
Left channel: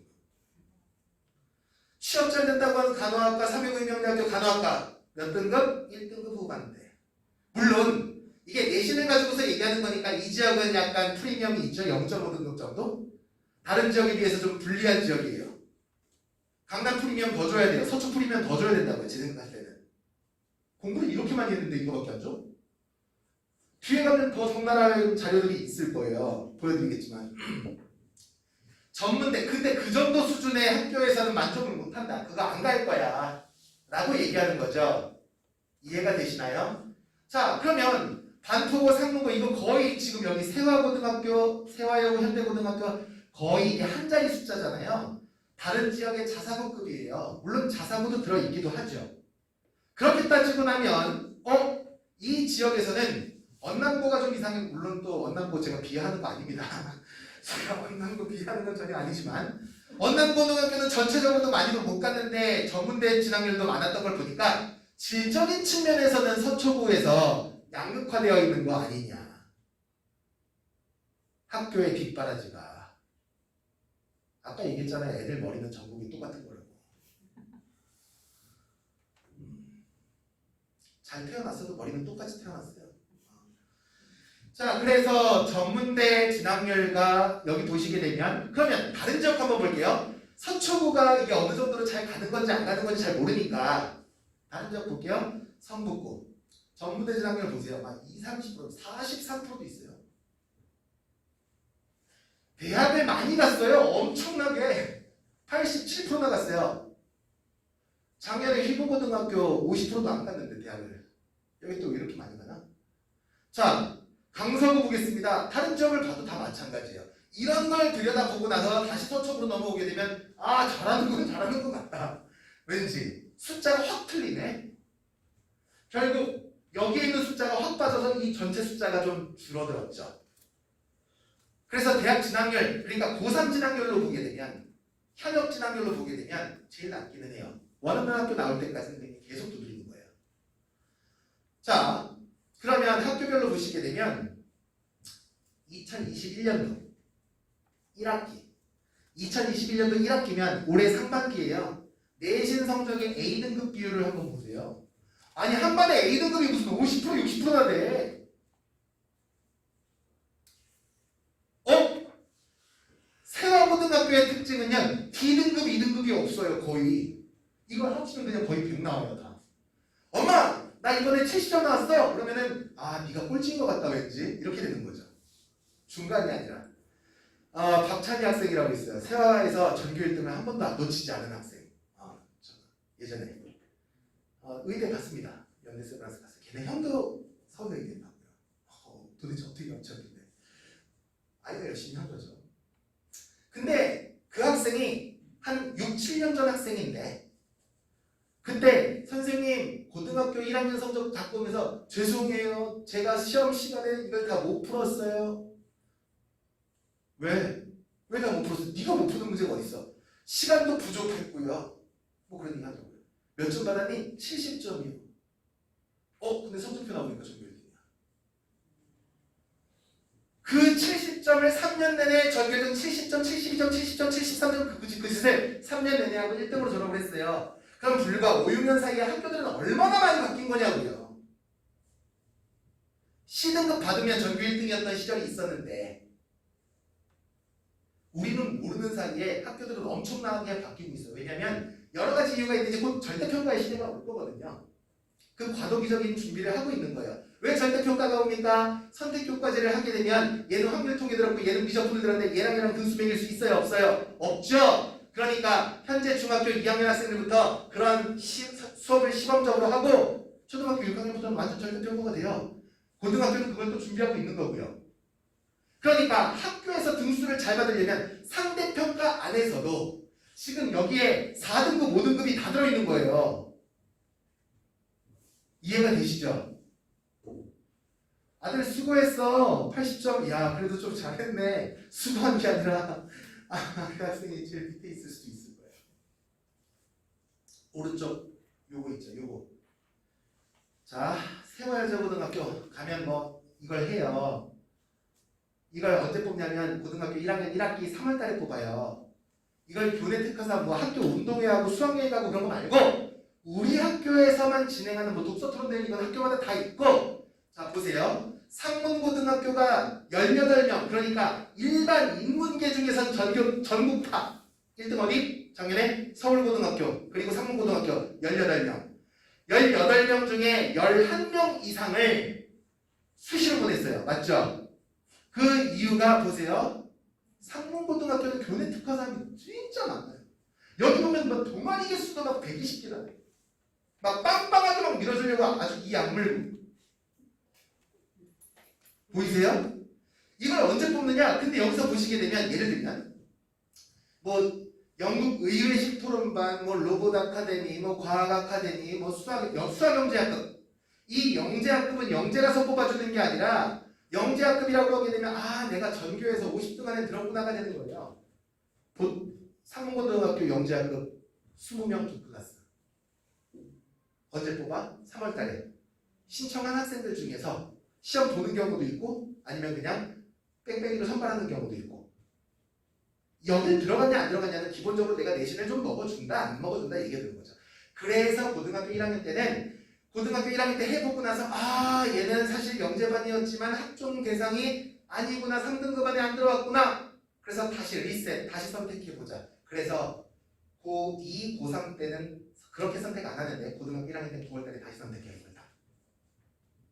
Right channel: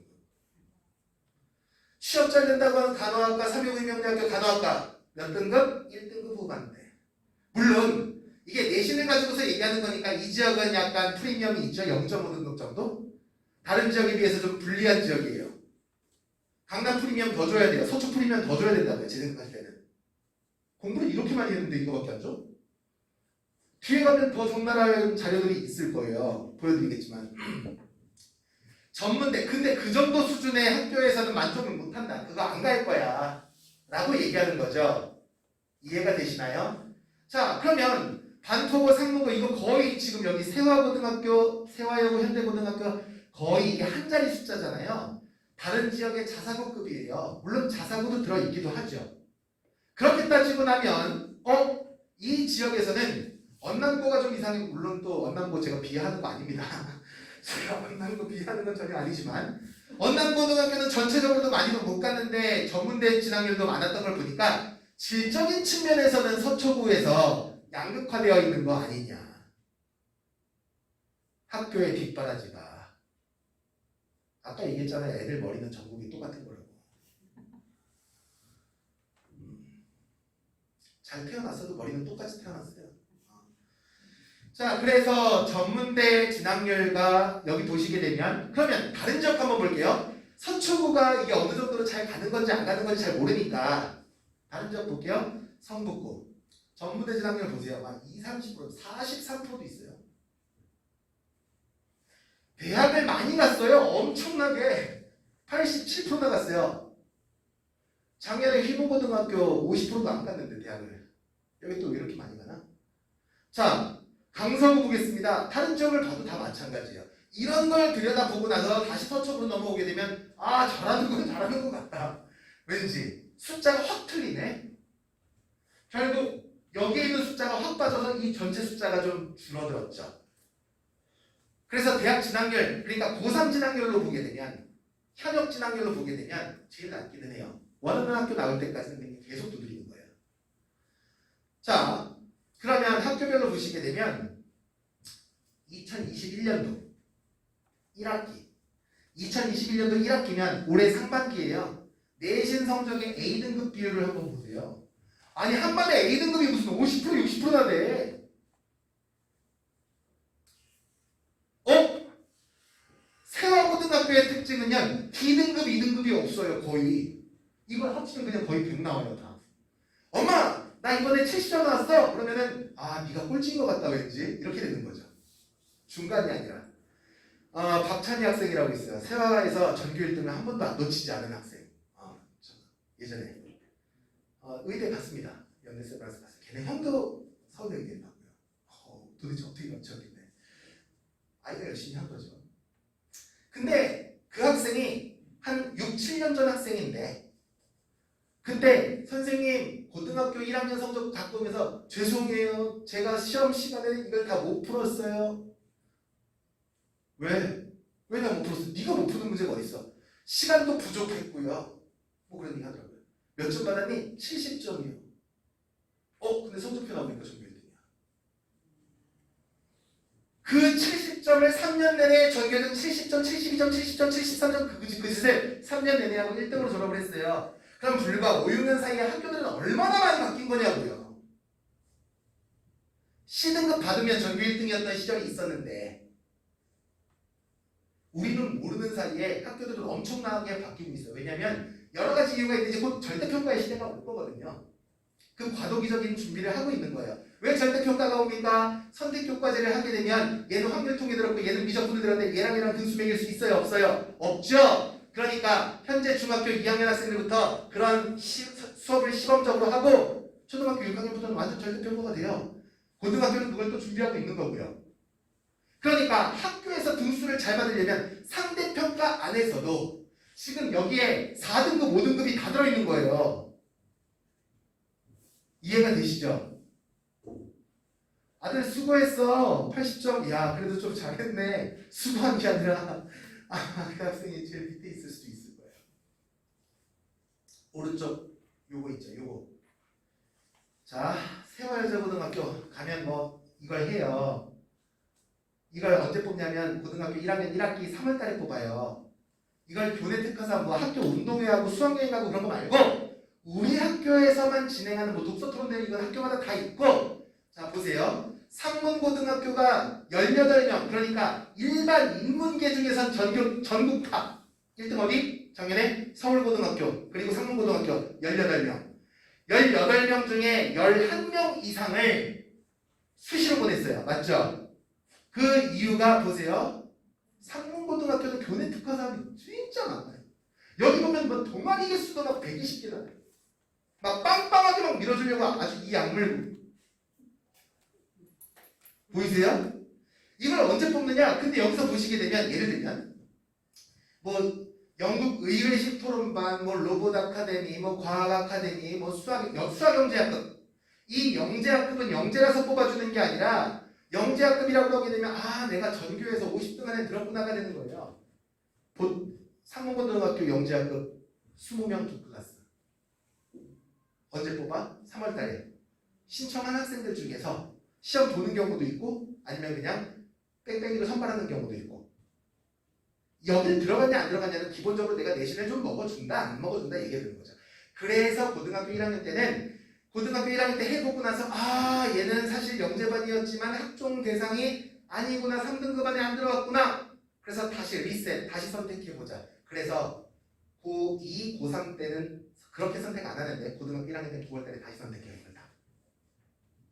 취업 잘 된다고 하는 간호학과, 369임용대학교 간호학과 몇 등급? 1등급 후반대. 물론 이게 내신을 가지고서 얘기하는 거니까 이 지역은 약간 프리미엄이 있죠. 0.5등급 정도? 다른 지역에 비해서 좀 불리한 지역이에요. 강남 프리미엄 더 줘야 돼요. 서초 프리미엄 더 줘야 된다고요. 제 생각할 때는. 공부를 이렇게 많이 했는데 이거밖에 안 줘? 뒤에 가면 더 적나라한 자료들이 있을 거예요. 보여드리겠지만. 전문대. 근데 그 정도 수준의 학교에서는 만족을 못한다. 그거 안 갈 거야. 라고 얘기하는 거죠. 이해가 되시나요? 자, 그러면 반포고, 상문고 이거 거의 지금 여기 세화고등학교, 세화여고, 현대고등학교 거의 이게 한 자리 숫자잖아요. 다른 지역의 자사고급이에요. 물론 자사고도 들어있기도 하죠. 그렇게 따지고 나면 이 지역에서는 언남고가 좀 이상해. 물론 또 언남고 제가 비하하는 거 아닙니다. 제가 언남고 비하하는 건 전혀 아니지만 언남고등학교는 전체적으로도 많이도 못 갔는데 전문대 진학률도 많았던 걸 보니까 질적인 측면에서는 서초구에서 양극화되어 있는 거 아니냐. 학교의 뒷바라지가. 아까 얘기했잖아요. 애들 머리는 전국이 똑같은 거라고. 잘 태어났어도 머리는 똑같이 태어났어요. 자, 그래서 전문대 진학률과 여기 보시게 되면 그러면 다른 지역 한번 볼게요. 서초구가 이게 어느 정도로 잘 가는 건지 안 가는 건지 잘 모르니까 다른 지역 볼게요. 성북구 전문대 진학률 보세요. 막 20, 30%, 43%도 있어요. 대학을 많이 갔어요. 엄청나게 87% 나갔어요. 작년에 희보고등학교 50%도 안 갔는데 대학을. 여기 또 왜 이렇게 많이 가나? 자, 강서구 보겠습니다. 다른 지역을 봐도 다 마찬가지예요. 이런 걸 들여다보고 나서 다시 서초구로 넘어오게 되면 아, 잘하는 건 잘하는 것 같다. 왠지 숫자가 확 틀리네. 결국 여기에 있는 숫자가 확 빠져서 이 전체 숫자가 좀 줄어들었죠. 그래서 대학 진학률, 그러니까 고3 진학률로 보게 되면 현역 진학률로 보게 되면 제일 낮기는 해요. 원하는 학교 나올 때까지는 계속 두드리는 거예요. 자, 그러면 학교별로 보시게 되면 2021년도 1학기 2021년도 1학기면 올해 상반기예요. 내신 성적의 A등급 비율을 한번 보세요. 아니 한 반에 A등급이 무슨 50% 60%나 돼. 세화고등학교의 특징은요. D등급 2등급이 없어요. 거의. 이걸 합치면 그냥 거의 100 나와요. 다. 엄마! 나 이번에 70점 나왔어요. 그러면은 아 네가 꼴찌인 것 같다 왠지 이렇게 되는 거죠. 중간이 아니라 박찬희 학생이라고 있어요. 세화에서 전교 1등을 한 번도 안 놓치지 않은 학생. 예전에 의대 갔습니다. 연대생이라서 갔어요. 걔네 형도 서울대 있겠다고요. 도대체 어떻게 맞췄는데 아이가 열심히 한 거죠. 근데 그 학생이 한 6, 7년 전 학생인데 그때 선생님 고등학교 1학년 성적 갖고 오면서 죄송해요. 제가 시험 시간에 이걸 다 못 풀었어요. 왜? 왜 다 못 풀었어? 네가 못 푸는 문제가 어딨어? 시간도 부족했고요. 뭐 그런 얘기 하더라고요. 몇 점 받았니? 70점이요. 근데 성적표 나오니까 전교 1등이야. 그 70점을 3년 내내 전교는 70점, 72점, 70점, 73점 그 짓을 3년 내내 하고 1등으로 졸업을 했어요. 그럼 불과 5, 6년 사이에 학교들은 얼마나 많이 바뀐 거냐고요. C등급 받으면 전교 1등이었던 시절이 있었는데 우리는 모르는 사이에 학교들은 엄청나게 바뀌고 있어요. 왜냐하면 여러 가지 이유가 있는데 곧 절대평가의 시대가 올 거거든요. 그 과도기적인 준비를 하고 있는 거예요. 왜 절대평가가 옵니까? 선택교과제를 하게 되면 얘는 확률통에 들었고 얘는 미적분을 들었는데 얘랑 등수 매길 수 있어요? 없어요? 없죠? 그러니까 현재 중학교 2학년 학생들부터 그런 수업을 시범적으로 하고 초등학교 6학년부터는 완전 절대평가가 돼요. 고등학교는 그걸 또 준비하고 있는 거고요. 그러니까 학교에서 등수를 잘 받으려면 상대평가 안에서도 지금 여기에 4등급, 5등급이 다 들어있는 거예요. 이해가 되시죠? 아들 수고했어. 80점. 야 그래도 좀 잘했네. 수고한 게 아니라 그 학생이 제일 밑에 있을 수도 있을 거예요. 오른쪽 요거 있죠. 요거. 자, 세화여자고등학교 가면 뭐 이걸 해요. 이걸 언제 뽑냐면 고등학교 1학년 1학기 3월달에 뽑아요. 이걸 교내 특화사 뭐 학교 운동회하고 수학여행하고 그런 거 말고 우리 학교에서만 진행하는 뭐 독서 토론회 이건 학교마다 다 있고 자 보세요. 상문고등학교가 18명 그러니까 일반 인문계 중에선 전국 탑 1등 어디? 작년에 서울고등학교 그리고 상문고등학교 18명 18명 중에 11명 이상을 수시로 보냈어요. 맞죠? 그 이유가 보세요. 상문고등학교는 교내 특화 사람이 진짜 많아요. 여기 보면 뭐 동아리 개수도 막 120개나 돼요. 막 빵빵하게 막 밀어주려고 아주 이 약물 보이세요? 이걸 언제 뽑느냐? 근데 여기서 보시게 되면 예를 들면 뭐 영국 의외식 토론반, 뭐 로봇 아카데미, 뭐 과학 아카데미, 뭐 수학 영재학급 이 영재학급은 영재라서 뽑아주는 게 아니라 영재학급이라고 하게 되면 아 내가 전교에서 50등 안에 들었구나가 되는 거예요. 상문고등학교 영재학급 20명 두 클래스. 언제 뽑아? 3월 달에. 신청한 학생들 중에서 시험 보는 경우도 있고 아니면 그냥 뺑뺑이로 선발하는 경우도 있고. 여기 들어갔냐 안 들어갔냐는 기본적으로 내가 내신을 좀 먹어준다 안 먹어준다 얘기하는 거죠. 그래서 고등학교 1학년 때는 고등학교 1학년 때 해보고 나서 아 얘는 사실 영재반이었지만 학종 대상이 아니구나 3등급 안에 안 들어갔구나. 그래서 다시 리셋 다시 선택해보자. 그래서 고2, 고3 때는 그렇게 선택 안 하는데 고등학교 1학년 때 9월 달에 다시 선택해야겠다.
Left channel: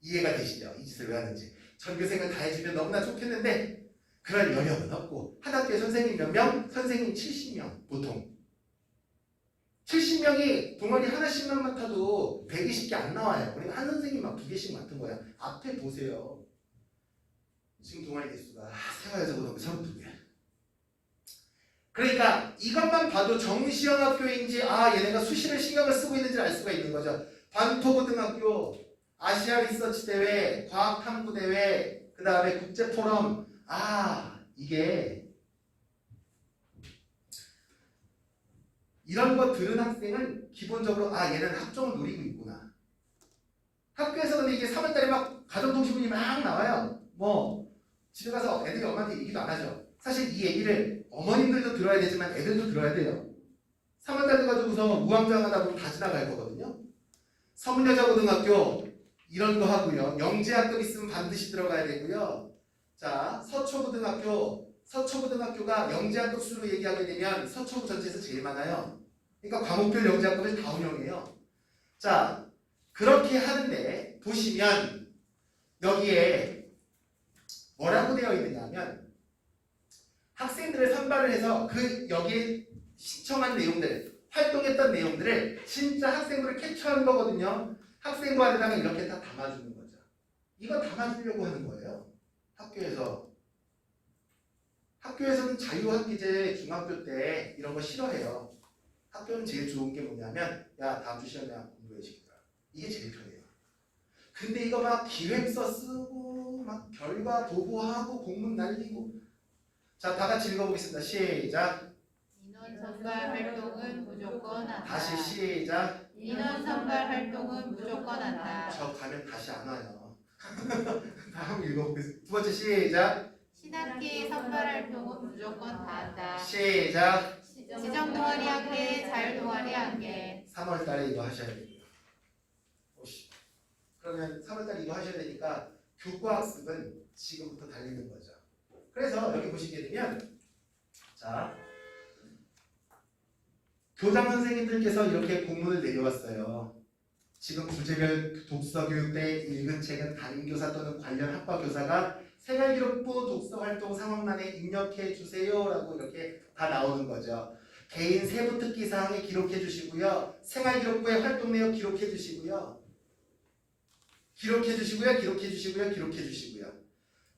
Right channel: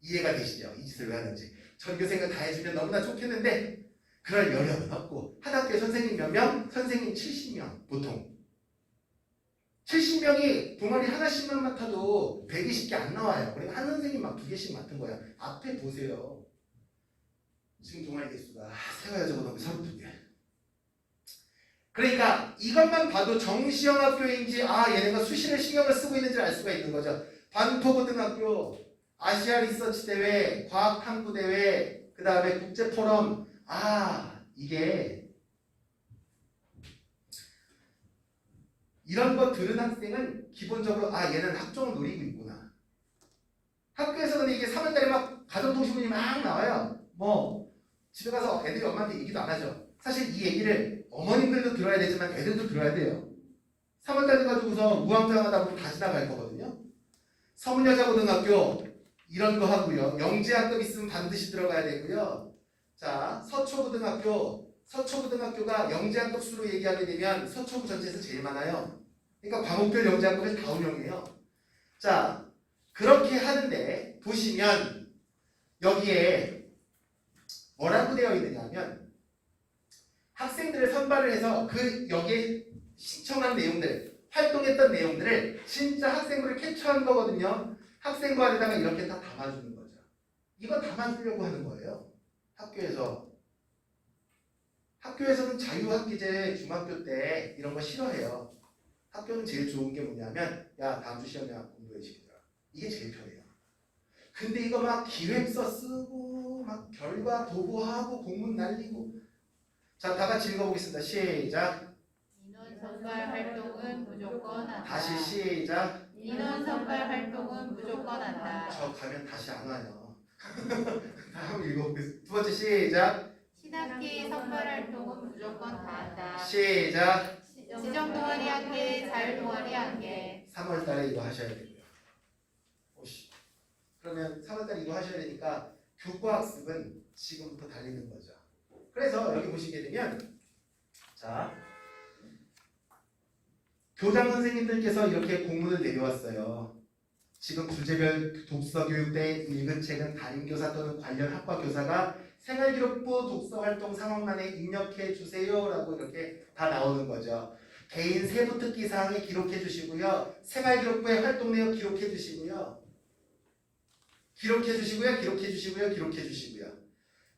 이해가 되시죠? 이 짓을 왜 하는지. 전교생을 다 해주면 너무나 좋겠는데 그럴 여력은 없고 한 학교에 선생님 몇 명? 선생님 70명 보통. 70명이 동아리 하나씩만 맡아도 120개 안 나와요. 그리고 한 선생님 막 2개씩 맡은 거야. 앞에 보세요. 지금 동아리 개수가 세화여자고등학교 32개. 그러니까 이것만 봐도 정시형 학교인지 아 얘네가 수시를 신경을 쓰고 있는지 알 수가 있는 거죠. 반포고등학교 아시아 리서치 대회, 과학탐구 대회, 그 다음에 국제포럼 아 이게 이런 거 들은 학생은 기본적으로 아 얘는 학종을 노리고 있구나. 학교에서 근데 이게 3월달에 막 가정통신문이 막 나와요. 뭐 집에 가서 애들이 엄마한테 얘기도 안 하죠. 사실 이 얘기를 어머님들도 들어야 되지만 애들도 들어야 돼요. 3월달 가지고서 우왕좌왕하다 보면 다 지나갈 거거든요. 서문여자고등학교 이런 거 하고요. 영재학급 있으면 반드시 들어가야 되고요. 자 서초고등학교가 영재학급 수로 얘기하게 되면 서초구 전체에서 제일 많아요. 그러니까 과목별 영재학급을 다 운영해요. 자 그렇게 하는데 보시면 여기에 뭐라고 되어 있느냐면 학생들을 선발을 해서 그 여기에 신청한 내용들 활동했던 내용들을 진짜 학생부를 캡처한 거거든요. 학생부 안에다가 이렇게 다 담아주는 거죠. 이거 담아주려고 하는 거예요. 학교에서는 자유학기제 중학교 때 이런 거 싫어해요. 학교는 제일 좋은 게 뭐냐면 야 다음 주 시험이야 공부해 시키더라. 이게 제일 편해요. 근데 이거 막 기획서 쓰고 막 결과 보고하고 공문 날리고 자 다 같이 읽어보겠습니다. 시작. 인원 선발 활동은 무조건 한다. 다시 시작. 인원 선발 활동은 무조건 한다. 저 가면 다시 안 와요. 다음 읽어보겠습니다. 두 번째 시작. 신학기 선발 활동은 무조건 다 한다. 시작. 지정 동아리 한 개, 자율 동아리 한 개. 3월달에 이거 하셔야 되고요. 그러면 3월달에 이거 하셔야 되니까 교과학습은 지금부터 달리는 거죠. 그래서 여기 보시게 되면 자 교장 선생님들께서 이렇게 공문을 내려왔어요. 지금 주제별 독서교육 때 읽은 책은 담임교사 또는 관련 학과 교사가 생활기록부 독서활동 상황란에 입력해 주세요라고 이렇게 다 나오는 거죠. 개인 세부 특기 사항에 기록해 주시고요. 생활기록부의 활동 내용 기록해 주시고요. 기록해 주시고요.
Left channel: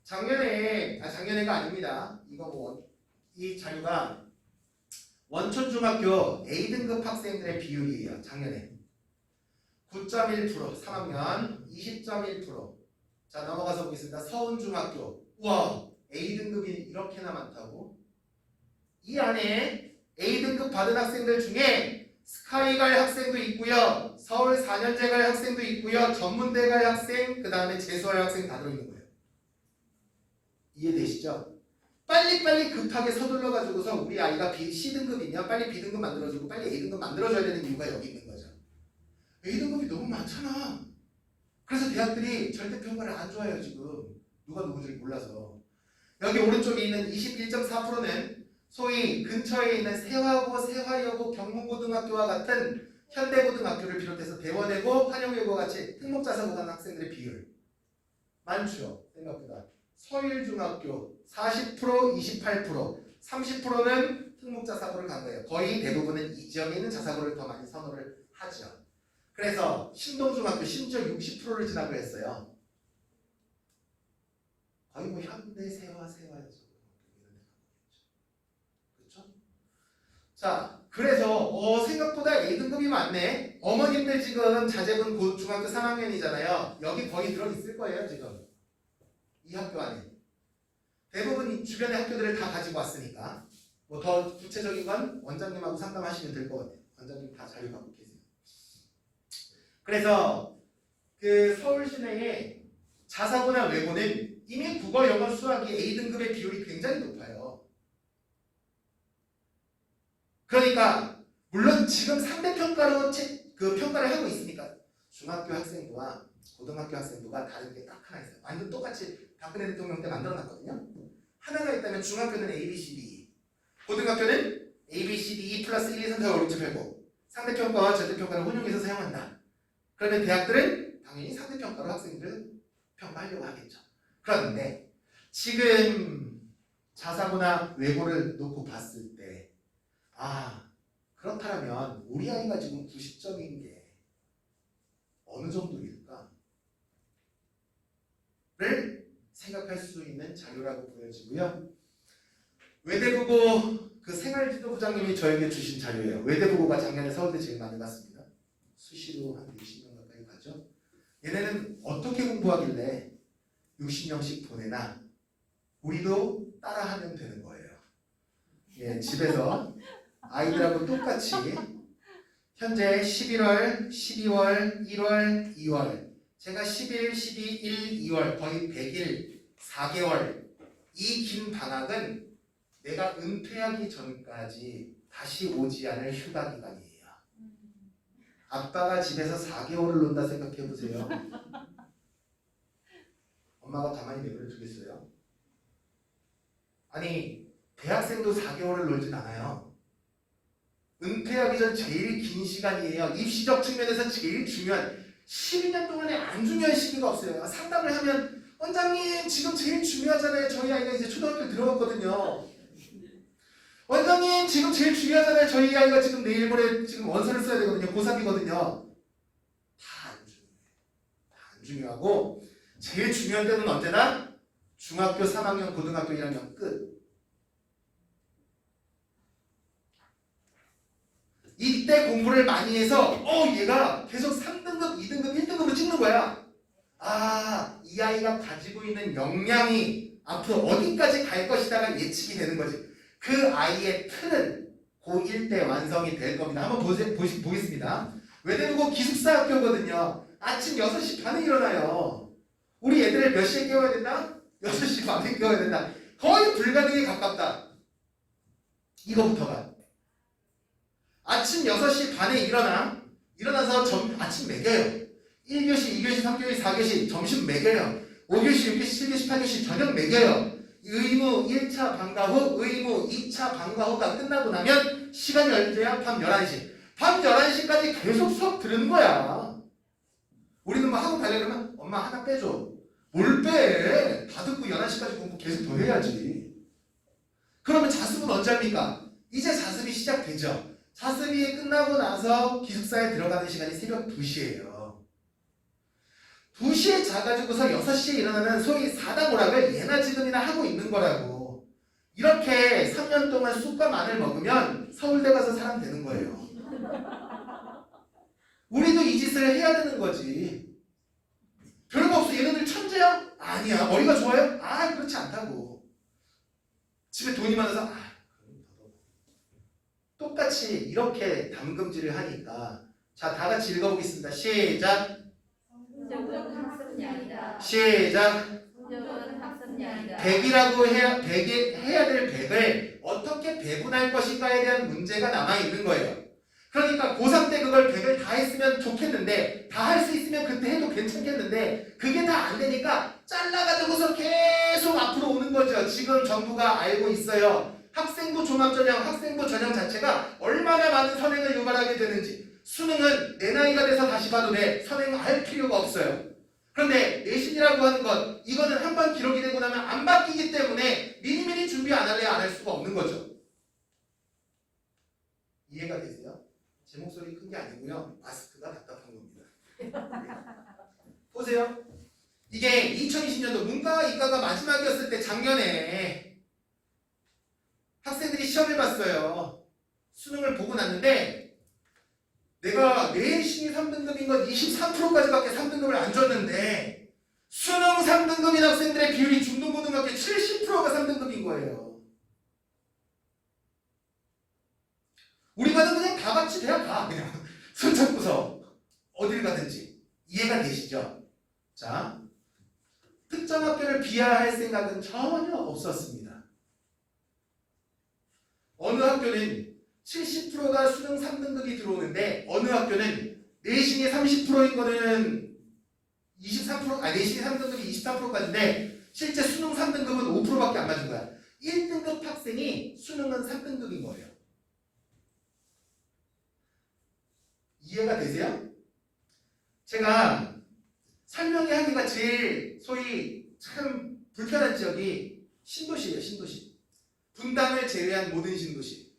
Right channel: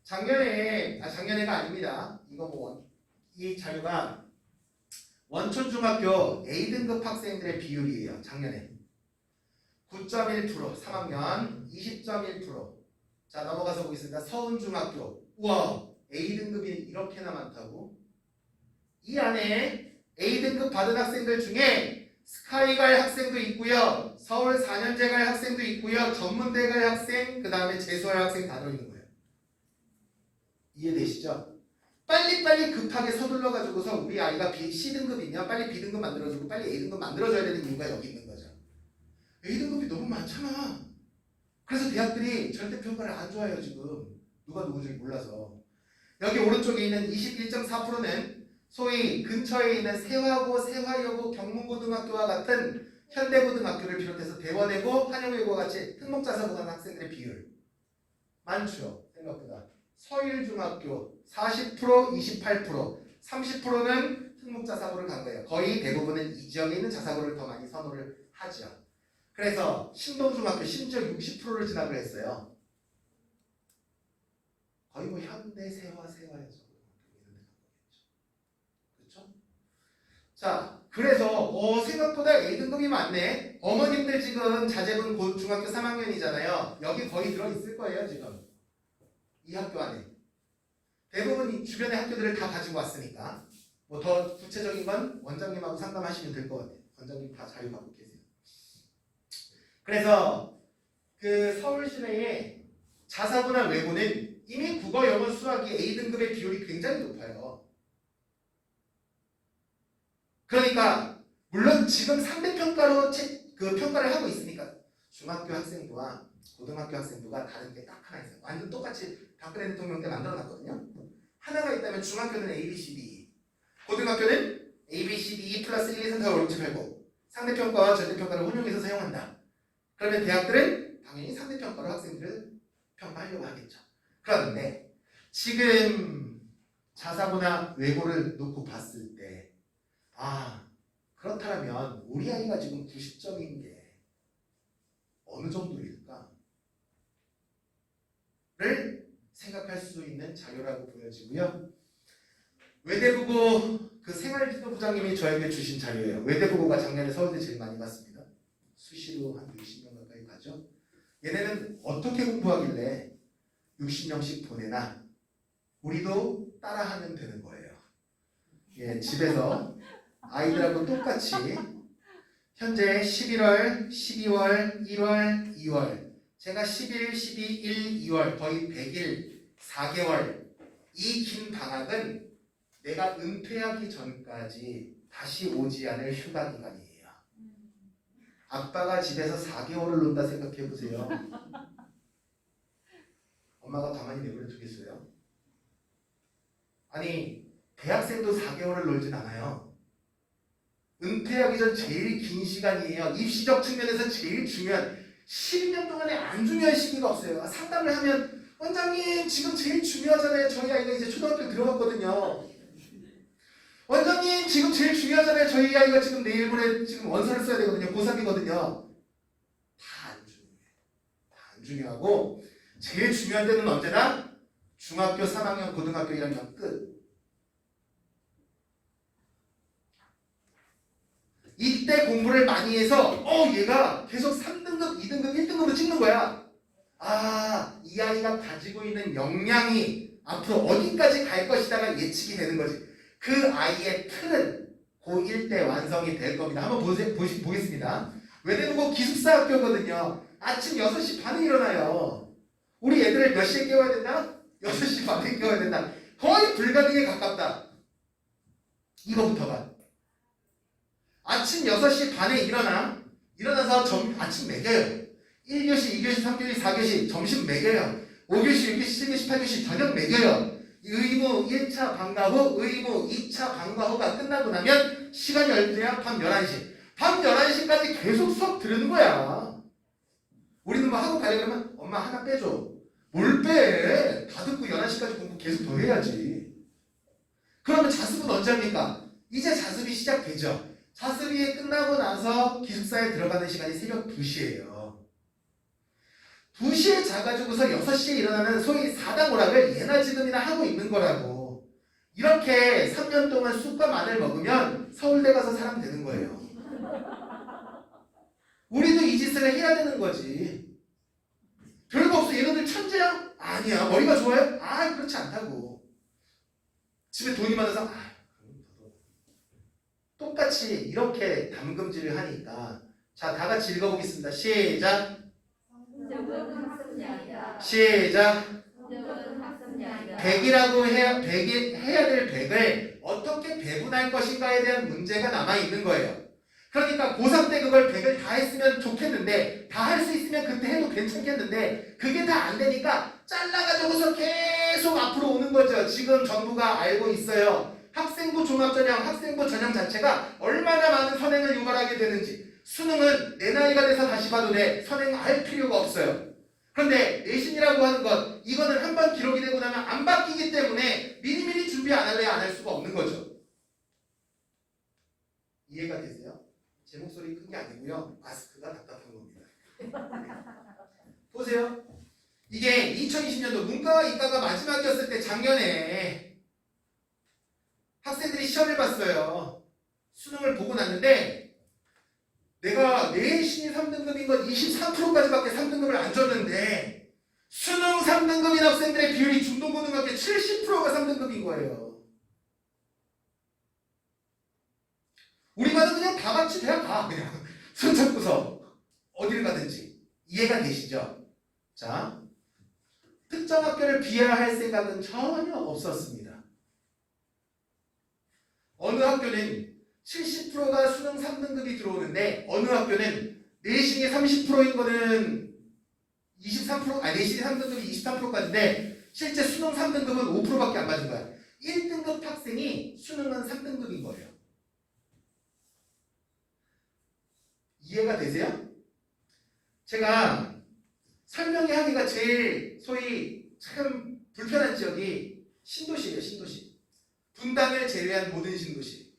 작년에가 아닙니다. 이거 뭐 이 자료가 원촌중학교 A등급 학생들의 비율이에요. 작년에 9.1% 3학년 20.1%. 자 넘어가서 보겠습니다. 서운중학교 우와 A등급이 이렇게나 많다고. 이 안에 A등급 받은 학생들 중에 스카이 갈 학생도 있고요. 서울 4년제 갈 학생도 있고요. 전문대 갈 학생 그 다음에 재수할 학생 다 들어있는 거예요. 이해되시죠? 빨리빨리 급하게 서둘러 가지고서 우리 아이가 C등급이냐 빨리 B등급 만들어주고 빨리 A등급 만들어줘야 되는 이유가 여기 있는 거죠. A등급이 너무 많잖아. 그래서 대학들이 절대평가를 안 좋아해요. 지금 누가 누군지 몰라서. 여기 오른쪽에 있는 21.4%는 소위 근처에 있는 세화고, 세화여고, 경문고등학교와 같은 현대고등학교를 비롯해서 대원외고, 한영외고와 같이 특목자사고 가는 학생들의 비율 많죠. 생각보다. 서일중학교 40%, 28%, 30%는 특목자사고를 간 거예요. 거의 대부분은 이 지역에 있는 자사고를 더 많이 선호를 하죠. 그래서 신동중학교 심지어 60%를 지나고 했어요. 거의 뭐 현대 세화여서 그렇죠? 자, 그래서 생각보다 A등급이 많네. 어머님들 지금 자제분 중학교 3학년이잖아요. 여기 거의 들어있을 거예요. 지금 이 학교 안에 대부분 주변의 학교들을 다 가지고 왔으니까. 뭐 더 구체적인 건 원장님하고 상담하시면 될 것 같아요. 원장님 다 자료 갖고 계세요. 그래서 그 서울 시내에 자사고나 외고는 이미 국어, 영어, 수학이 A등급의 비율이 굉장히 높아요. 그러니까 물론 지금 3대 평가로 그 평가를 하고 있으니까 중학교 학생부와 고등학교 학생부가 다른 게 딱 하나 있어요. 완전 똑같이 박근혜 대통령 때 만들어놨거든요. 하나가 있다면 중학교는 A, B, C, D, 고등학교는 A, B, C, D 플러스 1, 2, 3, 4, 5, 6, 7, 8, 9 상대평가와 절대평가를 혼용해서 사용한다. 그러면 대학들은 당연히 상대평가로 학생들을 평가하려고 하겠죠. 그런데 지금 자사고나 외고를 놓고 봤을 때 그렇다면 우리 아이가 지금 90점인 게 어느 정도일까? 를 생각할 수 있는 자료라고 보여지고요. 외대부고 그 생활지도부장님이 저에게 주신 자료예요. 외대부고가 작년에 서울대 제일 많이 갔습니다. 수시로 한 60명 가까이 가죠. 얘네는 어떻게 공부하길래 60명씩 보내나? 우리도 따라하면 되는 거예요. 예, 집에서 아이들하고 똑같이 현재 11월, 12월, 1월, 2월 제가 11, 12, 1, 2월 거의 100일, 4개월 이 긴 방학은 내가 은퇴하기 전까지 다시 오지 않을 휴가 기간이에요. 아빠가 집에서 4개월을 논다 생각해 보세요. 엄마가 가만히 내버려 두겠어요? 아니 대학생도 4개월을 놀진 않아요. 은퇴하기 전 제일 긴 시간이에요. 입시적 측면에서 제일 중요한 12년 동안에 안 중요한 시기가 없어요. 상담을 하면 원장님 지금 제일 중요하잖아요. 저희 아이가 이제 초등학교 들어갔거든요. 원장님 지금 제일 중요하잖아요. 저희 아이가 지금 내일 모레 지금 원서를 써야 되거든요. 고3이거든요. 다 안 중요해요. 다 안 중요하고 제일 중요한 때는 언제나 중학교 3학년, 고등학교 1학년 끝. 이때 공부를 많이 해서 얘가 계속 3등급, 2등급, 1등급으로 찍는 거야. 이 아이가 가지고 있는 역량이 앞으로 어디까지 갈 것이다가 예측이 되는 거지. 그 아이의 틀은 고1 때 완성이 될 겁니다. 한번 보겠습니다. 외대부고 기숙사 학교거든요. 아침 6시 반에 일어나요. 우리 애들을 몇 시에 깨워야 된다? 6시 반에 깨워야 된다. 거의 불가능에 가깝다. 이거부터가. 아침 6시 반에 일어나서 아침 먹여요. 1교시, 2교시, 3교시, 4교시 점심 먹여요. 5교시, 6교시, 7교시, 8교시 저녁 먹여요. 의무 1차 방과 후, 의무 2차 방과 후가 끝나고 나면 시간이 얼마야? 밤 11시. 밤 11시까지 계속 수업 들은 거야. 우리는 뭐 학원 가려고 그러면 엄마 하나 빼줘. 뭘 빼? 다 듣고 11시까지 공부 계속 더 해야지. 그러면 자습은 언제 합니까? 이제 자습이 시작되죠. 자습이 끝나고 나서 기숙사에 들어가는 시간이 새벽 2시예요. 2시에 자가지고서 6시에 일어나는 소위 사당오락을 예나 지금이나 하고 있는 거라고. 이렇게 3년 동안 쑥과 마늘 먹으면 서울대 가서 사람 되는 거예요. 우리도 이 짓을 해야 되는 거지. 별거 없어. 얘네들 천재야? 아니야. 머리가 좋아요? 그렇지 않다고. 집에 돈이 많아서 똑같이 이렇게 담금질을 하니까 자, 다 같이 읽어보겠습니다. 시작. 성적은 학습이 아니다. 시작. 성적은 학습이 아니다. 100이라고 해야 될 100을 어떻게 배분할 것인가에 대한 문제가 남아있는 거예요. 그러니까 고3 때 그걸 100을 다 했으면 좋겠는데 다 할 수 있으면 그때 해도 괜찮겠는데 그게 다 안 되니까 잘라가지고서 계속 앞으로 오는 거죠. 지금 정부가 알고 있어요. 학생부 종합전형, 학생부 전형 자체가 얼마나 많은 선행을 유발하게 되는지. 수능은 내 나이가 돼서 다시 봐도 돼. 선행할 필요가 없어요. 그런데 내신이라고 하는 것, 이거는 한번 기록이 되고 나면 안 바뀌기 때문에 미리미리 준비 안 할래야 안 할 수가 없는 거죠. 이해가 되세요? 제 목소리 큰 게 아니고요. 마스크가 답답한 겁니다. 보세요. 이게 2020년도 문과와 이과가 마지막이었을 때 작년에 학생들이 시험을 봤어요. 수능을 보고 났는데 내가 내신이 3등급인 건 23%까지밖에 3등급을 안 줬는데 수능 3등급인 학생들의 비율이 중등고등학교 70%가 3등급인 거예요. 우리 반은 그냥 다 같이 대학 가. 그냥 손 잡고서 어디를 가든지. 이해가 되시죠? 자, 특정 학교를 비하할 생각은 전혀 없었습니다. 어느 학교는 70%가 수능 3등급이 들어오는데 어느 학교는 내신이 30%인 거는 23%, 내신이 3등급이 23%까지인데 실제 수능 3등급은 5%밖에 안 맞은 거야. 1등급 학생이 수능은 3등급인 거예요. 이해가 되세요? 제가 설명이 하기가 제일 소위 참 불편한 지역이 신도시예요. 신도시. 분당을 제외한 모든 신도시.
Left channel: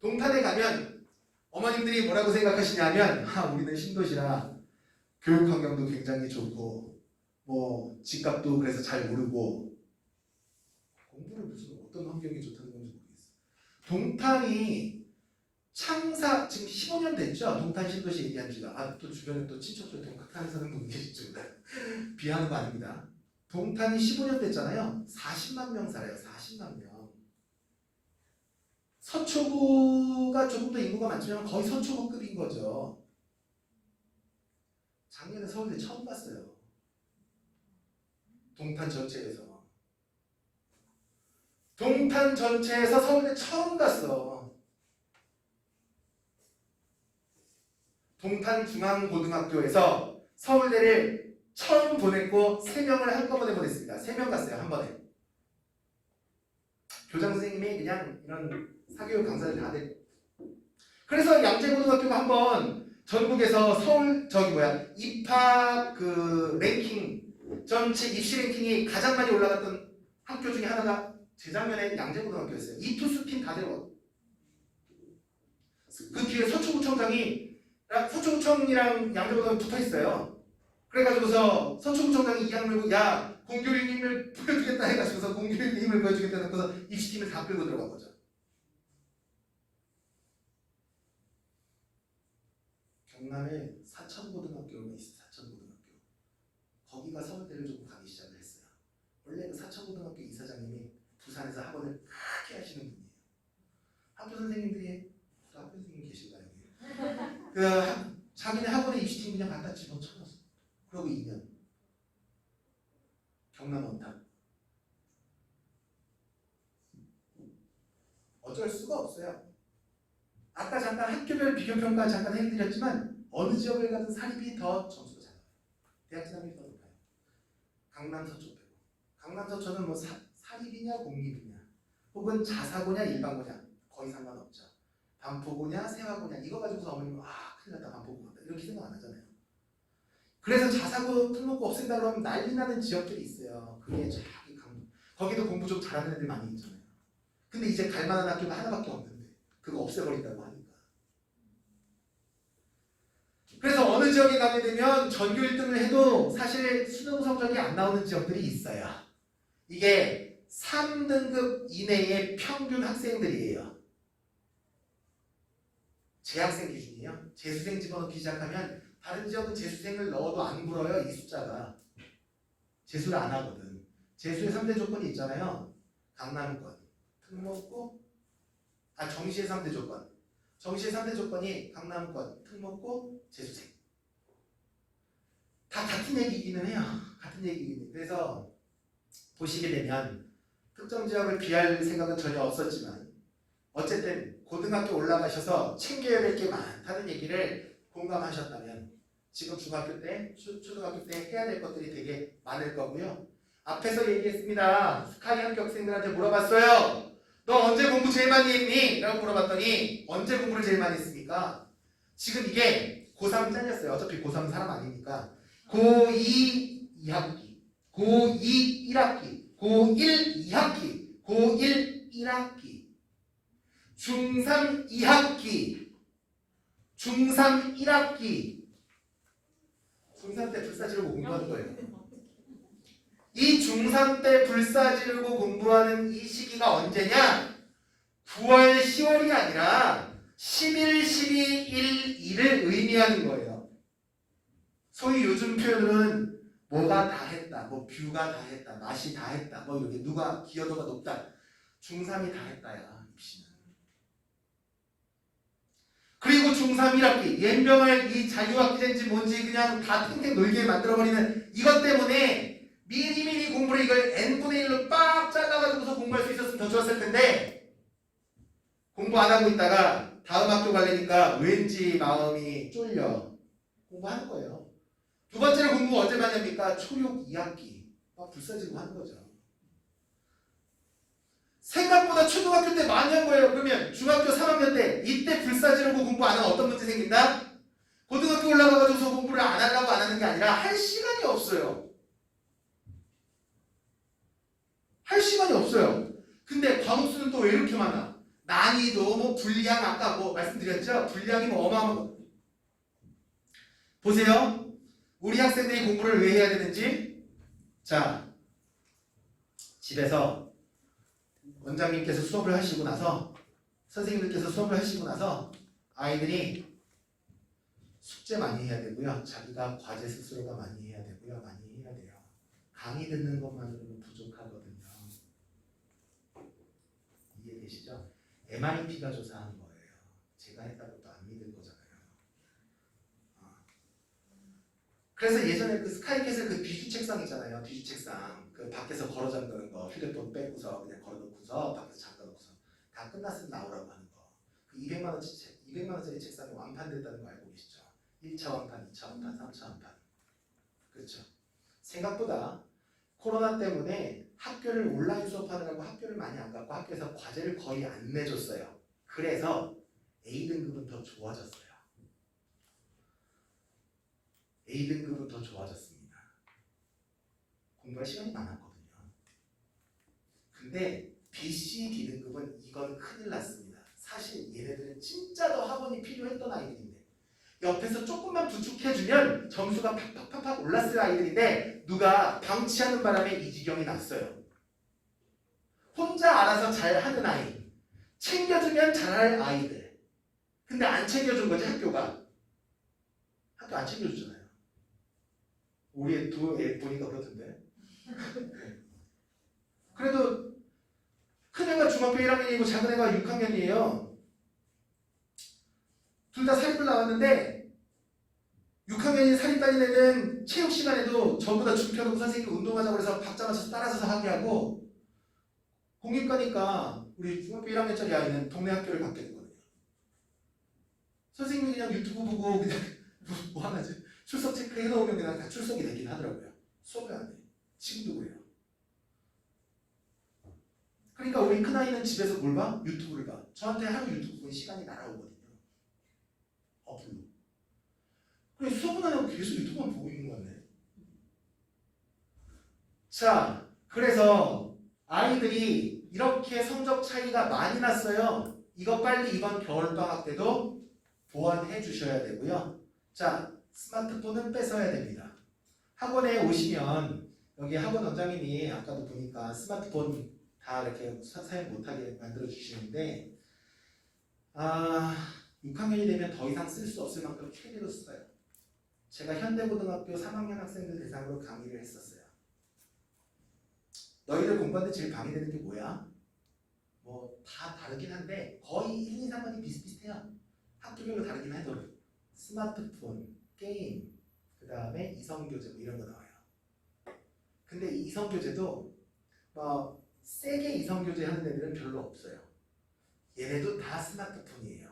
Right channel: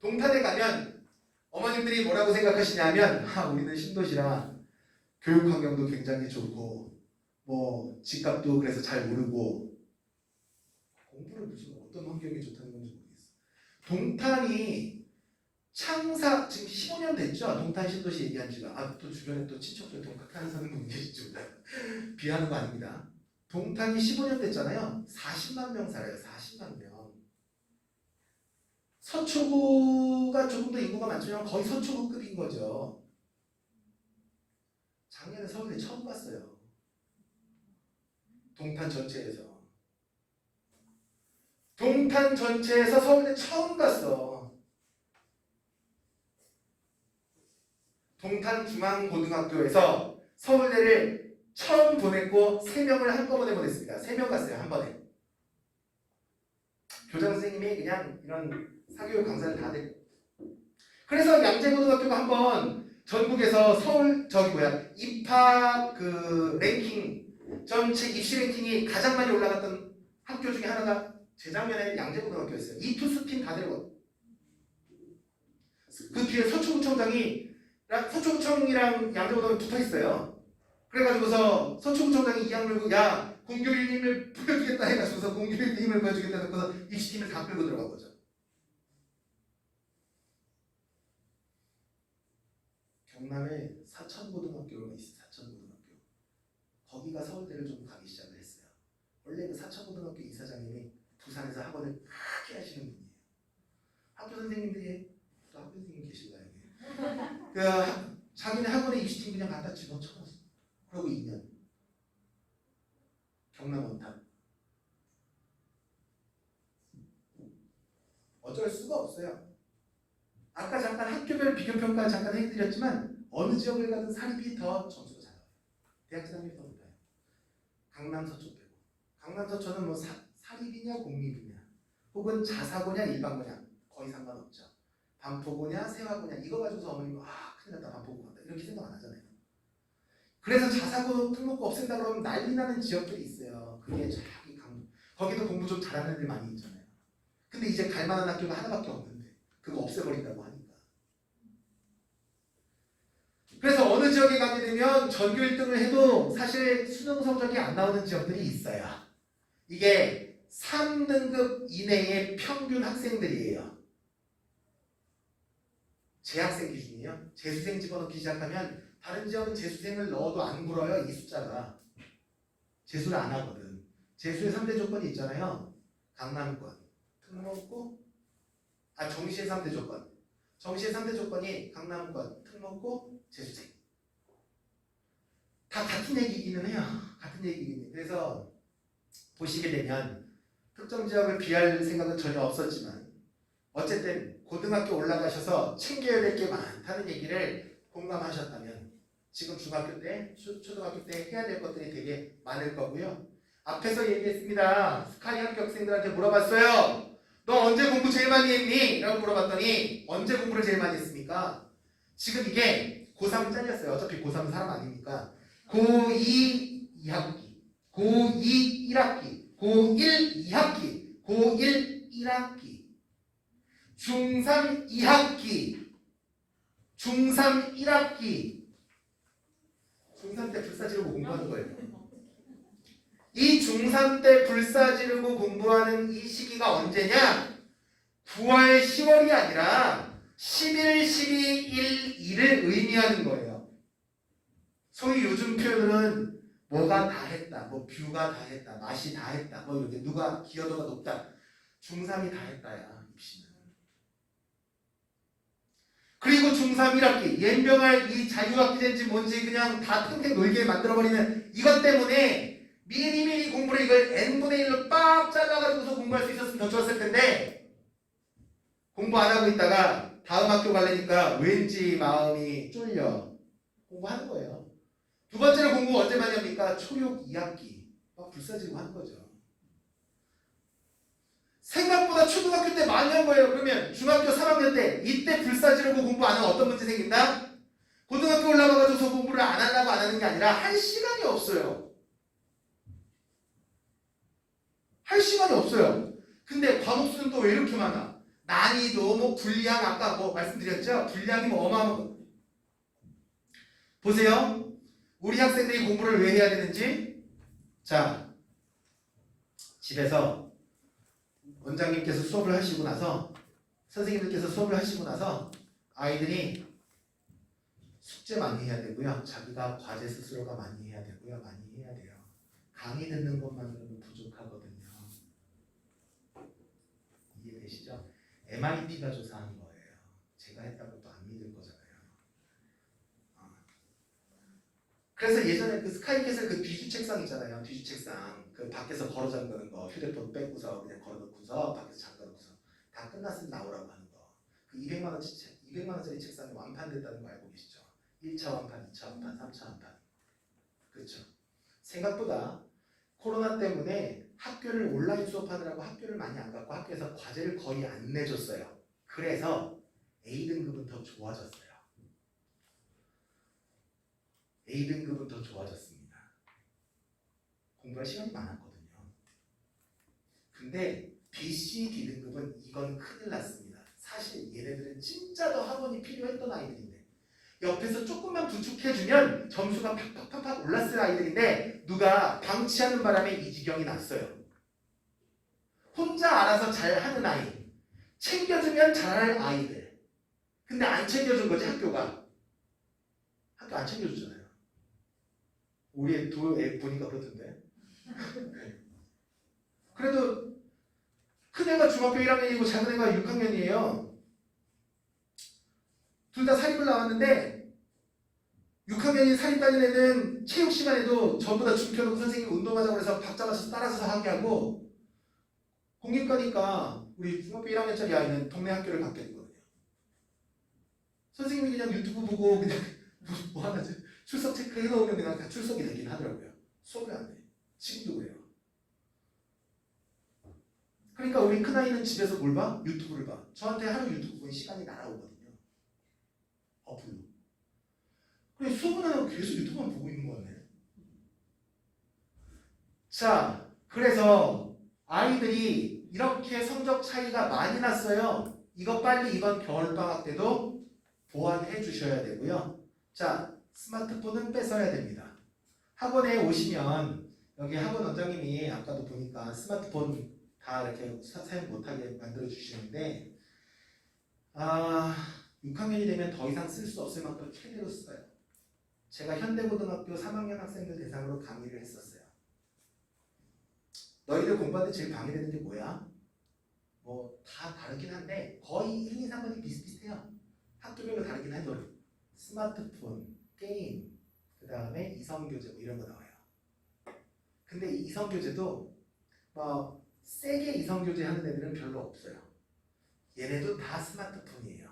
동탄에 가면 어머님들이 뭐라고 생각하시냐면 우리는 신도시라 교육 환경도 굉장히 좋고 뭐 집값도 그래서 잘 모르고 공부를 무슨 어떤 환경이 좋다는 건지 모르겠어요. 동탄이 창사 지금 15년 됐죠? 동탄 신도시 얘기한 지가. 또 주변에 또 친척들 동탄 사는 분 계시죠? 비하는 거 아닙니다. 동탄이 15년 됐잖아요. 40만 명 살아요. 40만 명. 서초구가 조금 더 인구가 많지만 거의 서초구급인 거죠. 작년에 서울대 처음 갔어요. 동탄 전체에서. 동탄 전체에서 서울대 처음 갔어. 동탄 중앙고등학교에서 서울대를 처음 보냈고 3명을 한꺼번에 보냈습니다. 3명 갔어요. 한 번에. 교장 선생님이 그냥 이런 사교육 강사를 다 됐고. 그래서 양재고등학교가 한번 전국에서 서울 입학 랭킹 전체 입시 랭킹이 가장 많이 올라갔던 학교 중에 하나가 재작년에 양재고등학교였어요. 이투수팀 다 데려갔고. 그 뒤에 서초구청이랑 양재고등학교 붙어 있어요. 그래가지고서 서초구청장이 이양 물고 야 공교육 힘을 보여주겠다 해가지고서 공교육 힘을 보여주겠다 해서 입시팀을 다 끌고 들어간 거죠. 경남에 사천고등학교가 있어요. 사천고등학교. 거기가 서울대를 좀 가기 시작을 했어요. 원래 그 사천고등학교 이사장님이 부산에서 학원을 크게 하시는 분이에요. 학교 선생님들이 또 학교 선생님 계실까요? 자기네 학원에 입시팀 그냥 갖다 집어쳐놨어. 그러고 2년. 경남 원탑. 어쩔 수가 없어요. 아까 잠깐 학교별 비교평가 잠깐 해드렸지만 어느 지역을 가든 사립이 더 점수가 잘 나와요. 대학 진학률이 더 높아요. 강남 서초 빼고. 강남 서초는 뭐 사립이냐 공립이냐 혹은 자사고냐 일반고냐 거의 상관없죠. 반포고냐 세화고냐 이거 가지고서 어머님은 큰일 났다 반포고 간다 이렇게 생각 안 하잖아요. 그래서 자사고 등록고 없앤다 그러면 난리 나는 지역들이 있어요. 그게 저기 거기도 공부 좀 잘하는 애들 많이 있잖아요. 근데 이제 갈 만한 학교가 하나밖에 없는데 그거 없애버린다고 하니까. 그래서 어느 지역에 가게 되면 전교 1등을 해도 사실 수능 성적이 안 나오는 지역들이 있어요. 이게 3등급 이내의 평균 학생들이에요. 재학생 기준이에요. 재수생 집어넣기 시작하면 다른 지역은 재수생을 넣어도 안 불어요. 이 숫자가. 재수를 안 하거든. 재수의 3대 조건이 있잖아요. 강남권, 특목고, 정시의 3대 조건. 정시의 3대 조건이 강남권, 특목고, 재수생. 다 같은 얘기이기는 해요. 같은 얘기이기는. 그래서 보시게 되면 특정 지역을 비할 생각은 전혀 없었지만 어쨌든 고등학교 올라가셔서 챙겨야 될 게 많다는 얘기를 공감하셨다면 지금 중학교 때, 초등학교 때 해야 될 것들이 되게 많을 거고요. 앞에서 얘기했습니다. 스카이 합격생들한테 물어봤어요. 너 언제 공부 제일 많이 했니? 라고 물어봤더니 언제 공부를 제일 많이 했습니까? 지금 이게 고3 잘렸어요. 어차피 고3 사람 아닙니까? 고2 2학기, 고2 1학기, 고1 2학기, 고1 1학기, 중3 2학기, 중3 1학기. 중3 때 불사 지르고 공부하는 거예요. 이 중3 때 불사 지르고 공부하는 이 시기가 언제냐? 9월, 10월이 아니라 11, 12, 1, 2를 의미하는 거예요. 소위 요즘 표현은 뭐가 다 했다, 뭐 뷰가 다 했다, 맛이 다 했다, 뭐 이렇게 누가 기여도가 높다. 중3이 다 했다야, 입시는. 중3 1학기 연병할 이 자유학기제인지 뭔지 그냥 다 탱탱 놀게 만들어버리는 이것 때문에 미리미리 공부를 이걸 n분의 1로 빡 잘라가지고서 공부할 수 있었으면 더 좋았을 텐데 공부 안 하고 있다가 다음 학교 가려니까 왠지 마음이 쫄려 공부하는 거예요. 두 번째로 공부 언제 많이 합니까? 초육 2학기 막 불사지고 하는 거죠. 생각보다 초등학교 때 많이 한 거예요. 그러면 중학교 3학년 때 이때 불사지르고 공부 안 하면 어떤 문제 생긴다? 고등학교 올라가가지고서 공부를 안 하려고 안 하는 게 아니라 할 시간이 없어요. 할 시간이 없어요. 근데 과목수는 또 왜 이렇게 많아? 난이도 뭐 분량 아까 뭐 말씀드렸죠? 분량이 뭐 어마어마한 거. 보세요. 우리 학생들이 공부를 왜 해야 되는지. 자, 집에서 원장님께서 수업을 하시고 나서 선생님들께서 수업을 하시고 나서 아이들이 숙제 많이 해야 되고요. 자기가 과제 스스로가 많이 해야 되고요. 많이 해야 돼요. 강의 듣는 것만으로는 부족하거든요. 이해되시죠? MIT가 조사한 거예요. 제가 했다고 또 안 믿을 거잖아요. 그래서 예전에 그 스카이캐슬 그 뒤주 책상 있잖아요. 뒤주 책상 그 밖에서 걸어 잠그는 거 휴대폰 빼고서 그냥 걸어놓고서 밖에서 잠가놓고서 다 끝났으면 나오라고 하는 거. 그 200만 원짜리 책상이 완판됐다는 거 알고 계시죠? 1차 완판, 2차 완판, 3차 완판. 그렇죠? 생각보다 코로나 때문에 학교를 온라인 수업하느라고 학교를 많이 안 갔고 학교에서 과제를 거의 안 내줬어요. 그래서 A등급은 더 좋아졌어요. A등급은 더 좋아졌습니다. 공부할 시간이 많았거든요. 근데 B, C, D등급은 이건 큰일 났습니다. 사실 얘네들은 진짜 더 학원이 필요했던 아이들인데 옆에서 조금만 부축해주면 점수가 팍팍팍팍 올랐을 아이들인데 누가 방치하는 바람에 이 지경이 났어요. 혼자 알아서 잘하는 아이, 챙겨주면 잘할 아이들. 근데 안 챙겨준 거지 학교가. 학교 안 챙겨주잖아요. 우리 애 보니까 그렇던데. 그래도 큰애가 중학교 1학년이고 작은애가 6학년이에요. 둘 다 사립을 나왔는데 6학년인 사립 다니는 애는 체육 시간에도 전부 다 줌켜놓고 선생님이 운동하자고 해서 박 잡아서 따라서 하게 하고 공립과니까 우리 중학교 1학년짜리 아이는 동네 학교를 갖게 되거든요. 선생님이 그냥 유튜브 보고 그냥 뭐 하나지? 출석 체크해 놓으면 그냥 다 출석이 되긴 하더라고요. 수업을 안 해. 지금도 그래요. 그러니까 우리 큰아이는 집에서 뭘 봐? 유튜브를 봐. 저한테 하루 유튜브 보면 시간이 날아오거든요. 어플로. 그래 수업은 안 하고 계속 유튜브만 보고 있는 거 같네. 자, 그래서 아이들이 이렇게 성적 차이가 많이 났어요. 이거 빨리 이번 겨울방학 때도 보완해 주셔야 되고요. 자, 스마트폰은 뺏어야 됩니다. 학원에 오시면 여기 학원 원장님이 아까도 보니까 스마트폰 다 이렇게 사용 못하게 만들어 주시는데 6학년이 되면 더 이상 쓸 수 없을 만큼 최대로 써요. 제가 현대고등학교 3학년 학생들 대상으로 강의를 했었어요. 너희들 공부하는데 제일 방해되는 게 뭐야? 뭐 다 다르긴 한데 거의 1, 2, 3번이 비슷비슷해요. 학교별로 다르긴 해도 스마트폰, 게임, 그 다음에 이성교재 뭐 이런 거 나와요. 근데 이 이성교재도 뭐 세게 이성교재 하는 애들은 별로 없어요. 얘네도 다 스마트폰이에요.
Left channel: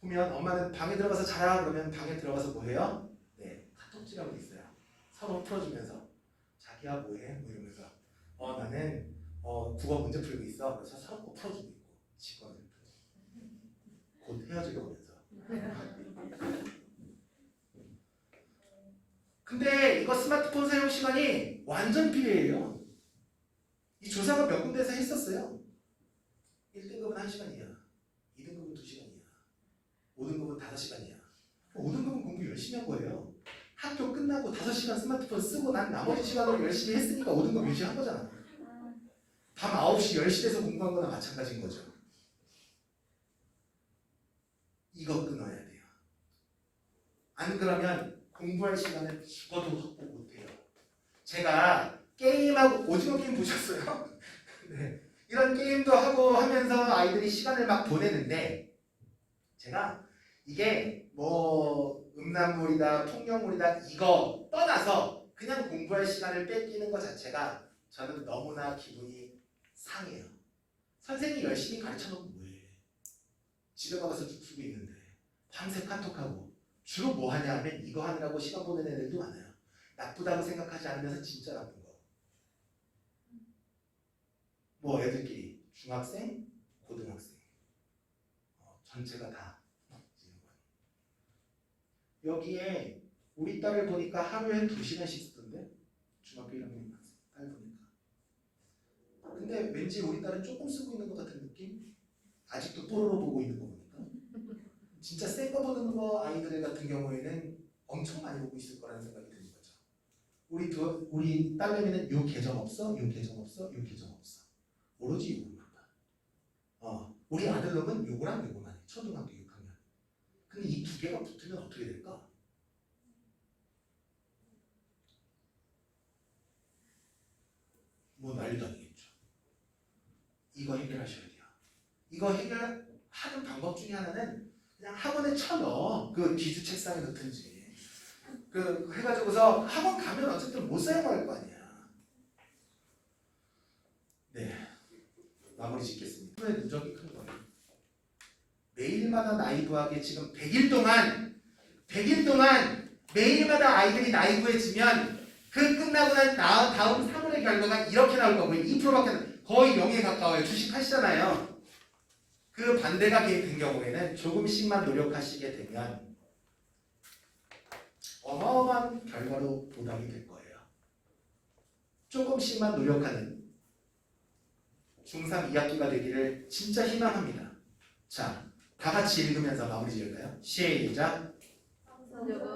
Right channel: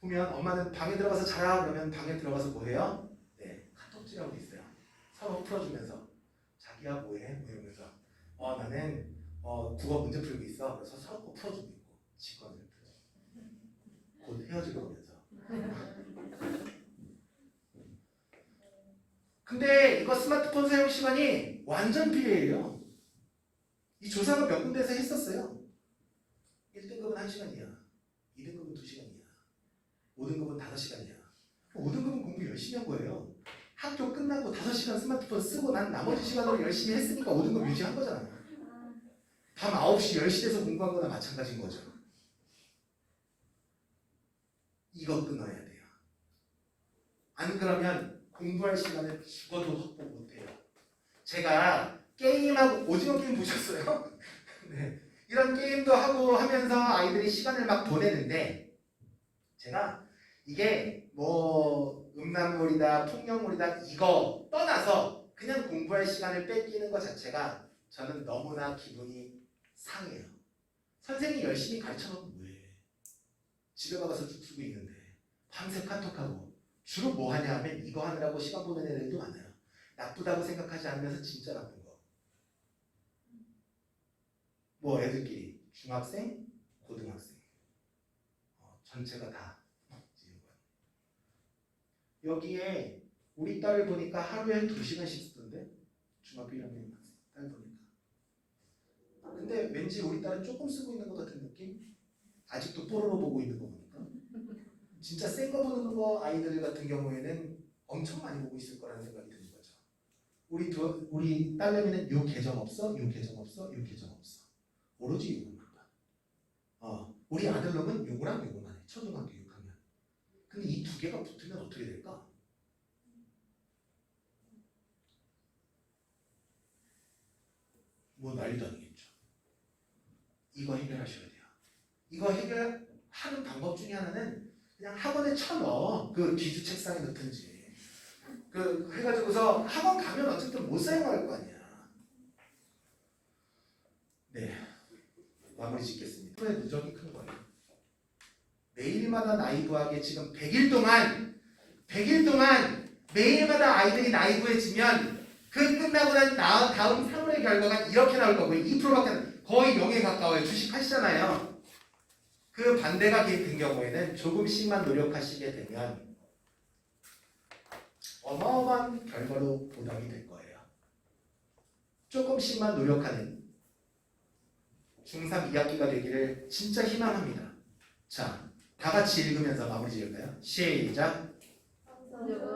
보면 엄마는 방에 들어가서 자라 그러면 방에 들어가서 뭐 해요? 네, 카톡지라고 돼 있어요. 서로 풀어주면서 자기야 뭐해? 뭐 이러면서 나는 국어 문제 풀고 있어. 그래서 서로 꼭 풀어주고 있고 직권을 곧 헤어질 거면서. 근데 이거 스마트폰 사용 시간이 완전 비례해요. 이 조사가 몇 군데에서 했었어요. 1등급은 1시간이야. 2등급은 2시간이야. 5등급은 5시간이야. 5등급은 공부 열심히 한 거예요. 학교 끝나고 5시간 스마트폰 쓰고 난 나머지 시간으로 열심히 했으니까 5등급 유지한 거잖아. 밤 9시 10시 돼서 공부한 거나 마찬가지인 거죠. 이거 끊어야 돼요. 안 그러면 공부할 시간을 죽어도 확보 못해요. 제가 게임하고 오징어 게임 보셨어요? 네. 이런 게임도 하고 하면서 아이들이 시간을 막 보내는데 제가 이게 뭐 음란물이다 폭력물이다 이거 떠나서 그냥 공부할 시간을 뺏기는 것 자체가 저는 너무나 기분이 상해요. 선생님이 열심히 가르쳐놓고 뭐해. 집에 가서 죽 쓰고 있는데 밤새 카톡하고 주로 뭐 하냐 하면 이거 하느라고 시간 보내는 애들도 많아요. 나쁘다고 생각하지 않으면서 진짜 나쁜 거. 뭐 애들끼리 중학생, 고등학생 전체가 다 여기에 우리 딸을 보니까 하루에 한 2시간씩 쓰던데 중학교 1학년 딸 보니까. 근데 왠지 우리 딸은 조금 쓰고 있는 것 같은 느낌? 아직도 뽀로로 보고 있는 거 보니까 진짜 센 거 보는 거 아이들 같은 경우에는 엄청 많이 보고 있을 거라는 생각이 드는 거죠. 우리 딸내미는 요 계정 없어? 요 계정 없어? 요 계정 없어. 오로지 요것만 봐. 우리 아들놈은 요거랑 요거만 해. 초등학교 6학년. 근데 이 두 개가 붙으면 어떻게 될까? 뭐 난리도 아니겠죠. 이거 해결하셔야 돼요. 이거 해결하는 방법 중에 하나는 그냥 학원에 쳐넣어. 그 기주 책상에 넣든지. 그 해가지고서 학원 가면 어쨌든 못 사용할 거 아니야. 네. 마무리 짓겠습니다. 손의 누적이 큰 거예요. 매일마다 나이브하게 지금 100일 동안 매일마다 아이들이 나이브해지면 그 끝나고 난 다음 3월의 결과가 이렇게 나올 거고요. 2%밖에 거의 0에 가까워요. 주식 하시잖아요. 그 반대가 된 경우에는 조금씩만 노력하시게 되면 어마어마한 결과로 보답이 될 거예요. 조금씩만 노력하는 중3 2학기가 되기를 진짜 희망합니다. 자, 다 같이 읽으면서 마무리 지을까요? 시작. 성적은